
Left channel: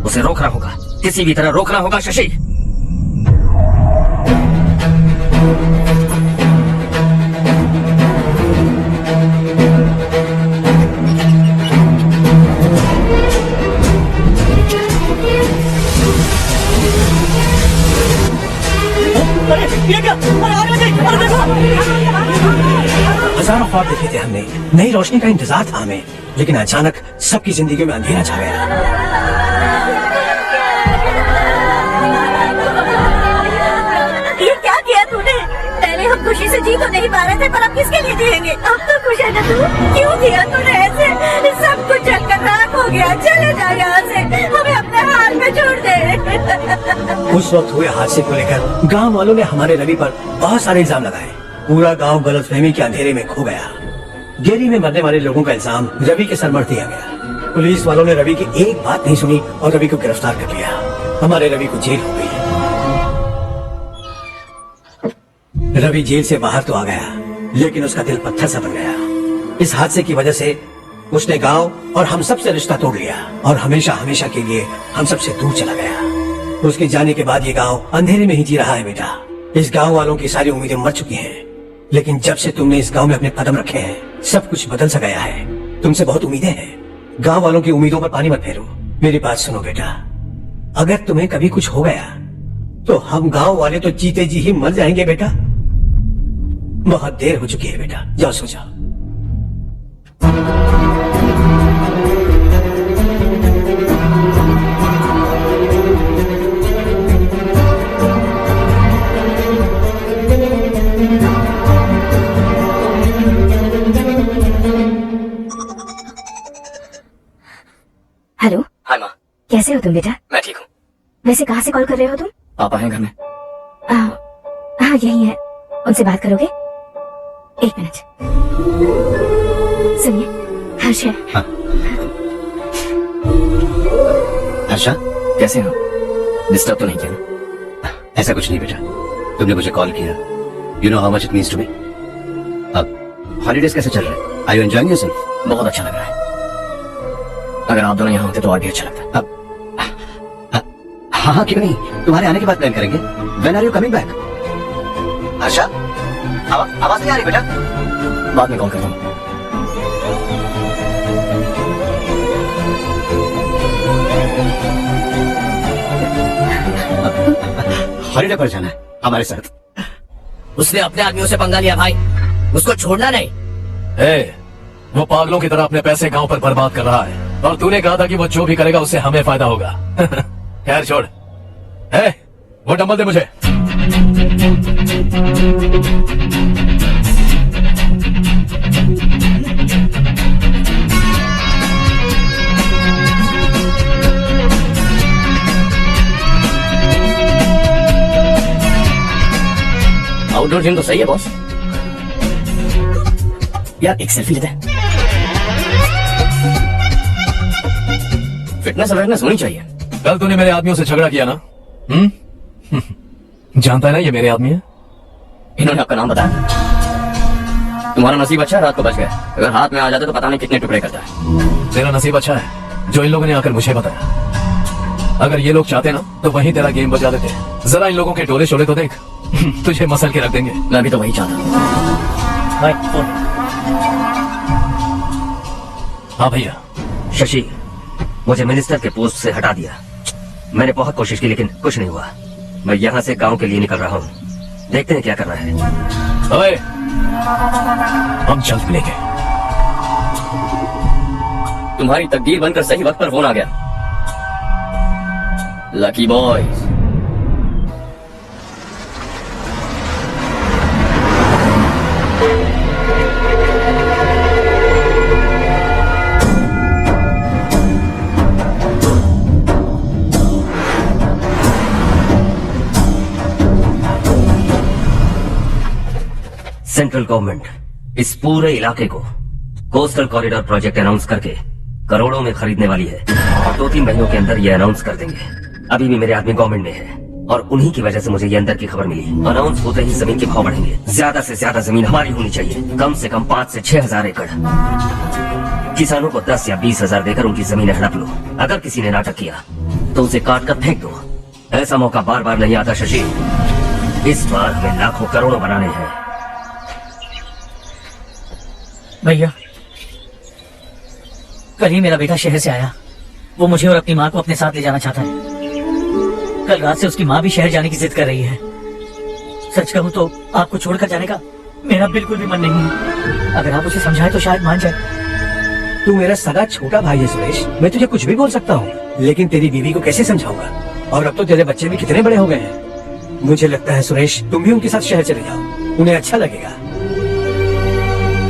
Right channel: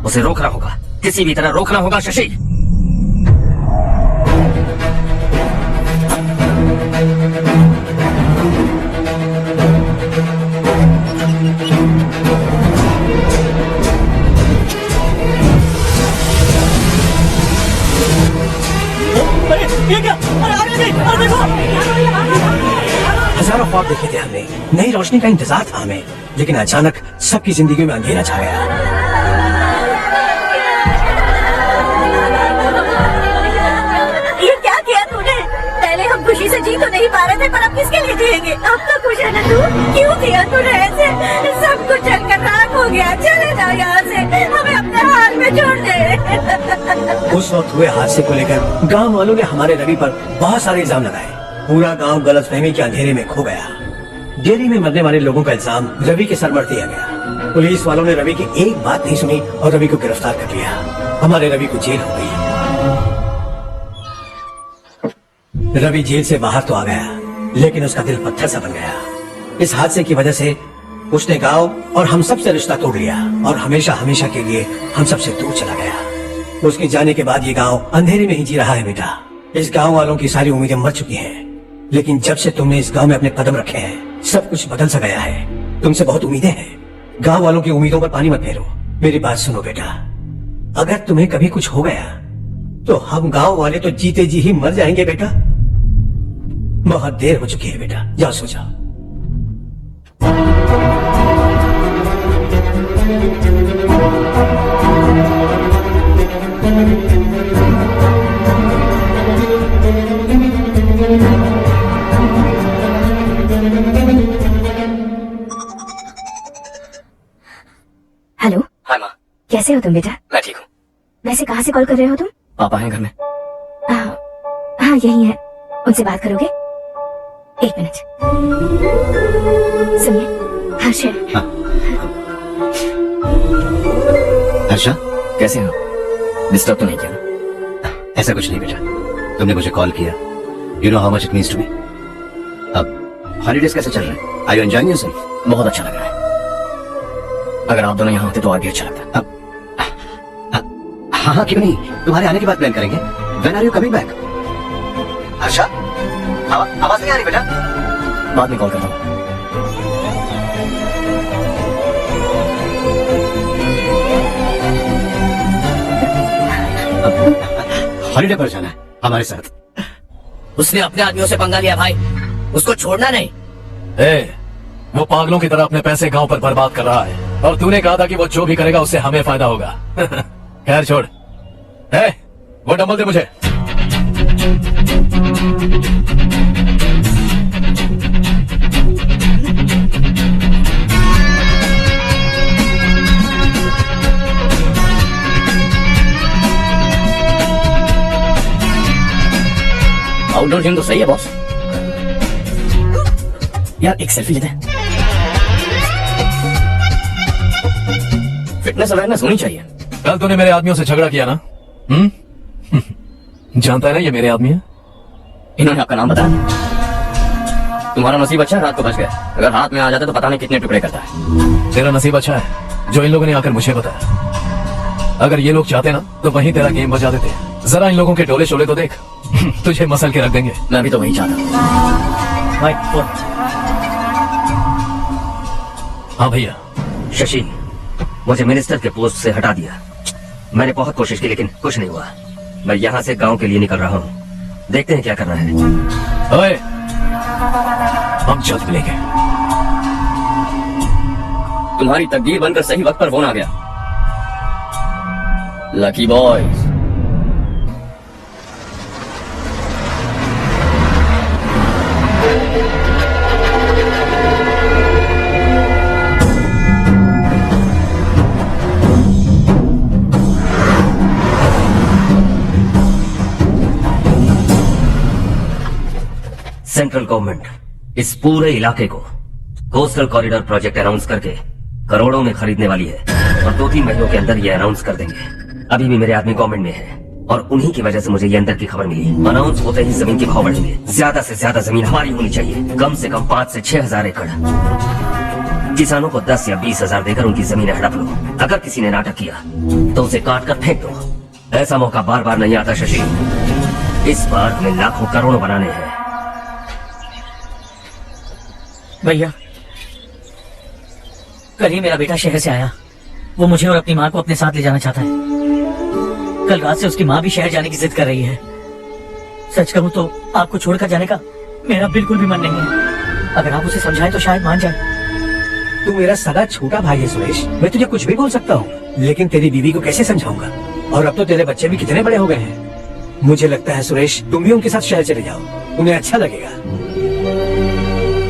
उसे रोकना होगा, किसी भी तरह रोकना होगा शशि। हजारों ख्वाब देखे थे हमने, नई रोशनी का इंतजार था हमें, लेकिन अचानक सबकी जिंदगी में अंधेरा छा गया। ये क्या किया तूने? पहले हम खुशी से जी तो नहीं पा रहे थे, पर अब किसके लिए जिएंगे? अब तो खुश है ना तू? क्यों किया तूने ऐसे? सब कुछ जलकर राख हो गया। चले जा यहाँ से, हमें अपने हाल में छोड़ दे। उस वक्त हुए हादसे को लेकर गांव वालों ने हमारे रवि पर बहुत सारे इल्जाम लगाए। पूरा गांव गलतफहमी के अंधेरे में खो गया। डेयरी में मरने वाले लोगों का इल्जाम रवि के सर मर दिया गया। पुलिस वालों ने रवि की एक बात नहीं सुनी और रवि को गिरफ्तार कर लिया। हमारे रवि को जेल हो गई। रवि जेल से बाहर तो आ गया, लेकिन उसका दिल पत्थर सा बन गया। इस हादसे की वजह से उसने गांव और हम सब से रिश्ता तोड़ लिया और हमेशा हमेशा के लिए हम सबसे दूर चला गया। उसके जाने के बाद ये गांव अंधेरे में ही जी रहा है बेटा। इस गांव वालों की सारी उम्मीदें मर चुकी हैं, लेकिन जब से तुमने इस गांव में अपने कदम रखे हैं सब कुछ बदल सा गया है। तुमसे बहुत उम्मीदें हैं। गांव वालों की उम्मीदों पर पानी मत फेरो। मेरी बात सुनो बेटा, अगर तुम्हें कभी कुछ हो गया तो हम गांव वाले तो जीते जी ही मर जाएंगे बेटा। बहुत देर हो चुकी है बेटा, जाओ सो जाओ। हेलो। हाय माँ। कैसे हो तुम बेटा? मैं ठीक हूँ। वैसे कहाँ से कॉल कर रहे हो तुम? पापा हैं घर में। हाँ यही है। उनसे बात करोगे? 1 मिनट। सुनिए, हर्ष है। हर्षा, कैसे हो? डिस्टर्ब तो नहीं किया ना? ऐसा कुछ नहीं बेटा, तुमने मुझे कॉल किया। You know how much it means to me. अब हॉलीडेज कैसे चल रहे हैं? Are you enjoying yourself? बहुत अच्छा लग रहा है। अगर आप दोनों यहाँ होते तो और भी अच्छा लगता। हाँ हाँ, क्यों नहीं, तुम्हारे आने के बाद प्लान करेंगे। When are you coming back? Harsha, आवाज नहीं आ रही बेटा? बाद में कॉल करता हूँ। हॉलीडे पर जाना है हमारे साथ। उसने अपने आदमियों से पंगा लिया भाई, उसको छोड़ना नहीं। वो पागलों की तरह अपने पैसे गांव पर बर्बाद कर रहा है और तूने कहा था कि वो जो भी करेगा उससे हमें फायदा होगा। खैर छोड़। वो डंबल दे मुझे। आउटडोर जिम तो सही है बॉस। यार एक सेल्फी लेते हैं। फिटनेस अवेयरनेस होनी चाहिए। कल तूने मेरे आदमियों से झगड़ा किया ना? जानता है ना ये मेरे आदमी है। इन्होंने आपका नाम बताया? तुम्हारा नसीब अच्छा है, रात को बच गया। अगर हाथ में आ जाता तो पता नहीं कितने टुकड़े करता है। तेरा नसीब अच्छा है जो इन लोगों ने आकर मुझे बताया। अगर ये लोग चाहते ना तो वहीं तेरा गेम बजा देते। जरा इन लोगों के टोले शोले तो देख। तुझे मसल के रख देंगे। मैं भी तो वही चाहता। हाँ भैया। शशि, मुझे मिनिस्टर के पोस्ट से हटा दिया। मैंने बहुत कोशिश की लेकिन कुछ नहीं हुआ। मैं यहाँ से गांव के लिए निकल रहा हूँ, देखते हैं क्या करना है। ओए, हम जल्द मिलेंगे। तुम्हारी तकदीर बनकर सही वक्त पर फोन आ गया। Lucky boys. सेंट्रल गवर्नमेंट इस पूरे इलाके को कोस्टल कॉरिडोर प्रोजेक्ट अनाउंस करके करोड़ों में खरीदने वाली है और 2-3 महीनों के अंदर ये अनाउंस कर देंगे। अभी भी मेरे आदमी गवर्नमेंट में है और उन्हीं की वजह से मुझे ये अंदर की खबर मिली। अनाउंस होते ही जमीन के भाव बढ़ेंगे। ज्यादा से ज्यादा जमीन हमारी होनी चाहिए, कम से कम 5 से 6 हजार एकड़। किसानों को 10 या 20 हजार देकर उनकी जमीन हड़प लो। अगर किसी ने नाटक किया तो उसे काट कर फेंक दो। ऐसा मौका बार बार नहीं आता शशि। इस बार हमें लाखों करोड़ों बनाने हैं। भैया, कल ही मेरा बेटा शहर से आया। वो मुझे और अपनी माँ को अपने साथ ले जाना चाहता है। कल रात से उसकी माँ भी शहर जाने की जिद कर रही है। सच कहूँ तो आपको छोड़कर जाने का मेरा बिल्कुल भी मन नहीं है। अगर आप उसे समझाएं तो शायद मान जाए। तू मेरा सदा छोटा भाई है सुरेश, मैं तुझे कुछ भी बोल सकता हूँ, लेकिन तेरी बीवी को कैसे समझाऊंगा? और अब तो तेरे बच्चे भी कितने बड़े हो गए हैं। मुझे लगता है सुरेश तुम भी उनके साथ शहर चले जाओ, उन्हें अच्छा लगेगा।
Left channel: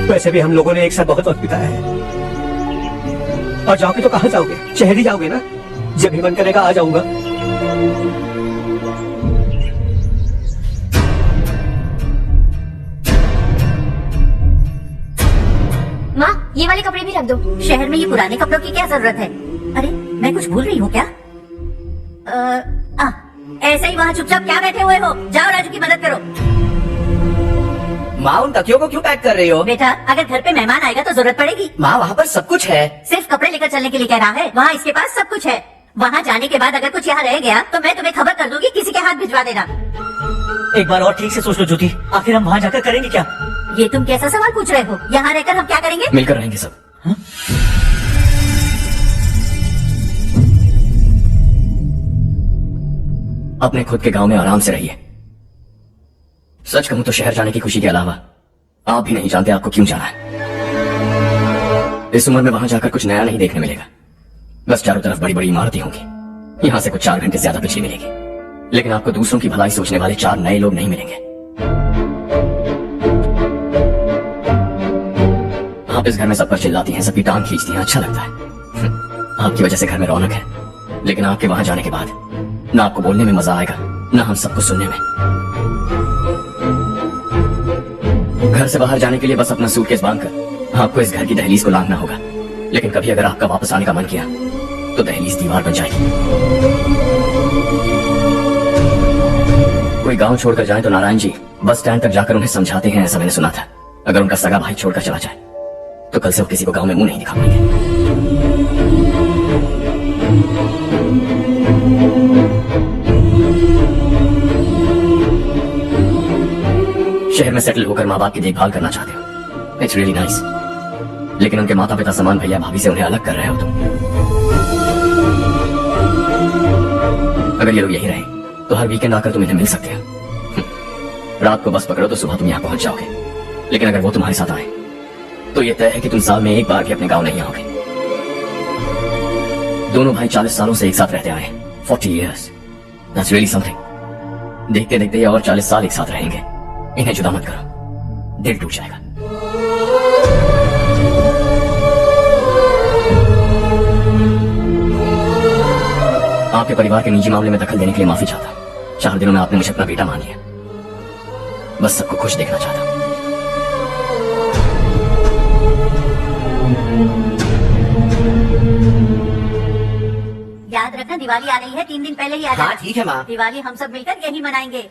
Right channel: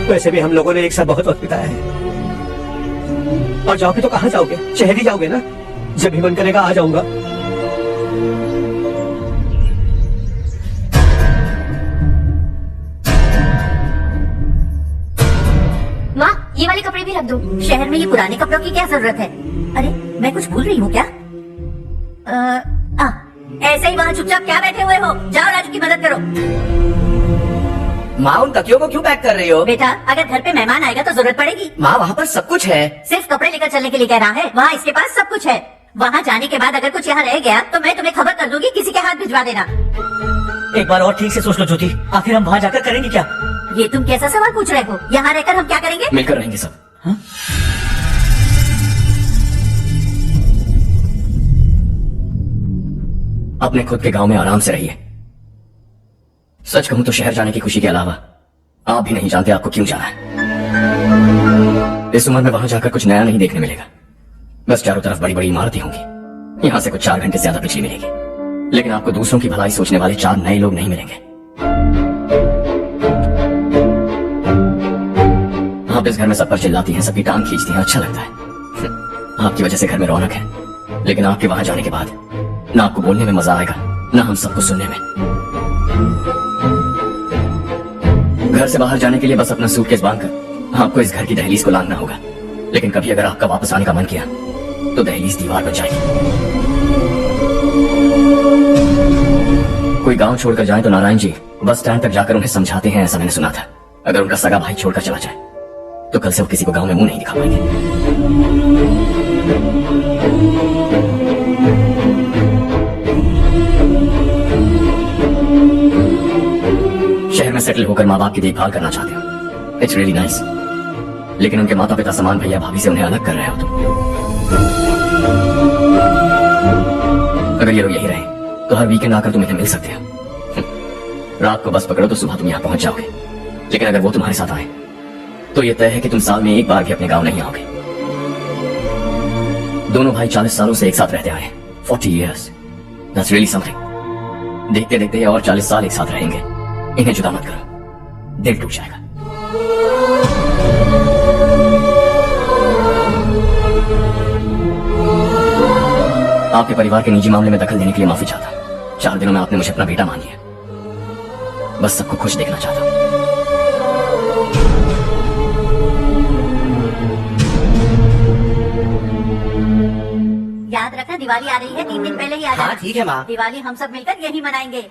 वैसे भी हम लोगों ने एक साथ बहुत वक्त बिताया है। और जाओगे तो कहाँ जाओगे? शहर ही जाओगे ना? जब भी मन करेगा आ जाऊंगा। माँ, ये वाले कपड़े भी रख दो। शहर में ये पुराने कपड़ों की क्या जरूरत है? अरे, मैं कुछ भूल रही हूँ क्या? ऐसे ही वहाँ चुपचाप क्या बैठे हुए हो? जाओ राजू की मदद करो। माँ, उन तकियों को क्यों पैक कर रही हो? बेटा, अगर घर पे मेहमान आएगा तो जरूरत पड़ेगी। माँ, वहाँ पर सब कुछ है। सिर्फ कपड़े लेकर चलने के लिए कह रहा है? वहाँ इसके पास सब कुछ है। वहाँ जाने के बाद अगर कुछ यहाँ रह गया तो मैं तुम्हें खबर कर दूंगी, किसी के हाथ भिजवा देना। एक बार और ठीक से सोच लो ज्योति, आखिर हम वहाँ जाकर करेंगे क्या? ये तुम कैसा सवाल पूछ रहे हो? यहाँ रहकर हम क्या करेंगे? मिलकर रहेंगे सब। अपने खुद के गांव में आराम से रहिए। सच कहूं तो शहर जाने की खुशी के अलावा आप भी नहीं जानते आपको क्यों जाना है। इस उम्र में वहां जाकर कुछ नया नहीं देखने मिलेगा। बस चारों तरफ बड़ी बड़ी इमारतें होंगी। यहां से कुछ 4 घंटे ज्यादा बिजली मिलेगी, लेकिन आपको दूसरों की भलाई सोचने वाले 4 नए लोग नहीं मिलेंगे। आप इस घर में सब पर चिल्लाती हैं, सबकी टांग खींचती हैं, अच्छा लगता है। आपकी वजह से घर में रौनक है, लेकिन आपके वहां जाने के बाद ना आपको बोलने में मजा आएगा, ना हम सबको सुनने में। घर से बाहर जाने के लिए बस अपना सूटकेस बांधकर आपको इस घर की दहलीज को लांघना होगा। लेकिन कभी अगर आपका वापस आने का मन किया तो दहलीज दीवार बन जाएगी। कोई गांव छोड़कर जाए तो नारायण जी बस स्टैंड तक जाकर उन्हें समझाते हैं, ऐसा मैंने सुना था। अगर उनका सगा भाई छोड़कर चला जाए तो कल से वो किसी को गांव में मुंह नहीं दिखा पाएंगे। शहर में सेटल होकर माँ बाप की देखभाल करना चाहते हो, इट्स रियली नाइस। लेकिन उनके माता पिता समान भैया भाभी से उन्हें अलग कर रहे हो तुम। अगर ये लोग यही रहे तो हर वीकेंड आकर तुम इन्हें मिल सकते हो। रात को बस पकड़ो तो सुबह तुम यहाँ पहुंच जाओगे। लेकिन अगर वो तुम्हारे साथ आए तो ये तय है कि तुम साल में एक बार भी अपने गांव नहीं आओगे। दोनों भाई 40 सालों से एक साथ रहते आए हैं, 40 years, that's really something। देखते देखते ये और 40 साल एक साथ रहेंगे। इन्हें जुदा मत करो, दिल टूट जाएगा। आपके परिवार के निजी मामले में दखल देने के लिए माफी चाहता हूं। 4 दिनों में आपने मुझे अपना बेटा मान लिया। बस सबको खुश देखना चाहता हूं। याद रखना दिवाली आ रही है, 3 दिन पहले ही आ जाना। हाँ ठीक है माँ। दिवाली हम सब मिलकर यही मनाएंगे।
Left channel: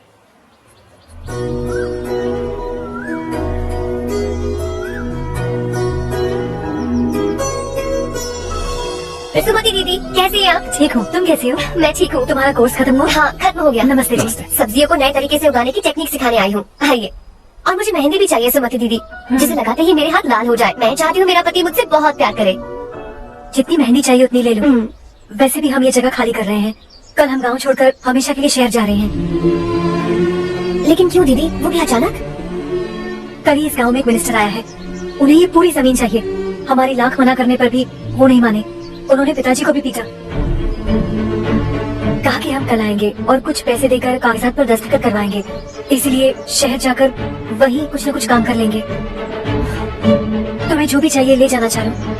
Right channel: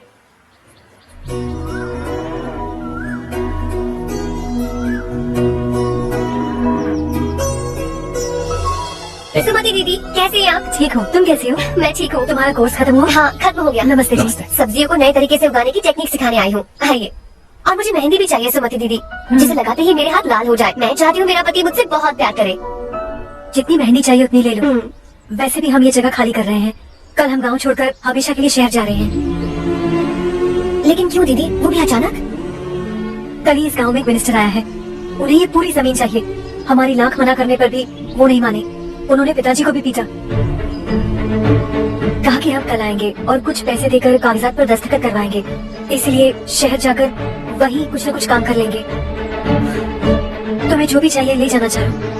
सुमति दीदी कैसे हैं आप? ठीक हो, तुम कैसी हो? मैं ठीक हूँ। तुम्हारा कोर्स खत्म हुआ? हाँ खत्म हो गया। नमस्ते जी। सब्जियों को नए तरीके से उगाने की टेक्निक सिखाने आई हूँ। आइए। और मुझे मेहंदी भी चाहिए सुमति दीदी, जिसे लगाते ही मेरे हाथ लाल हो जाए। मैं चाहती हूँ मेरा पति मुझसे बहुत प्यार करे। जितनी मेहंदी चाहिए उतनी ले लो। वैसे भी हम ये जगह खाली कर रहे हैं। कल हम गाँव छोड़कर हमेशा के लिए शहर जा रहे हैं। लेकिन क्यों दीदी, वो भी अचानक? कल ही इस गाँव में एक मिनिस्टर आया है, उन्हें ये पूरी जमीन चाहिए। हमारी लाख मना करने पर भी वो नहीं माने। उन्होंने पिताजी को भी पीटा। कहा कि हम कल आएंगे और कुछ पैसे देकर कागजात पर दस्तखत करवाएंगे। इसीलिए शहर जाकर वहीं कुछ न कुछ काम कर लेंगे। तुम्हें जो भी चाहिए ले जाना चाहूँ।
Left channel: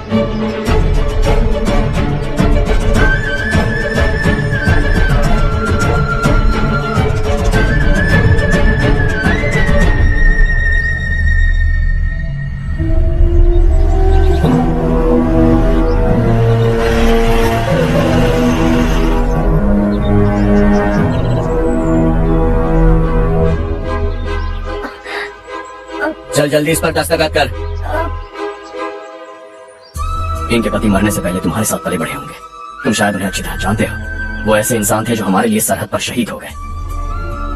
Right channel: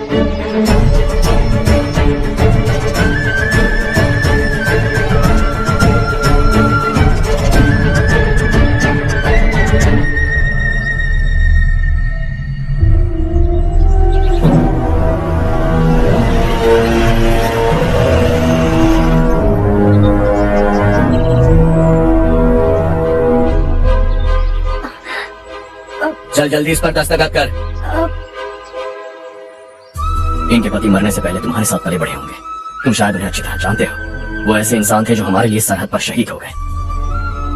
चल जल्दी इस पर दस्तखत कर। इनके पति मरने से पहले तुम्हारे साथ पले बड़े होंगे। तुम शायद उन्हें अच्छी तरह जानते हो। वो ऐसे इंसान थे जो हमारे लिए सरहद पर शहीद हो गए।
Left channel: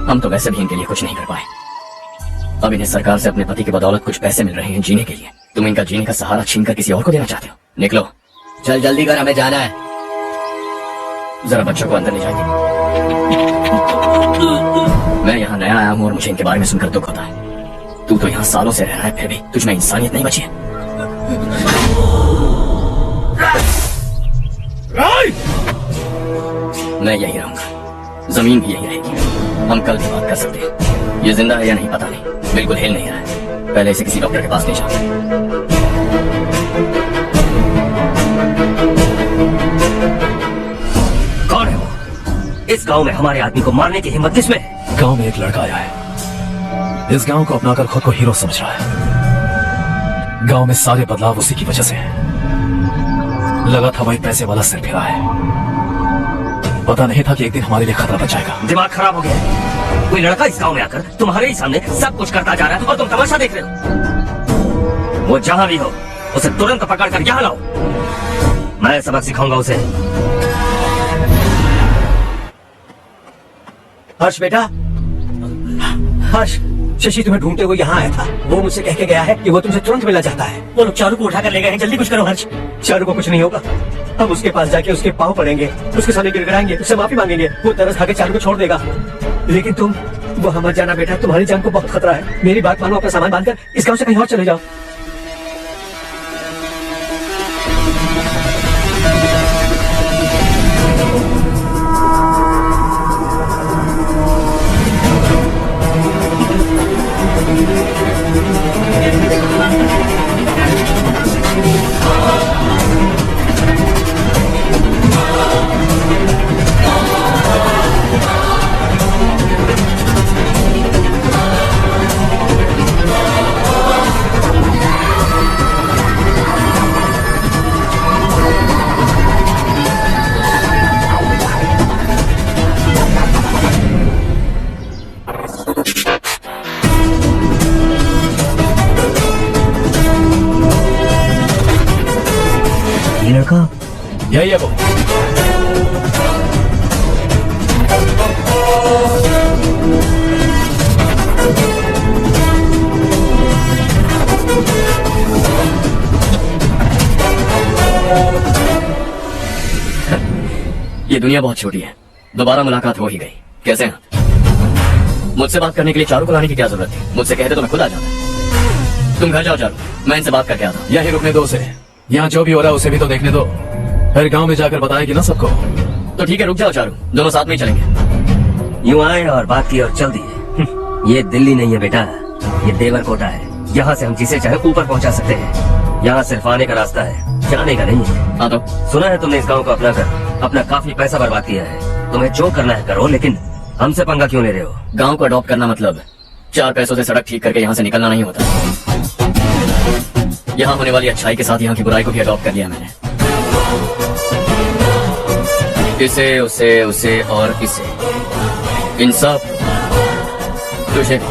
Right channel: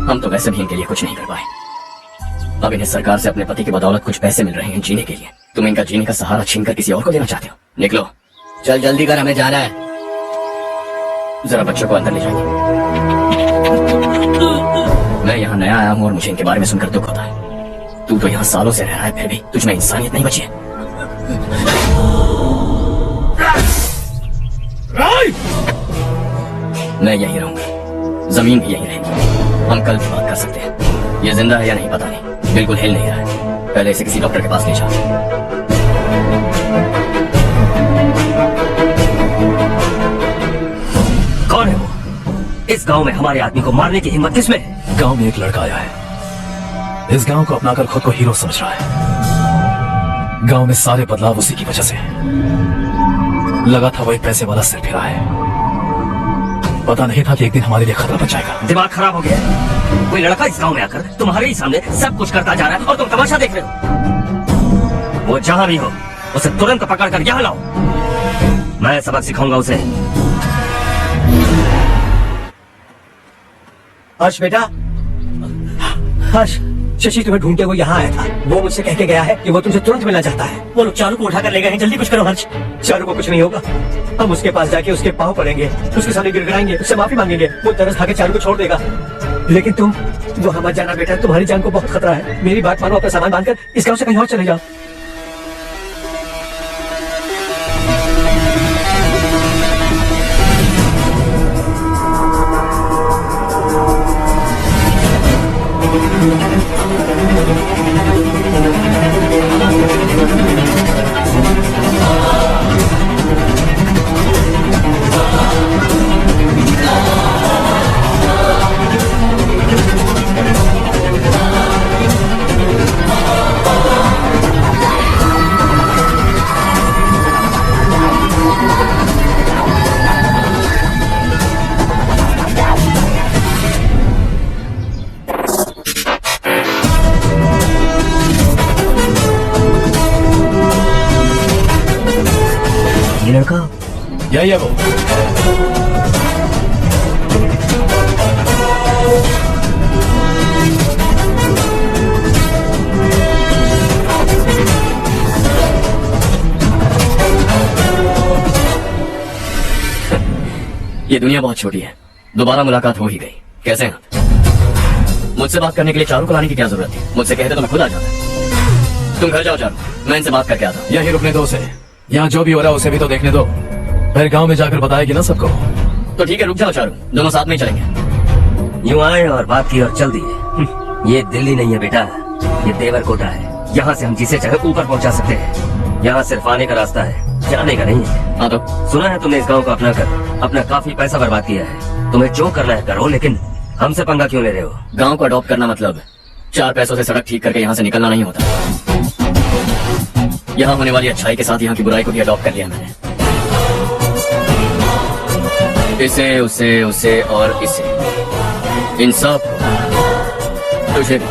हम तो वैसे भी इनके लिए कुछ नहीं कर पाए। अब इन्हें सरकार से अपने पति की बदौलत कुछ पैसे मिल रहे हैं जीने के लिए। तुम इनका जीने का सहारा छीनकर किसी और को देना चाहते हो। निकलो, चल जल्दी कर, हमें जाना है। जरा बच्चों को अंदर ले जाइए। मैं यहाँ नया आया हूँ और मुझे इनके बारे में सुनकर दुख होता है। तू तो यहाँ सालों से रह रहा है, फिर भी तुझ में इंसानियत नहीं बची है। मैं यही रहूंगा, जमीन भी यही रहेगी। हम कल की बात कर सकते हैं। ये जिंदा है या नहीं पता नहीं, बिल्कुल हिल नहीं रहा है। पहले इसे किसी डॉक्टर के पास ले जाओ। कौन है वो? इस गांव में हमारे आदमी को मारने की हिम्मत किसमें है? गांव में एक लड़का आया है, इस गांव को अपनाकर खुद को हीरो समझ रहा है। गांव में सारे बदलाव उसी की वजह से है। लगा था वो एक पैसे वाला सिर फिरा है। पता नहीं था कि एक दिन हमारे लिए खतरा बन जाएगा। दिमाग खराब हो गया। कोई लड़का इस गांव में आकर तुम्हारे ही सामने सब कुछ करता जा रहा है और तुम तमाशा देख रहे हो। वो जहां भी हो उसे तुरंत पकड़ कर यहाँ लाओ। मैं सबक सिखाऊंगा उसे। हर्ष बेटा, हर्ष, शशि तुम्हें ढूंढते हुए यहाँ आया था। वो मुझसे कह के गया है कि वो तुमसे तुरंत मिलना चाहता है। वो लोग चारू को उठाकर ले गए हैं, जल्दी कुछ करो हर्ष। चारू को कुछ नहीं होगा। हम उसके पास जाके उसके पाँव पड़ेंगे, उसके सामने गिड़गिड़ाएंगे, उससे माफी मांगेंगे। वो तरस खाकर चारू को छोड़ देगा। लेकिन तुम वहाँ मत जाना बेटा, तुम्हारी जान को बहुत खतरा है। मेरी बात मानो, अपना सामान बांधकर इस गाँव से कहीं और चले जाओ। ये लड़का यही है वो। ये दुनिया बहुत छोटी है, दोबारा मुलाकात हो ही गई। कैसे हैं आप? मुझसे बात करने के लिए चारू को लाने की क्या जरूरत थी? मुझसे कहते तो मैं खुद आ जाता। तुम घर जाओ चारू, मैं इनसे बात करके आता हूँ। यही रुकने दो उसे, यहाँ जो भी हो रहा है उसे भी तो देखने दो, फिर गांव में जाकर बताएगी ना सबको। तो ठीक है, रुक जाओ चारू, दोनों साथ में ही चलेंगे। यूं आए और बात की और चल दिए। ये दिल्ली नहीं है बेटा, ये देवरकोटा है। यहाँ से हम जिसे चाहे ऊपर पहुँचा सकते हैं। यहाँ सिर्फ आने का रास्ता है, जाने का नहीं है। हाँ तो सुना है तुमने इस गांव को अपना कर अपना काफी पैसा बर्बाद किया है। तुम्हें जो करना है करो, लेकिन हमसे पंगा क्यों ले रहे हो? गांव को अडॉप्ट करना मतलब 4 पैसों से सड़क ठीक करके यहाँ से निकलना नहीं होता। यहाँ होने वाली अच्छाई के साथ यहाँ की बुराई को भी अडॉप्ट कर लिया मैंने। इसे, उसे, उसे और इसे, इन सब, तुझे भी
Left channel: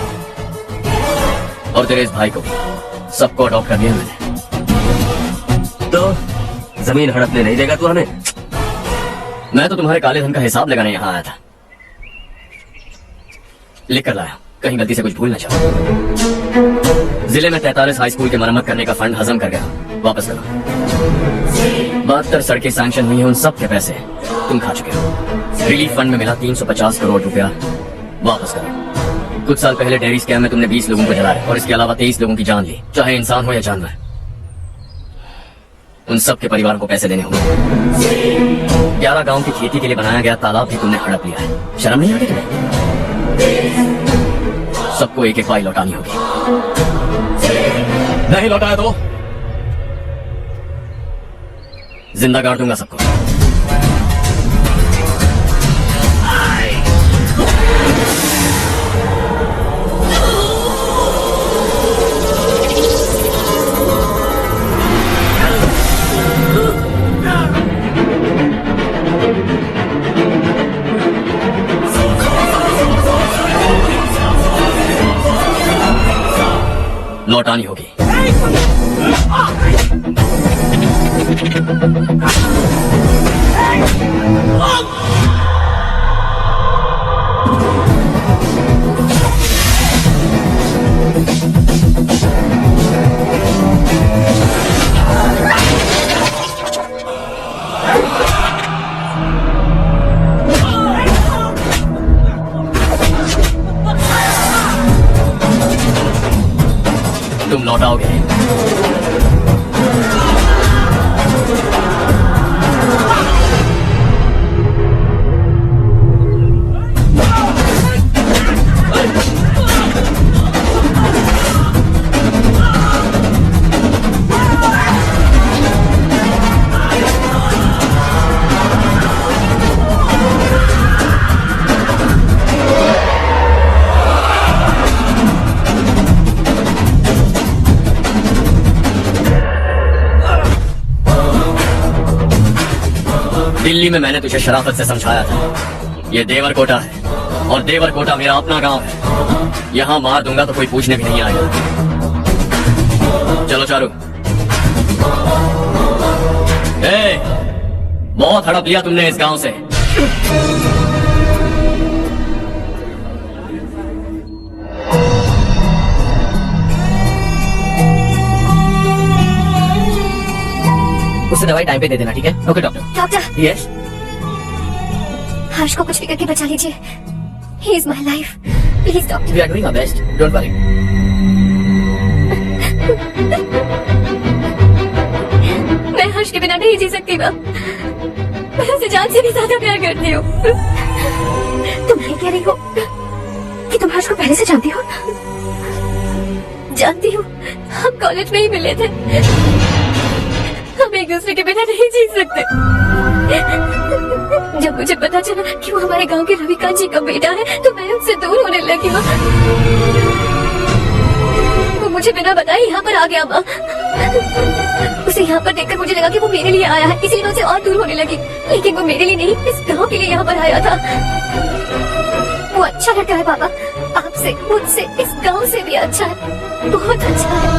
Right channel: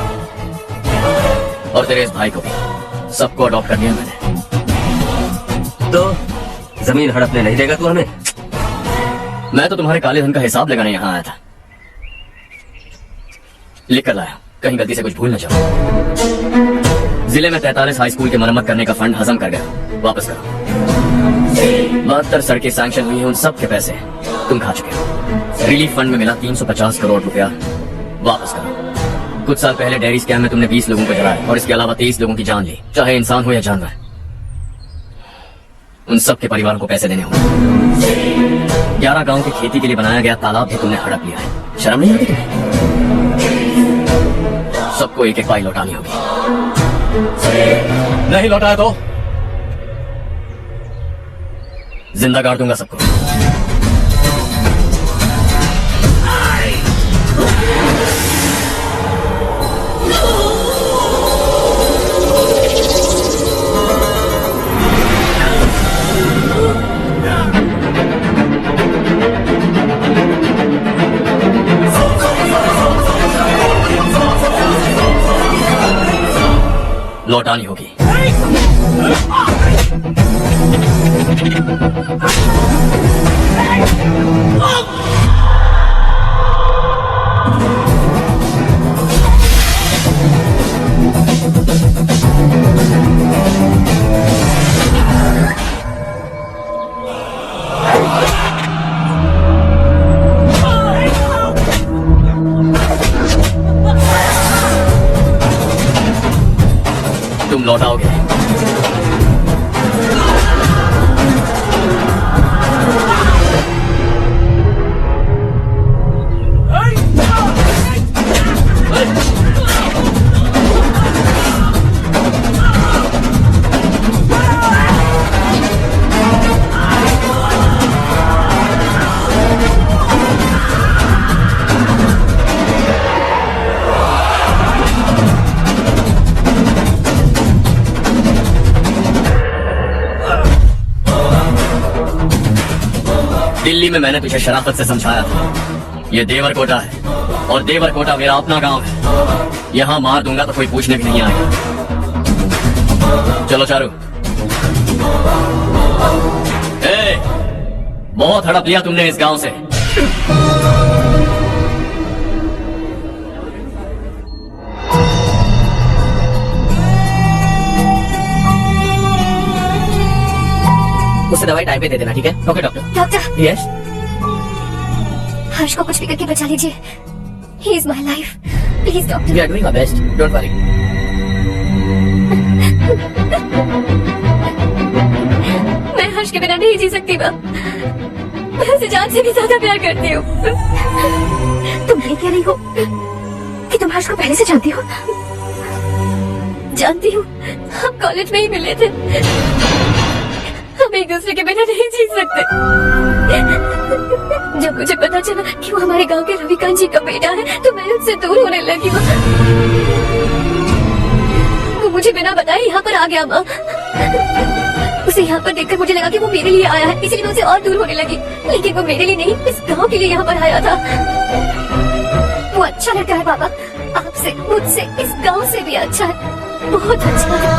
और तेरे इस भाई को भी, सबको अडॉप्ट कर लिया मैंने। तो जमीन हड़पने नहीं देगा तू हमें? मैं तो तुम्हारे काले धन का हिसाब लगाने यहाँ आया था। लिख कर लाया, कहीं गलती से कुछ भूल न जाओ। जिले में 43 हाई स्कूल के मरम्मत करने का फंड हजम कर गया, वापस करो। 72 सड़कें सैंक्शन हुई हैं, उन सब के पैसे तुम खा चुके हो। रिलीफ फंड में मिला 350 करोड़ रुपया, वापस करो। कुछ साल पहले डेयरी स्कैम में तुमने 20 लोगों को जलाया और इसके अलावा 23 लोगों की जान ली, चाहे इंसान हो या जानवर। उन सब के परिवारों को पैसे देने होंगे। 11 गांव की खेती के लिए बनाया गया तालाब भी तुमने हड़प लिया है। शर्म नहीं आती तुम्हें? सबको एक एक पाई लौटानी होगी। नहीं लौटाया तो जिंदा गाड़ दूंगा सबको। लौटानी होगी। तुम लौटाओगे। दिल्ली में मैंने तुझे शराफत से समझाया था, ये देवरकोटा है और देवरकोटा मेरा अपना गांव है। यहाँ मार दूंगा तो कोई पूछने भी नहीं आएगा। चलो चारू। ए, बहुत हड़प लिया तुमने इस गांव से। उसे दवाई टाइम पे दे देना, ठीक है? Okay doctor. Doctor, yes. Harsh को कुछ भी करके बचा लीजिए। He is my life, please doctor. We are doing our best, don't worry. मैं हर्ष के बिना नहीं जी सकती मैम। मैं उसे जान से भी ज्यादा प्यार करती हूँ। तुम ये कह रही हो कि तुम हर्ष को पहले से जानती हो? जानती हूँ, हम कॉलेज में ही मिले थे। हम एक दूसरे के बिना नहीं जी सकते। जब मुझे पता चला कि वो हमारे गांव के रविकांत जी का बेटा है, तो मैं उससे दूर होने लगी। वो मुझे बिना बताए यहाँ पर आ गया माँ। उसे यहाँ पर देखकर मुझे लगा कि वो मेरे लिए आया है, इसीलिए मैं उससे और दूर होने लगी। लेकिन वो मेरे लिए नहीं, इस गांव के लिए यहाँ पर आया था। वो अच्छा लड़का है पापा, आपसे, मुझसे, इस गांव से भी अच्छा है, बहुत अच्छा है।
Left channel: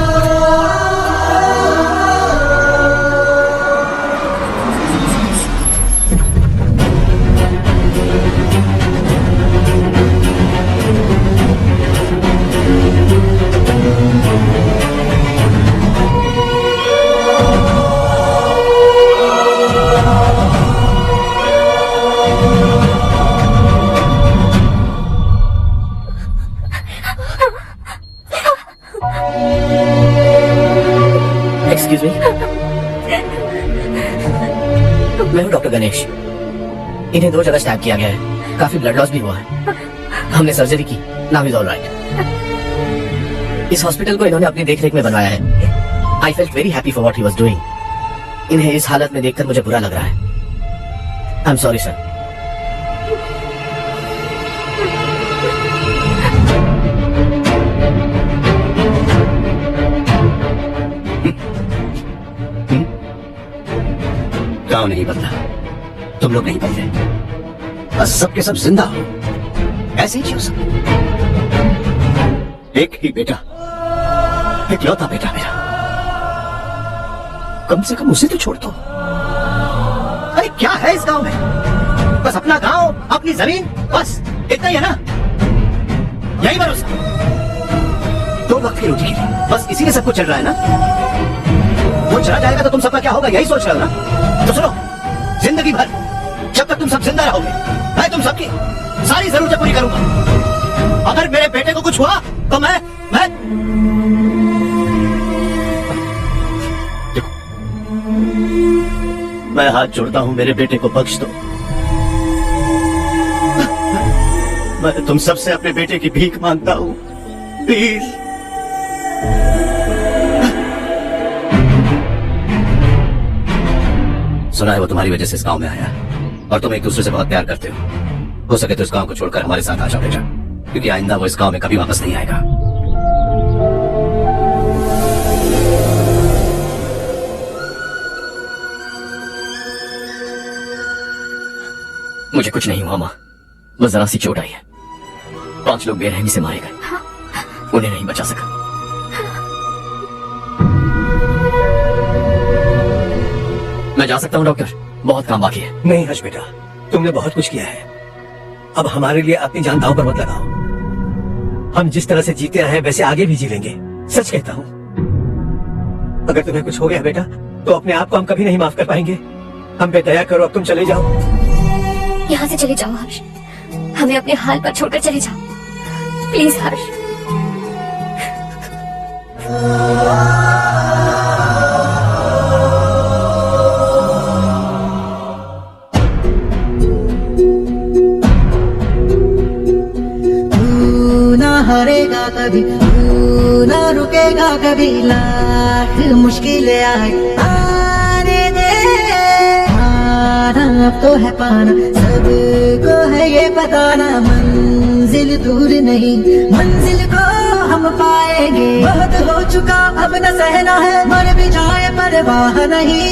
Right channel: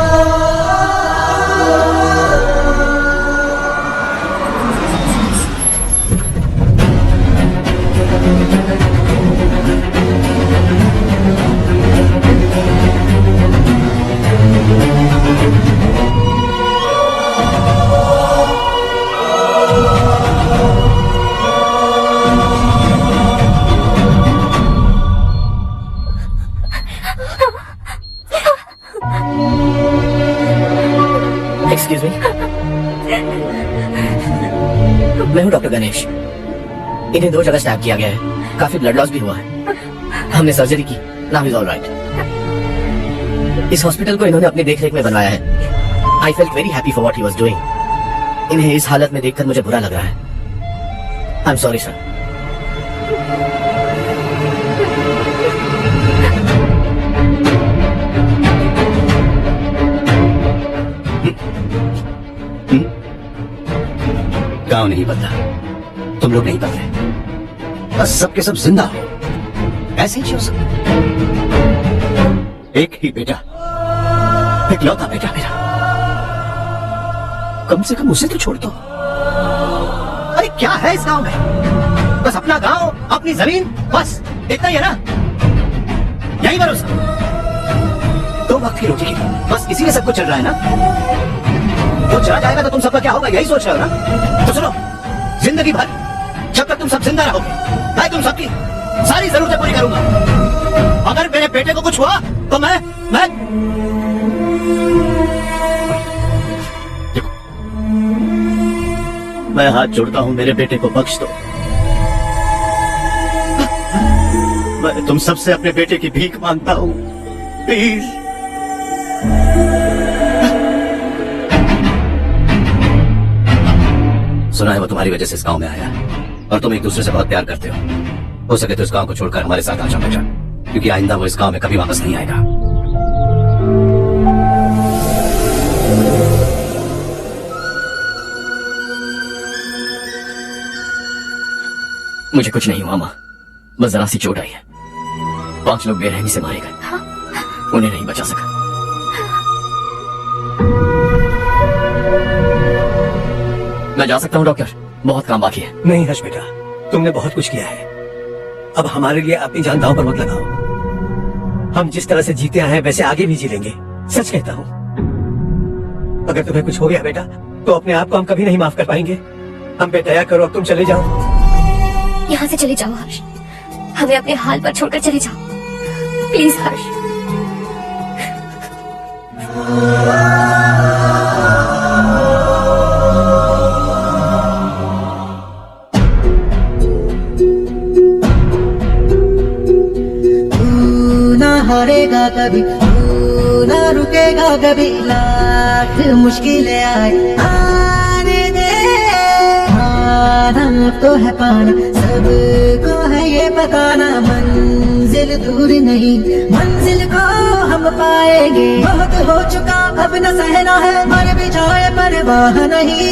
फिर? मैं हूँ डॉक्टर गणेश। इन्हें 2 जगह स्टैब किया गया है, काफी ब्लड लॉस भी हुआ है। हमने सर्जरी की, नाउ इज ऑलराइट। इस हॉस्पिटल को इन्होंने अपनी देखरेख में बनवाया है। I felt very happy for what he was doing. इन्हें इस हालत में देखकर मुझे बुरा लग रहा है। I am sorry sir. गांव नहीं बदला, तुम लोग नहीं बदले, बस सबके सब जिंदा हो, ऐसे ही हो सकते। एक ही बेटा, इकलौता बेटा मेरा, कम से कम उसे तो छोड़ दो। अरे क्या है इस गांव में? बस अपना गांव, अपनी जमीन, बस इतना ही है ना? यही भरोसा, 2 वक्त की रोटी की, बस इसी में सब कुछ चल रहा है ना? वो चला जाएगा तो तुम सबका क्या होगा, यही सोच रहे हो ना? तो सुनो, जिंदगी भर जब तक तुम सब जिंदा रहोगे, मैं तुम सबकी सारी जरूरतें पूरी करूंगा। अगर मेरे बेटे को कुछ हुआ तो मैं देखो, मैं हाथ जोड़ता हूं, मेरे बेटे को बख्श दो। मैं तुम सबसे अपने बेटे की भीख मांगता हूं, प्लीज। सुना है वो तुम्हारी वजह से इस गांव में आया और तुम एक दूसरे से बहुत प्यार करते हो सके तो इस गांव को छोड़कर हमारे साथ आ जाओ बेटा, क्योंकि आइंदा वो इस गांव में कभी वापस नहीं आएगा। मुझे कुछ नहीं हुआ माँ, बस जरा सी चोट आई है। 5 लोग बेरहमी से मारे गए, उन्हें नहीं बचा सका। मैं जा सकता हूँ डॉक्टर, बहुत काम बाकी है। नहीं हर्ष बेटा, तुमने बहुत कुछ किया है, अब हमारे लिए अपनी जान दांव पर मत लगाओ। हम जिस तरह से जीते आए हैं वैसे आगे भी जी लेंगे, सच कहता हूँ। अगर तुम्हें कुछ हो गया बेटा तो अपने आप को हम कभी नहीं माफ कर पाएंगे। हम पे दया करो, अब तुम चले जाओ। यहाँ से चले जाओ हर्ष, हमें अपने हाल पर छोड़कर चले जाओ, प्लीज हर्ष। हारेगा कभी, ना रुकेगा कभी, लाख मुश्किलें आने दे। हारा अब तो है पाना, सबको है ये बताना, मंजिल दूर नहीं, मंजिल को हम पाएंगे। बहुत हो चुका अब न सहना है, मर भी जाए परवाह नहीं।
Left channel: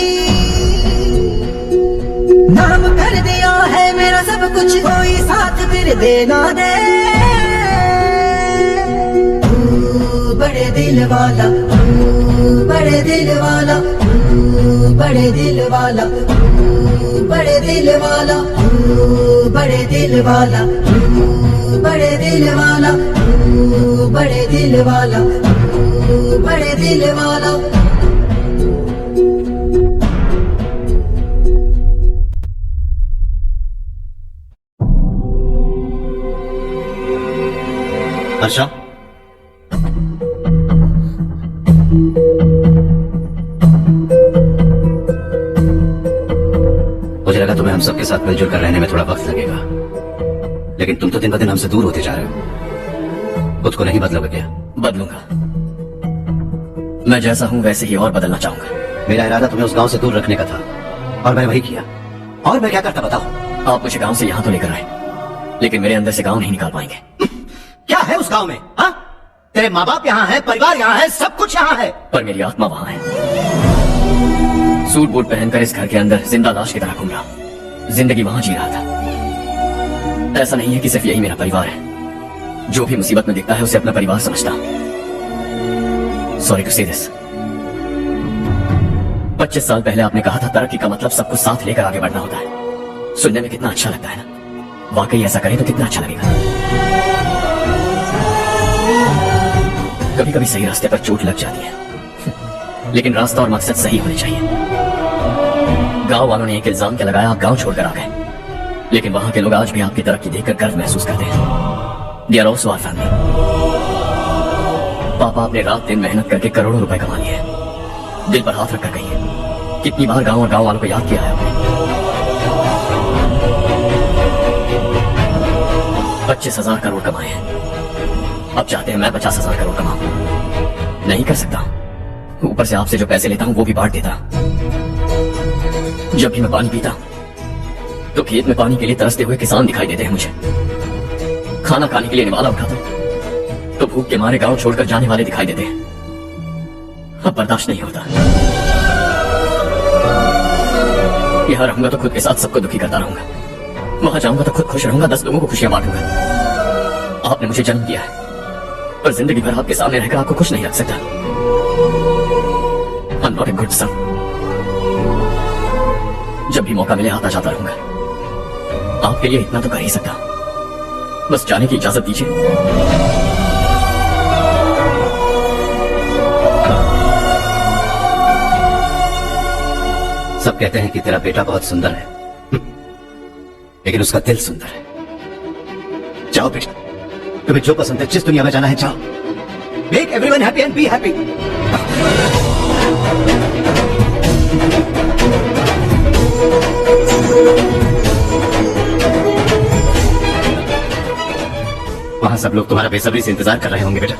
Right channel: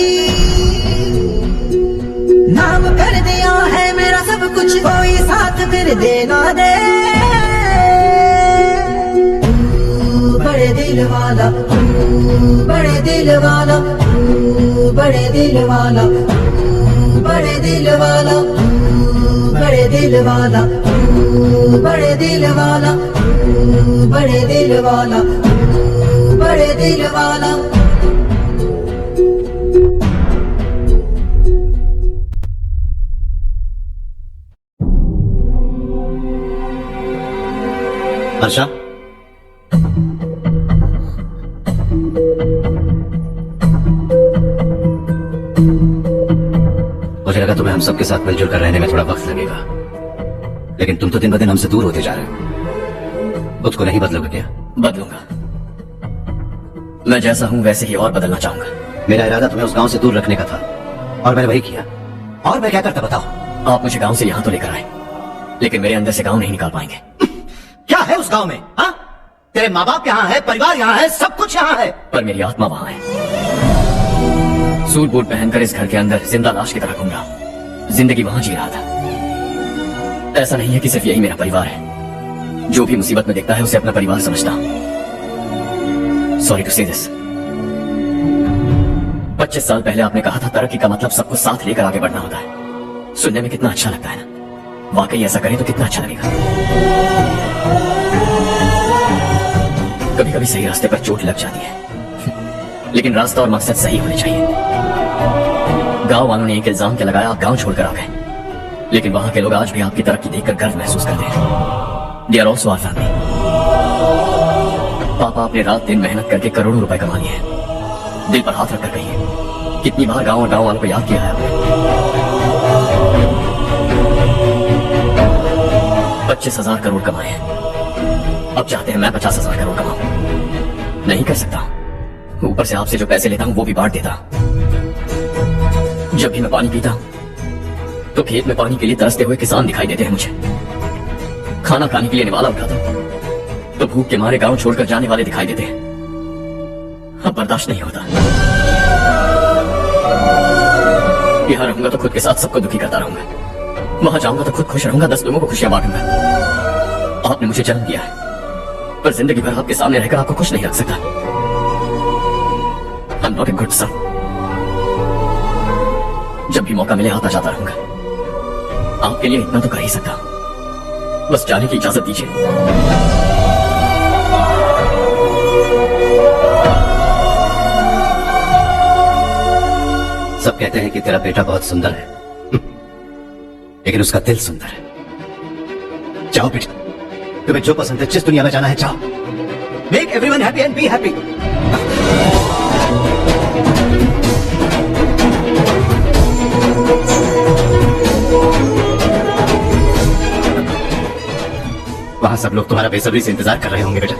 नाम कर दिया है मेरा सब कुछ, कोई साथ फिर देना दे। बड़े दिल वाला, बड़े दिल वाला, बड़े दिल वाला, बड़े दिल वाला, बड़े दिल वाला, बड़े दिल वाला, बड़े दिल वाला, बड़े दिल वाला। हर्षा, मुझे लगा तुम्हें हम सबके साथ मिलजुल कर रहने में थोड़ा वक्त लगेगा, लेकिन तुम तो दिन ब दिन हमसे दूर होते जा रहे हो। खुद को नहीं बदलोगे क्या? बदलूंगा, मैं जैसा हूं वैसे ही और बदलना चाहूंगा। मेरा इरादा तुम्हें उस गांव से दूर रखने का था और मैंने वही किया। और मैं क्या करता बताओ? आप मुझे गांव से यहां तो लेकर आए, लेकिन मेरे अंदर से गांव नहीं निकाल पाएंगे। क्या है उस गांव में? हा? तेरे माँ बाप यहाँ है, परिवार यहाँ है, सब कुछ यहाँ है, पर मेरी आत्मा वहां है। सूट बूट पहनकर इस घर के अंदर जिंदा लाश की तरह घूम रहा, जिंदगी वहां जी रहा था। ऐसा नहीं है कि सिर्फ यही मेरा परिवार है, जो भी मुसीबत में दिखता है उसे अपना परिवार समझता हूं। सॉरी टू से दिस। 25 साल पहले आपने कहा था तरक्की का मतलब सबको साथ लेकर आगे बढ़ना होता है। सुनने में कितना अच्छा लगता है ना? वाकई ऐसा करें तो कितना अच्छा लगेगा। कभी कभी सही रास्ते पर चोट लग जाती है, लेकिन रास्ता और मकसद सही होने चाहिए। गांव वालों ने एक इल्जाम क्या लगाया, आप गांव छोड़कर आ गए, लेकिन वहां के लोग आज भी आपकी तरक्की देखकर गर्व महसूस करते हैं। They are also our family. पापा आपने रात दिन मेहनत करके करोड़ों रुपए कमा लिए हैं, दिल पर हाथ रखकर कहिए, कितनी बार गांव और गांव वालों को याद किया है आपने? 25,000 करोड़ कमाए हैं, अब चाहते हैं मैं 50,000 करोड़ कमाऊं। नहीं कर सकता। ऊपर से आपसे जो पैसे लेता हूं वो भी बांट देता। जब भी मैं पानी पीता तो खेत में पानी के लिए तरसते हुए किसान दिखाई देते हैं मुझे। खाना खाने के लिए निवाला उठाता तो भूख के मारे गांव छोड़कर जाने वाले दिखाई देते हैं। अब बर्दाश्त नहीं होता। यहाँ रहूंगा तो खुद के साथ सबको दुखी करता रहूंगा, वहां जाऊंगा तो खुद खुश रहूंगा, 10 लोगों को खुशियां बांटूंगा। आपने मुझे जन्म दिया है, पर जिंदगी भर आपके सामने रहकर आपको खुश नहीं रख सकता। I'm not a good son. जब भी मौका मिले आता जाता रहूंगा। आपके लिए इतना तो कर ही सकता हूं, बस जाने की इजाजत दीजिए। सब कहते हैं कि तेरा बेटा बहुत सुंदर है, लेकिन उसका दिल सुंदर है। जाओ बेटा, तुम्हें जो पसंद है, जिस दुनिया में जाना है जाओ। Make everyone happy and be happy. वहां सब लोग तुम्हारा बेसब्री से इंतजार कर रहे होंगे बेटा।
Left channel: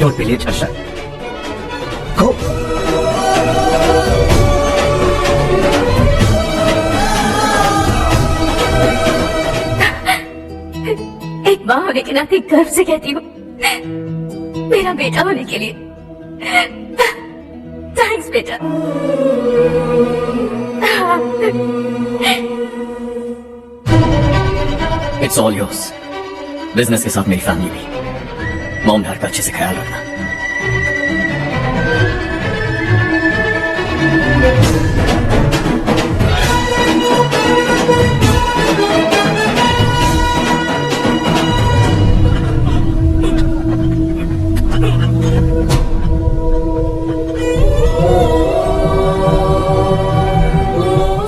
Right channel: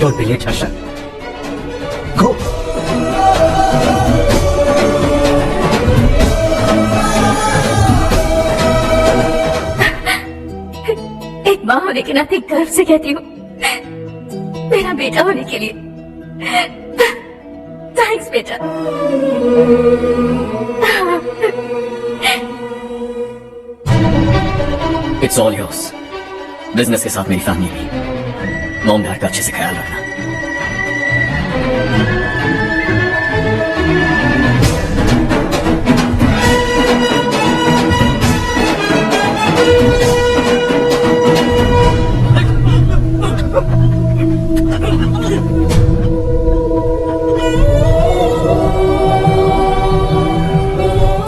डोंट बी लेट हर्षद, गो। एक माँ होने के नाते गर्व से कहती हूँ, मेरा बेटा होने के लिए थैंक्स बेटा। It's all yours. बिजनेस के साथ मेरी फैमिली भी। मॉम डैड का अच्छे से ख्याल रखना।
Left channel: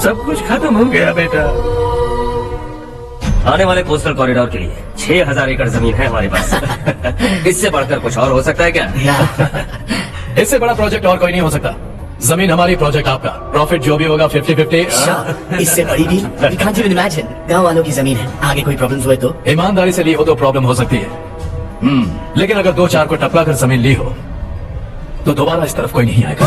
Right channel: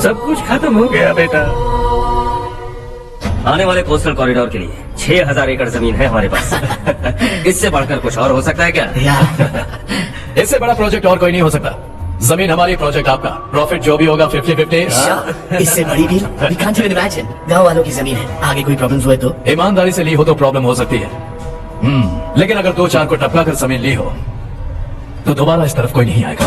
सब कुछ खत्म हो गया बेटा। आने वाले कोस्टल कॉरिडोर के लिए 6,000 एकड़ जमीन है हमारे पास। इससे बढ़कर कुछ और हो सकता है क्या? इससे बड़ा प्रोजेक्ट और कोई नहीं हो सकता। जमीन हमारी, प्रोजेक्ट आपका। प्रॉफिट जो भी होगा 50-50। इससे बड़ी डील कांट यू इमेजिन। गांव वालों की जमीन है, आगे कोई प्रॉब्लम हुए तो? ईमानदारी से ली हो तो प्रॉब्लम हो सकती है, लेकिन अगर 2-4 को टपका कर जमीन ली हो तो दोबारा इस तरफ कोई नहीं आएगा।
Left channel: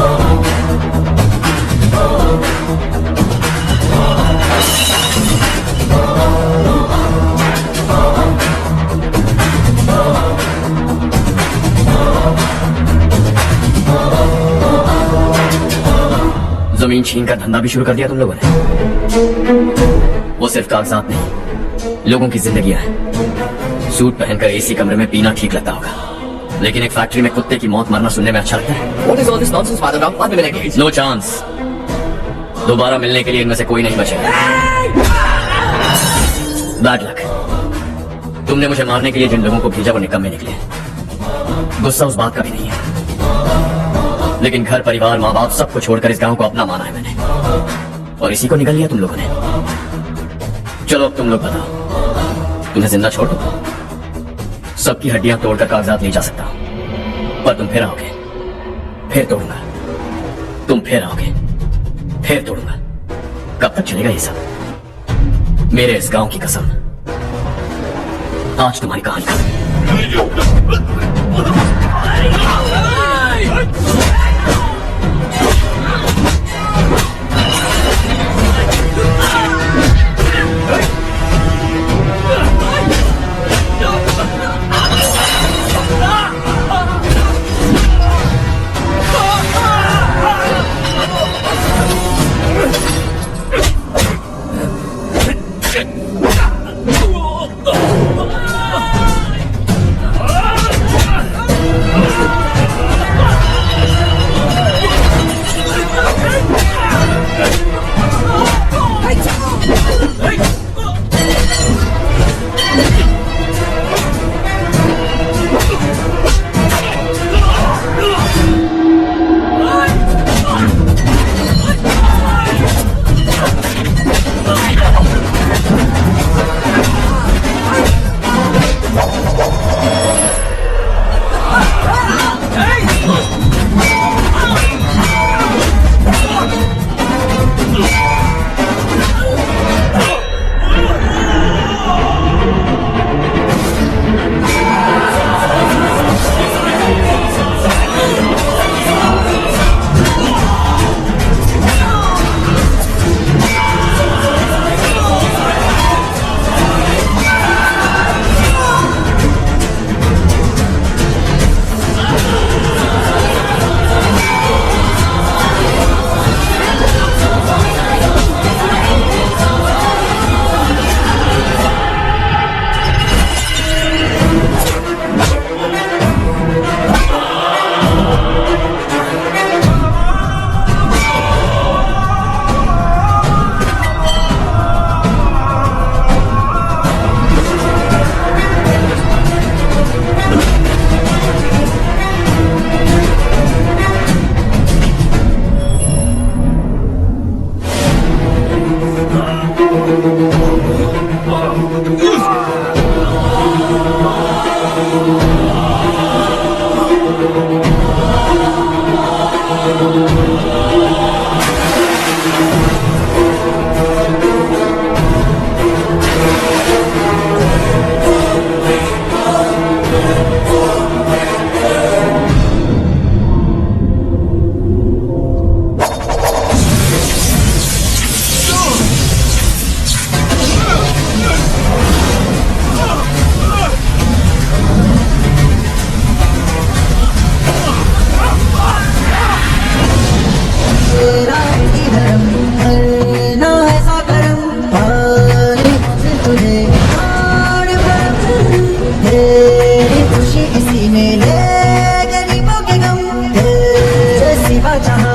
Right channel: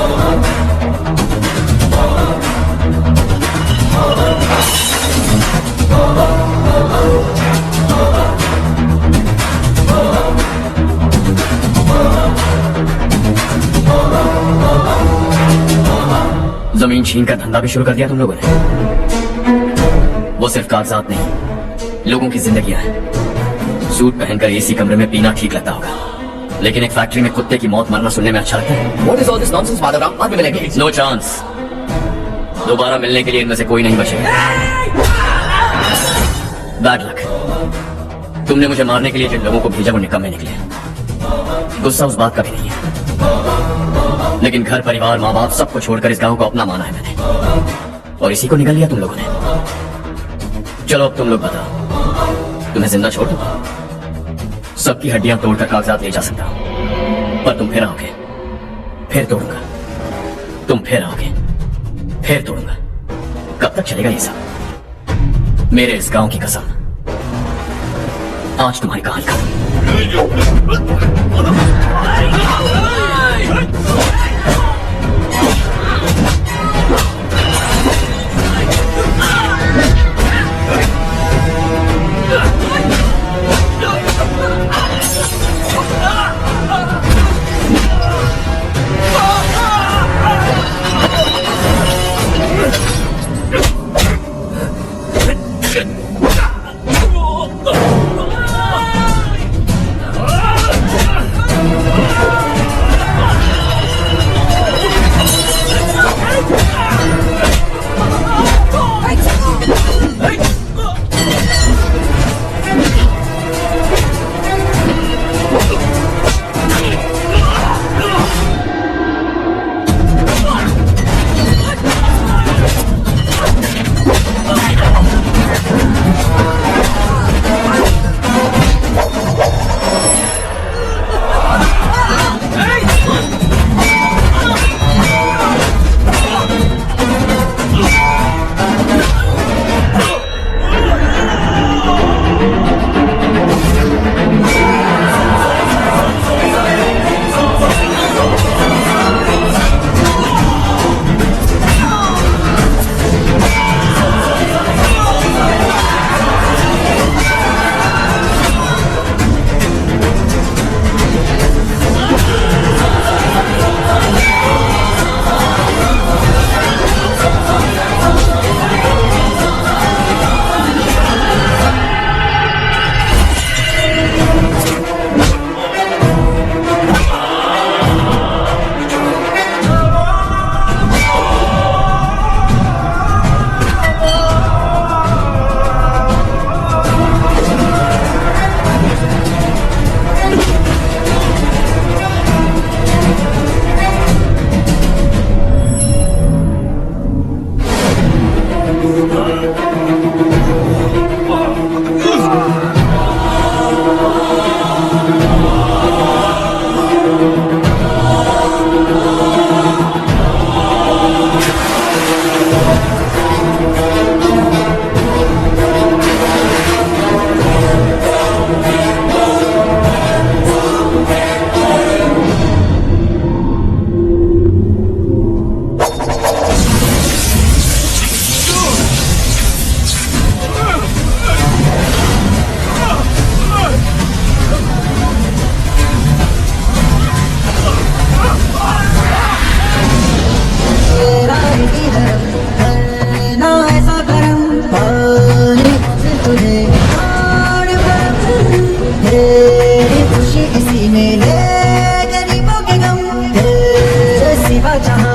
जमीन छीन का धंधा भी शुरू कर दिया तुम लोगों ने। वो सिर्फ कागजात नहीं, लोगों की जिंदगियां हैं। सूट पहनकर एसी कमरे में पीना ठीक लगता होगा, लेकिन एक फैक्ट्री में कुत्ते की मौत मरना सुनने में अच्छा लगता है। What is all this nonsense, Father Ram? बाद में मिलेंगे। No chance. दोबारा मिलने के लिए इनमें से कोई नहीं बचेगा। Bad luck. तुमने मुझे मारने के लिए जिन लोगों को भेजा वो निकम्मे निकले। गुस्सा उस बात का भी नहीं है, लेकिन घर परिवार माँ बाप सबको छोड़कर इस गांव को अपना माना है मैंने, और इसी को निकल लिया तुम लोगों ने। चलो अब तुम लोग बताओ, तुम्हें जिंदा छोड़ दो, सबकी हड्डियां तोड़कर कागजात ले जा सकता हूं, पर तुम फिर आओगे, फिर तोड़ूंगा। तुम फिर आओगे, फिर तोड़ूंगा। कब तक चलेगा ये सब? मेरे इस गांव की कसम, आज तुम्हारी कहानी खत्म।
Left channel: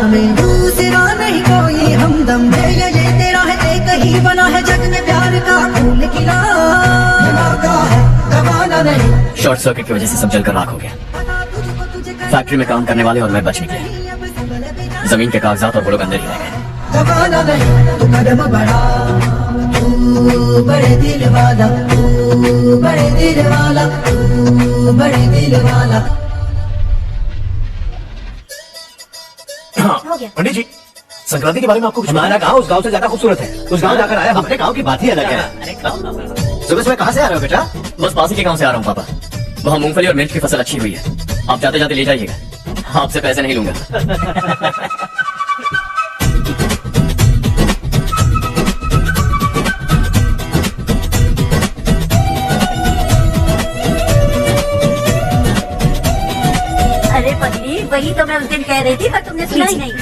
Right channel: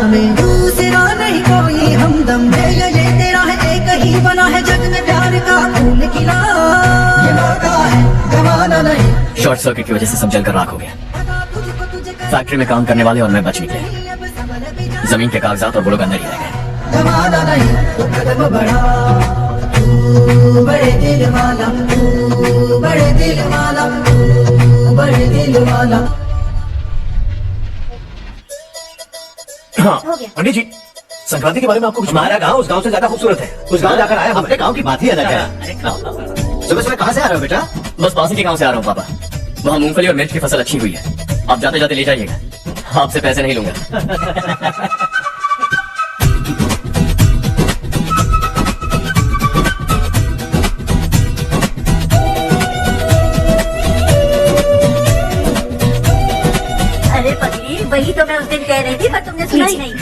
में दूसरा नहीं कोई हमदम है, ये तेरा है एक ही बना है जग में प्यार का फूल खिला। ये वादा है जमाना नहीं। शॉर्ट सर्किट की वजह से सब जलकर राख हो गया। फैक्ट्री में काम करने वाले और मैं बच निकले। जमीन के कागजात और वो लोग अंदर ही रह गए। जमाना नहीं, तू कदम बढ़ा, तू बड़े दिल वाला, तू बड़े दिल वाला, तू बड़े दिल वाला। हाँ, पंडित जी, संक्रांति के बारे में आपको कुछ हमारा गांव उस गांव से ज्यादा खूबसूरत है। उस गांव जाकर आया, अपने गांव की बात ही अलग है। सुबह सुबह कहाँ से आ रहे हो बेटा? बस पास के गांव से आ रहा हूँ पापा। वहाँ मूंगफली और मिर्च की फसल अच्छी हुई है। आप जाते जाते ले जाइएगा। आपसे पैसे नहीं लूंगा। अरे पगली, वही तो मैं उस दिन कह रही थी पर तुमने सुना ही नहीं।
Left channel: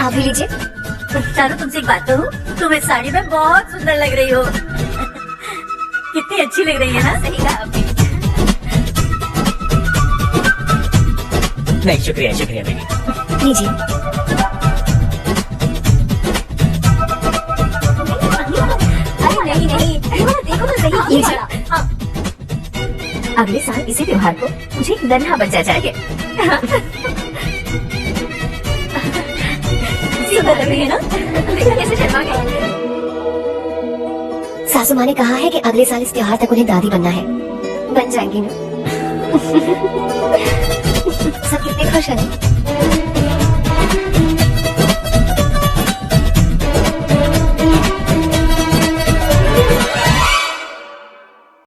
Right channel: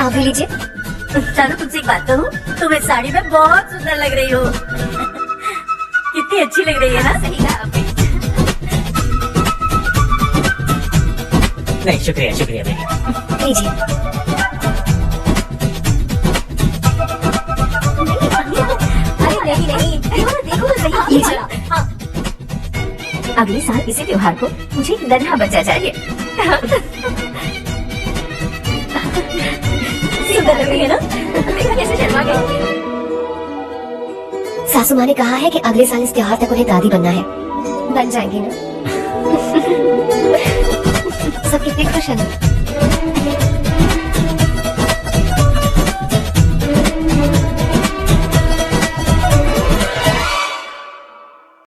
आप भी लीजिए। जानो तुमसे एक बात कहूँ, तुम इस साड़ी में बहुत सुंदर लग रही हो। कितनी अच्छी लग रही है ना। सही कहा आपने। नहीं, शुक्रिया शुक्रिया नहीं। लीजिए। अरे नहीं नहीं, देखो तो सही। लीजिए। अगले साल इसी त्योहार को मुझे एक नन्हा बच्चा चाहिए। सुंदर लग रही है ना? देखो कैसे शर्मा गई। सासू माँ ने कहा है कि अगले साल इस त्योहार तक उन्हें दादी बनना है। बन जाएंगी ना? सब कितने खुश हैं।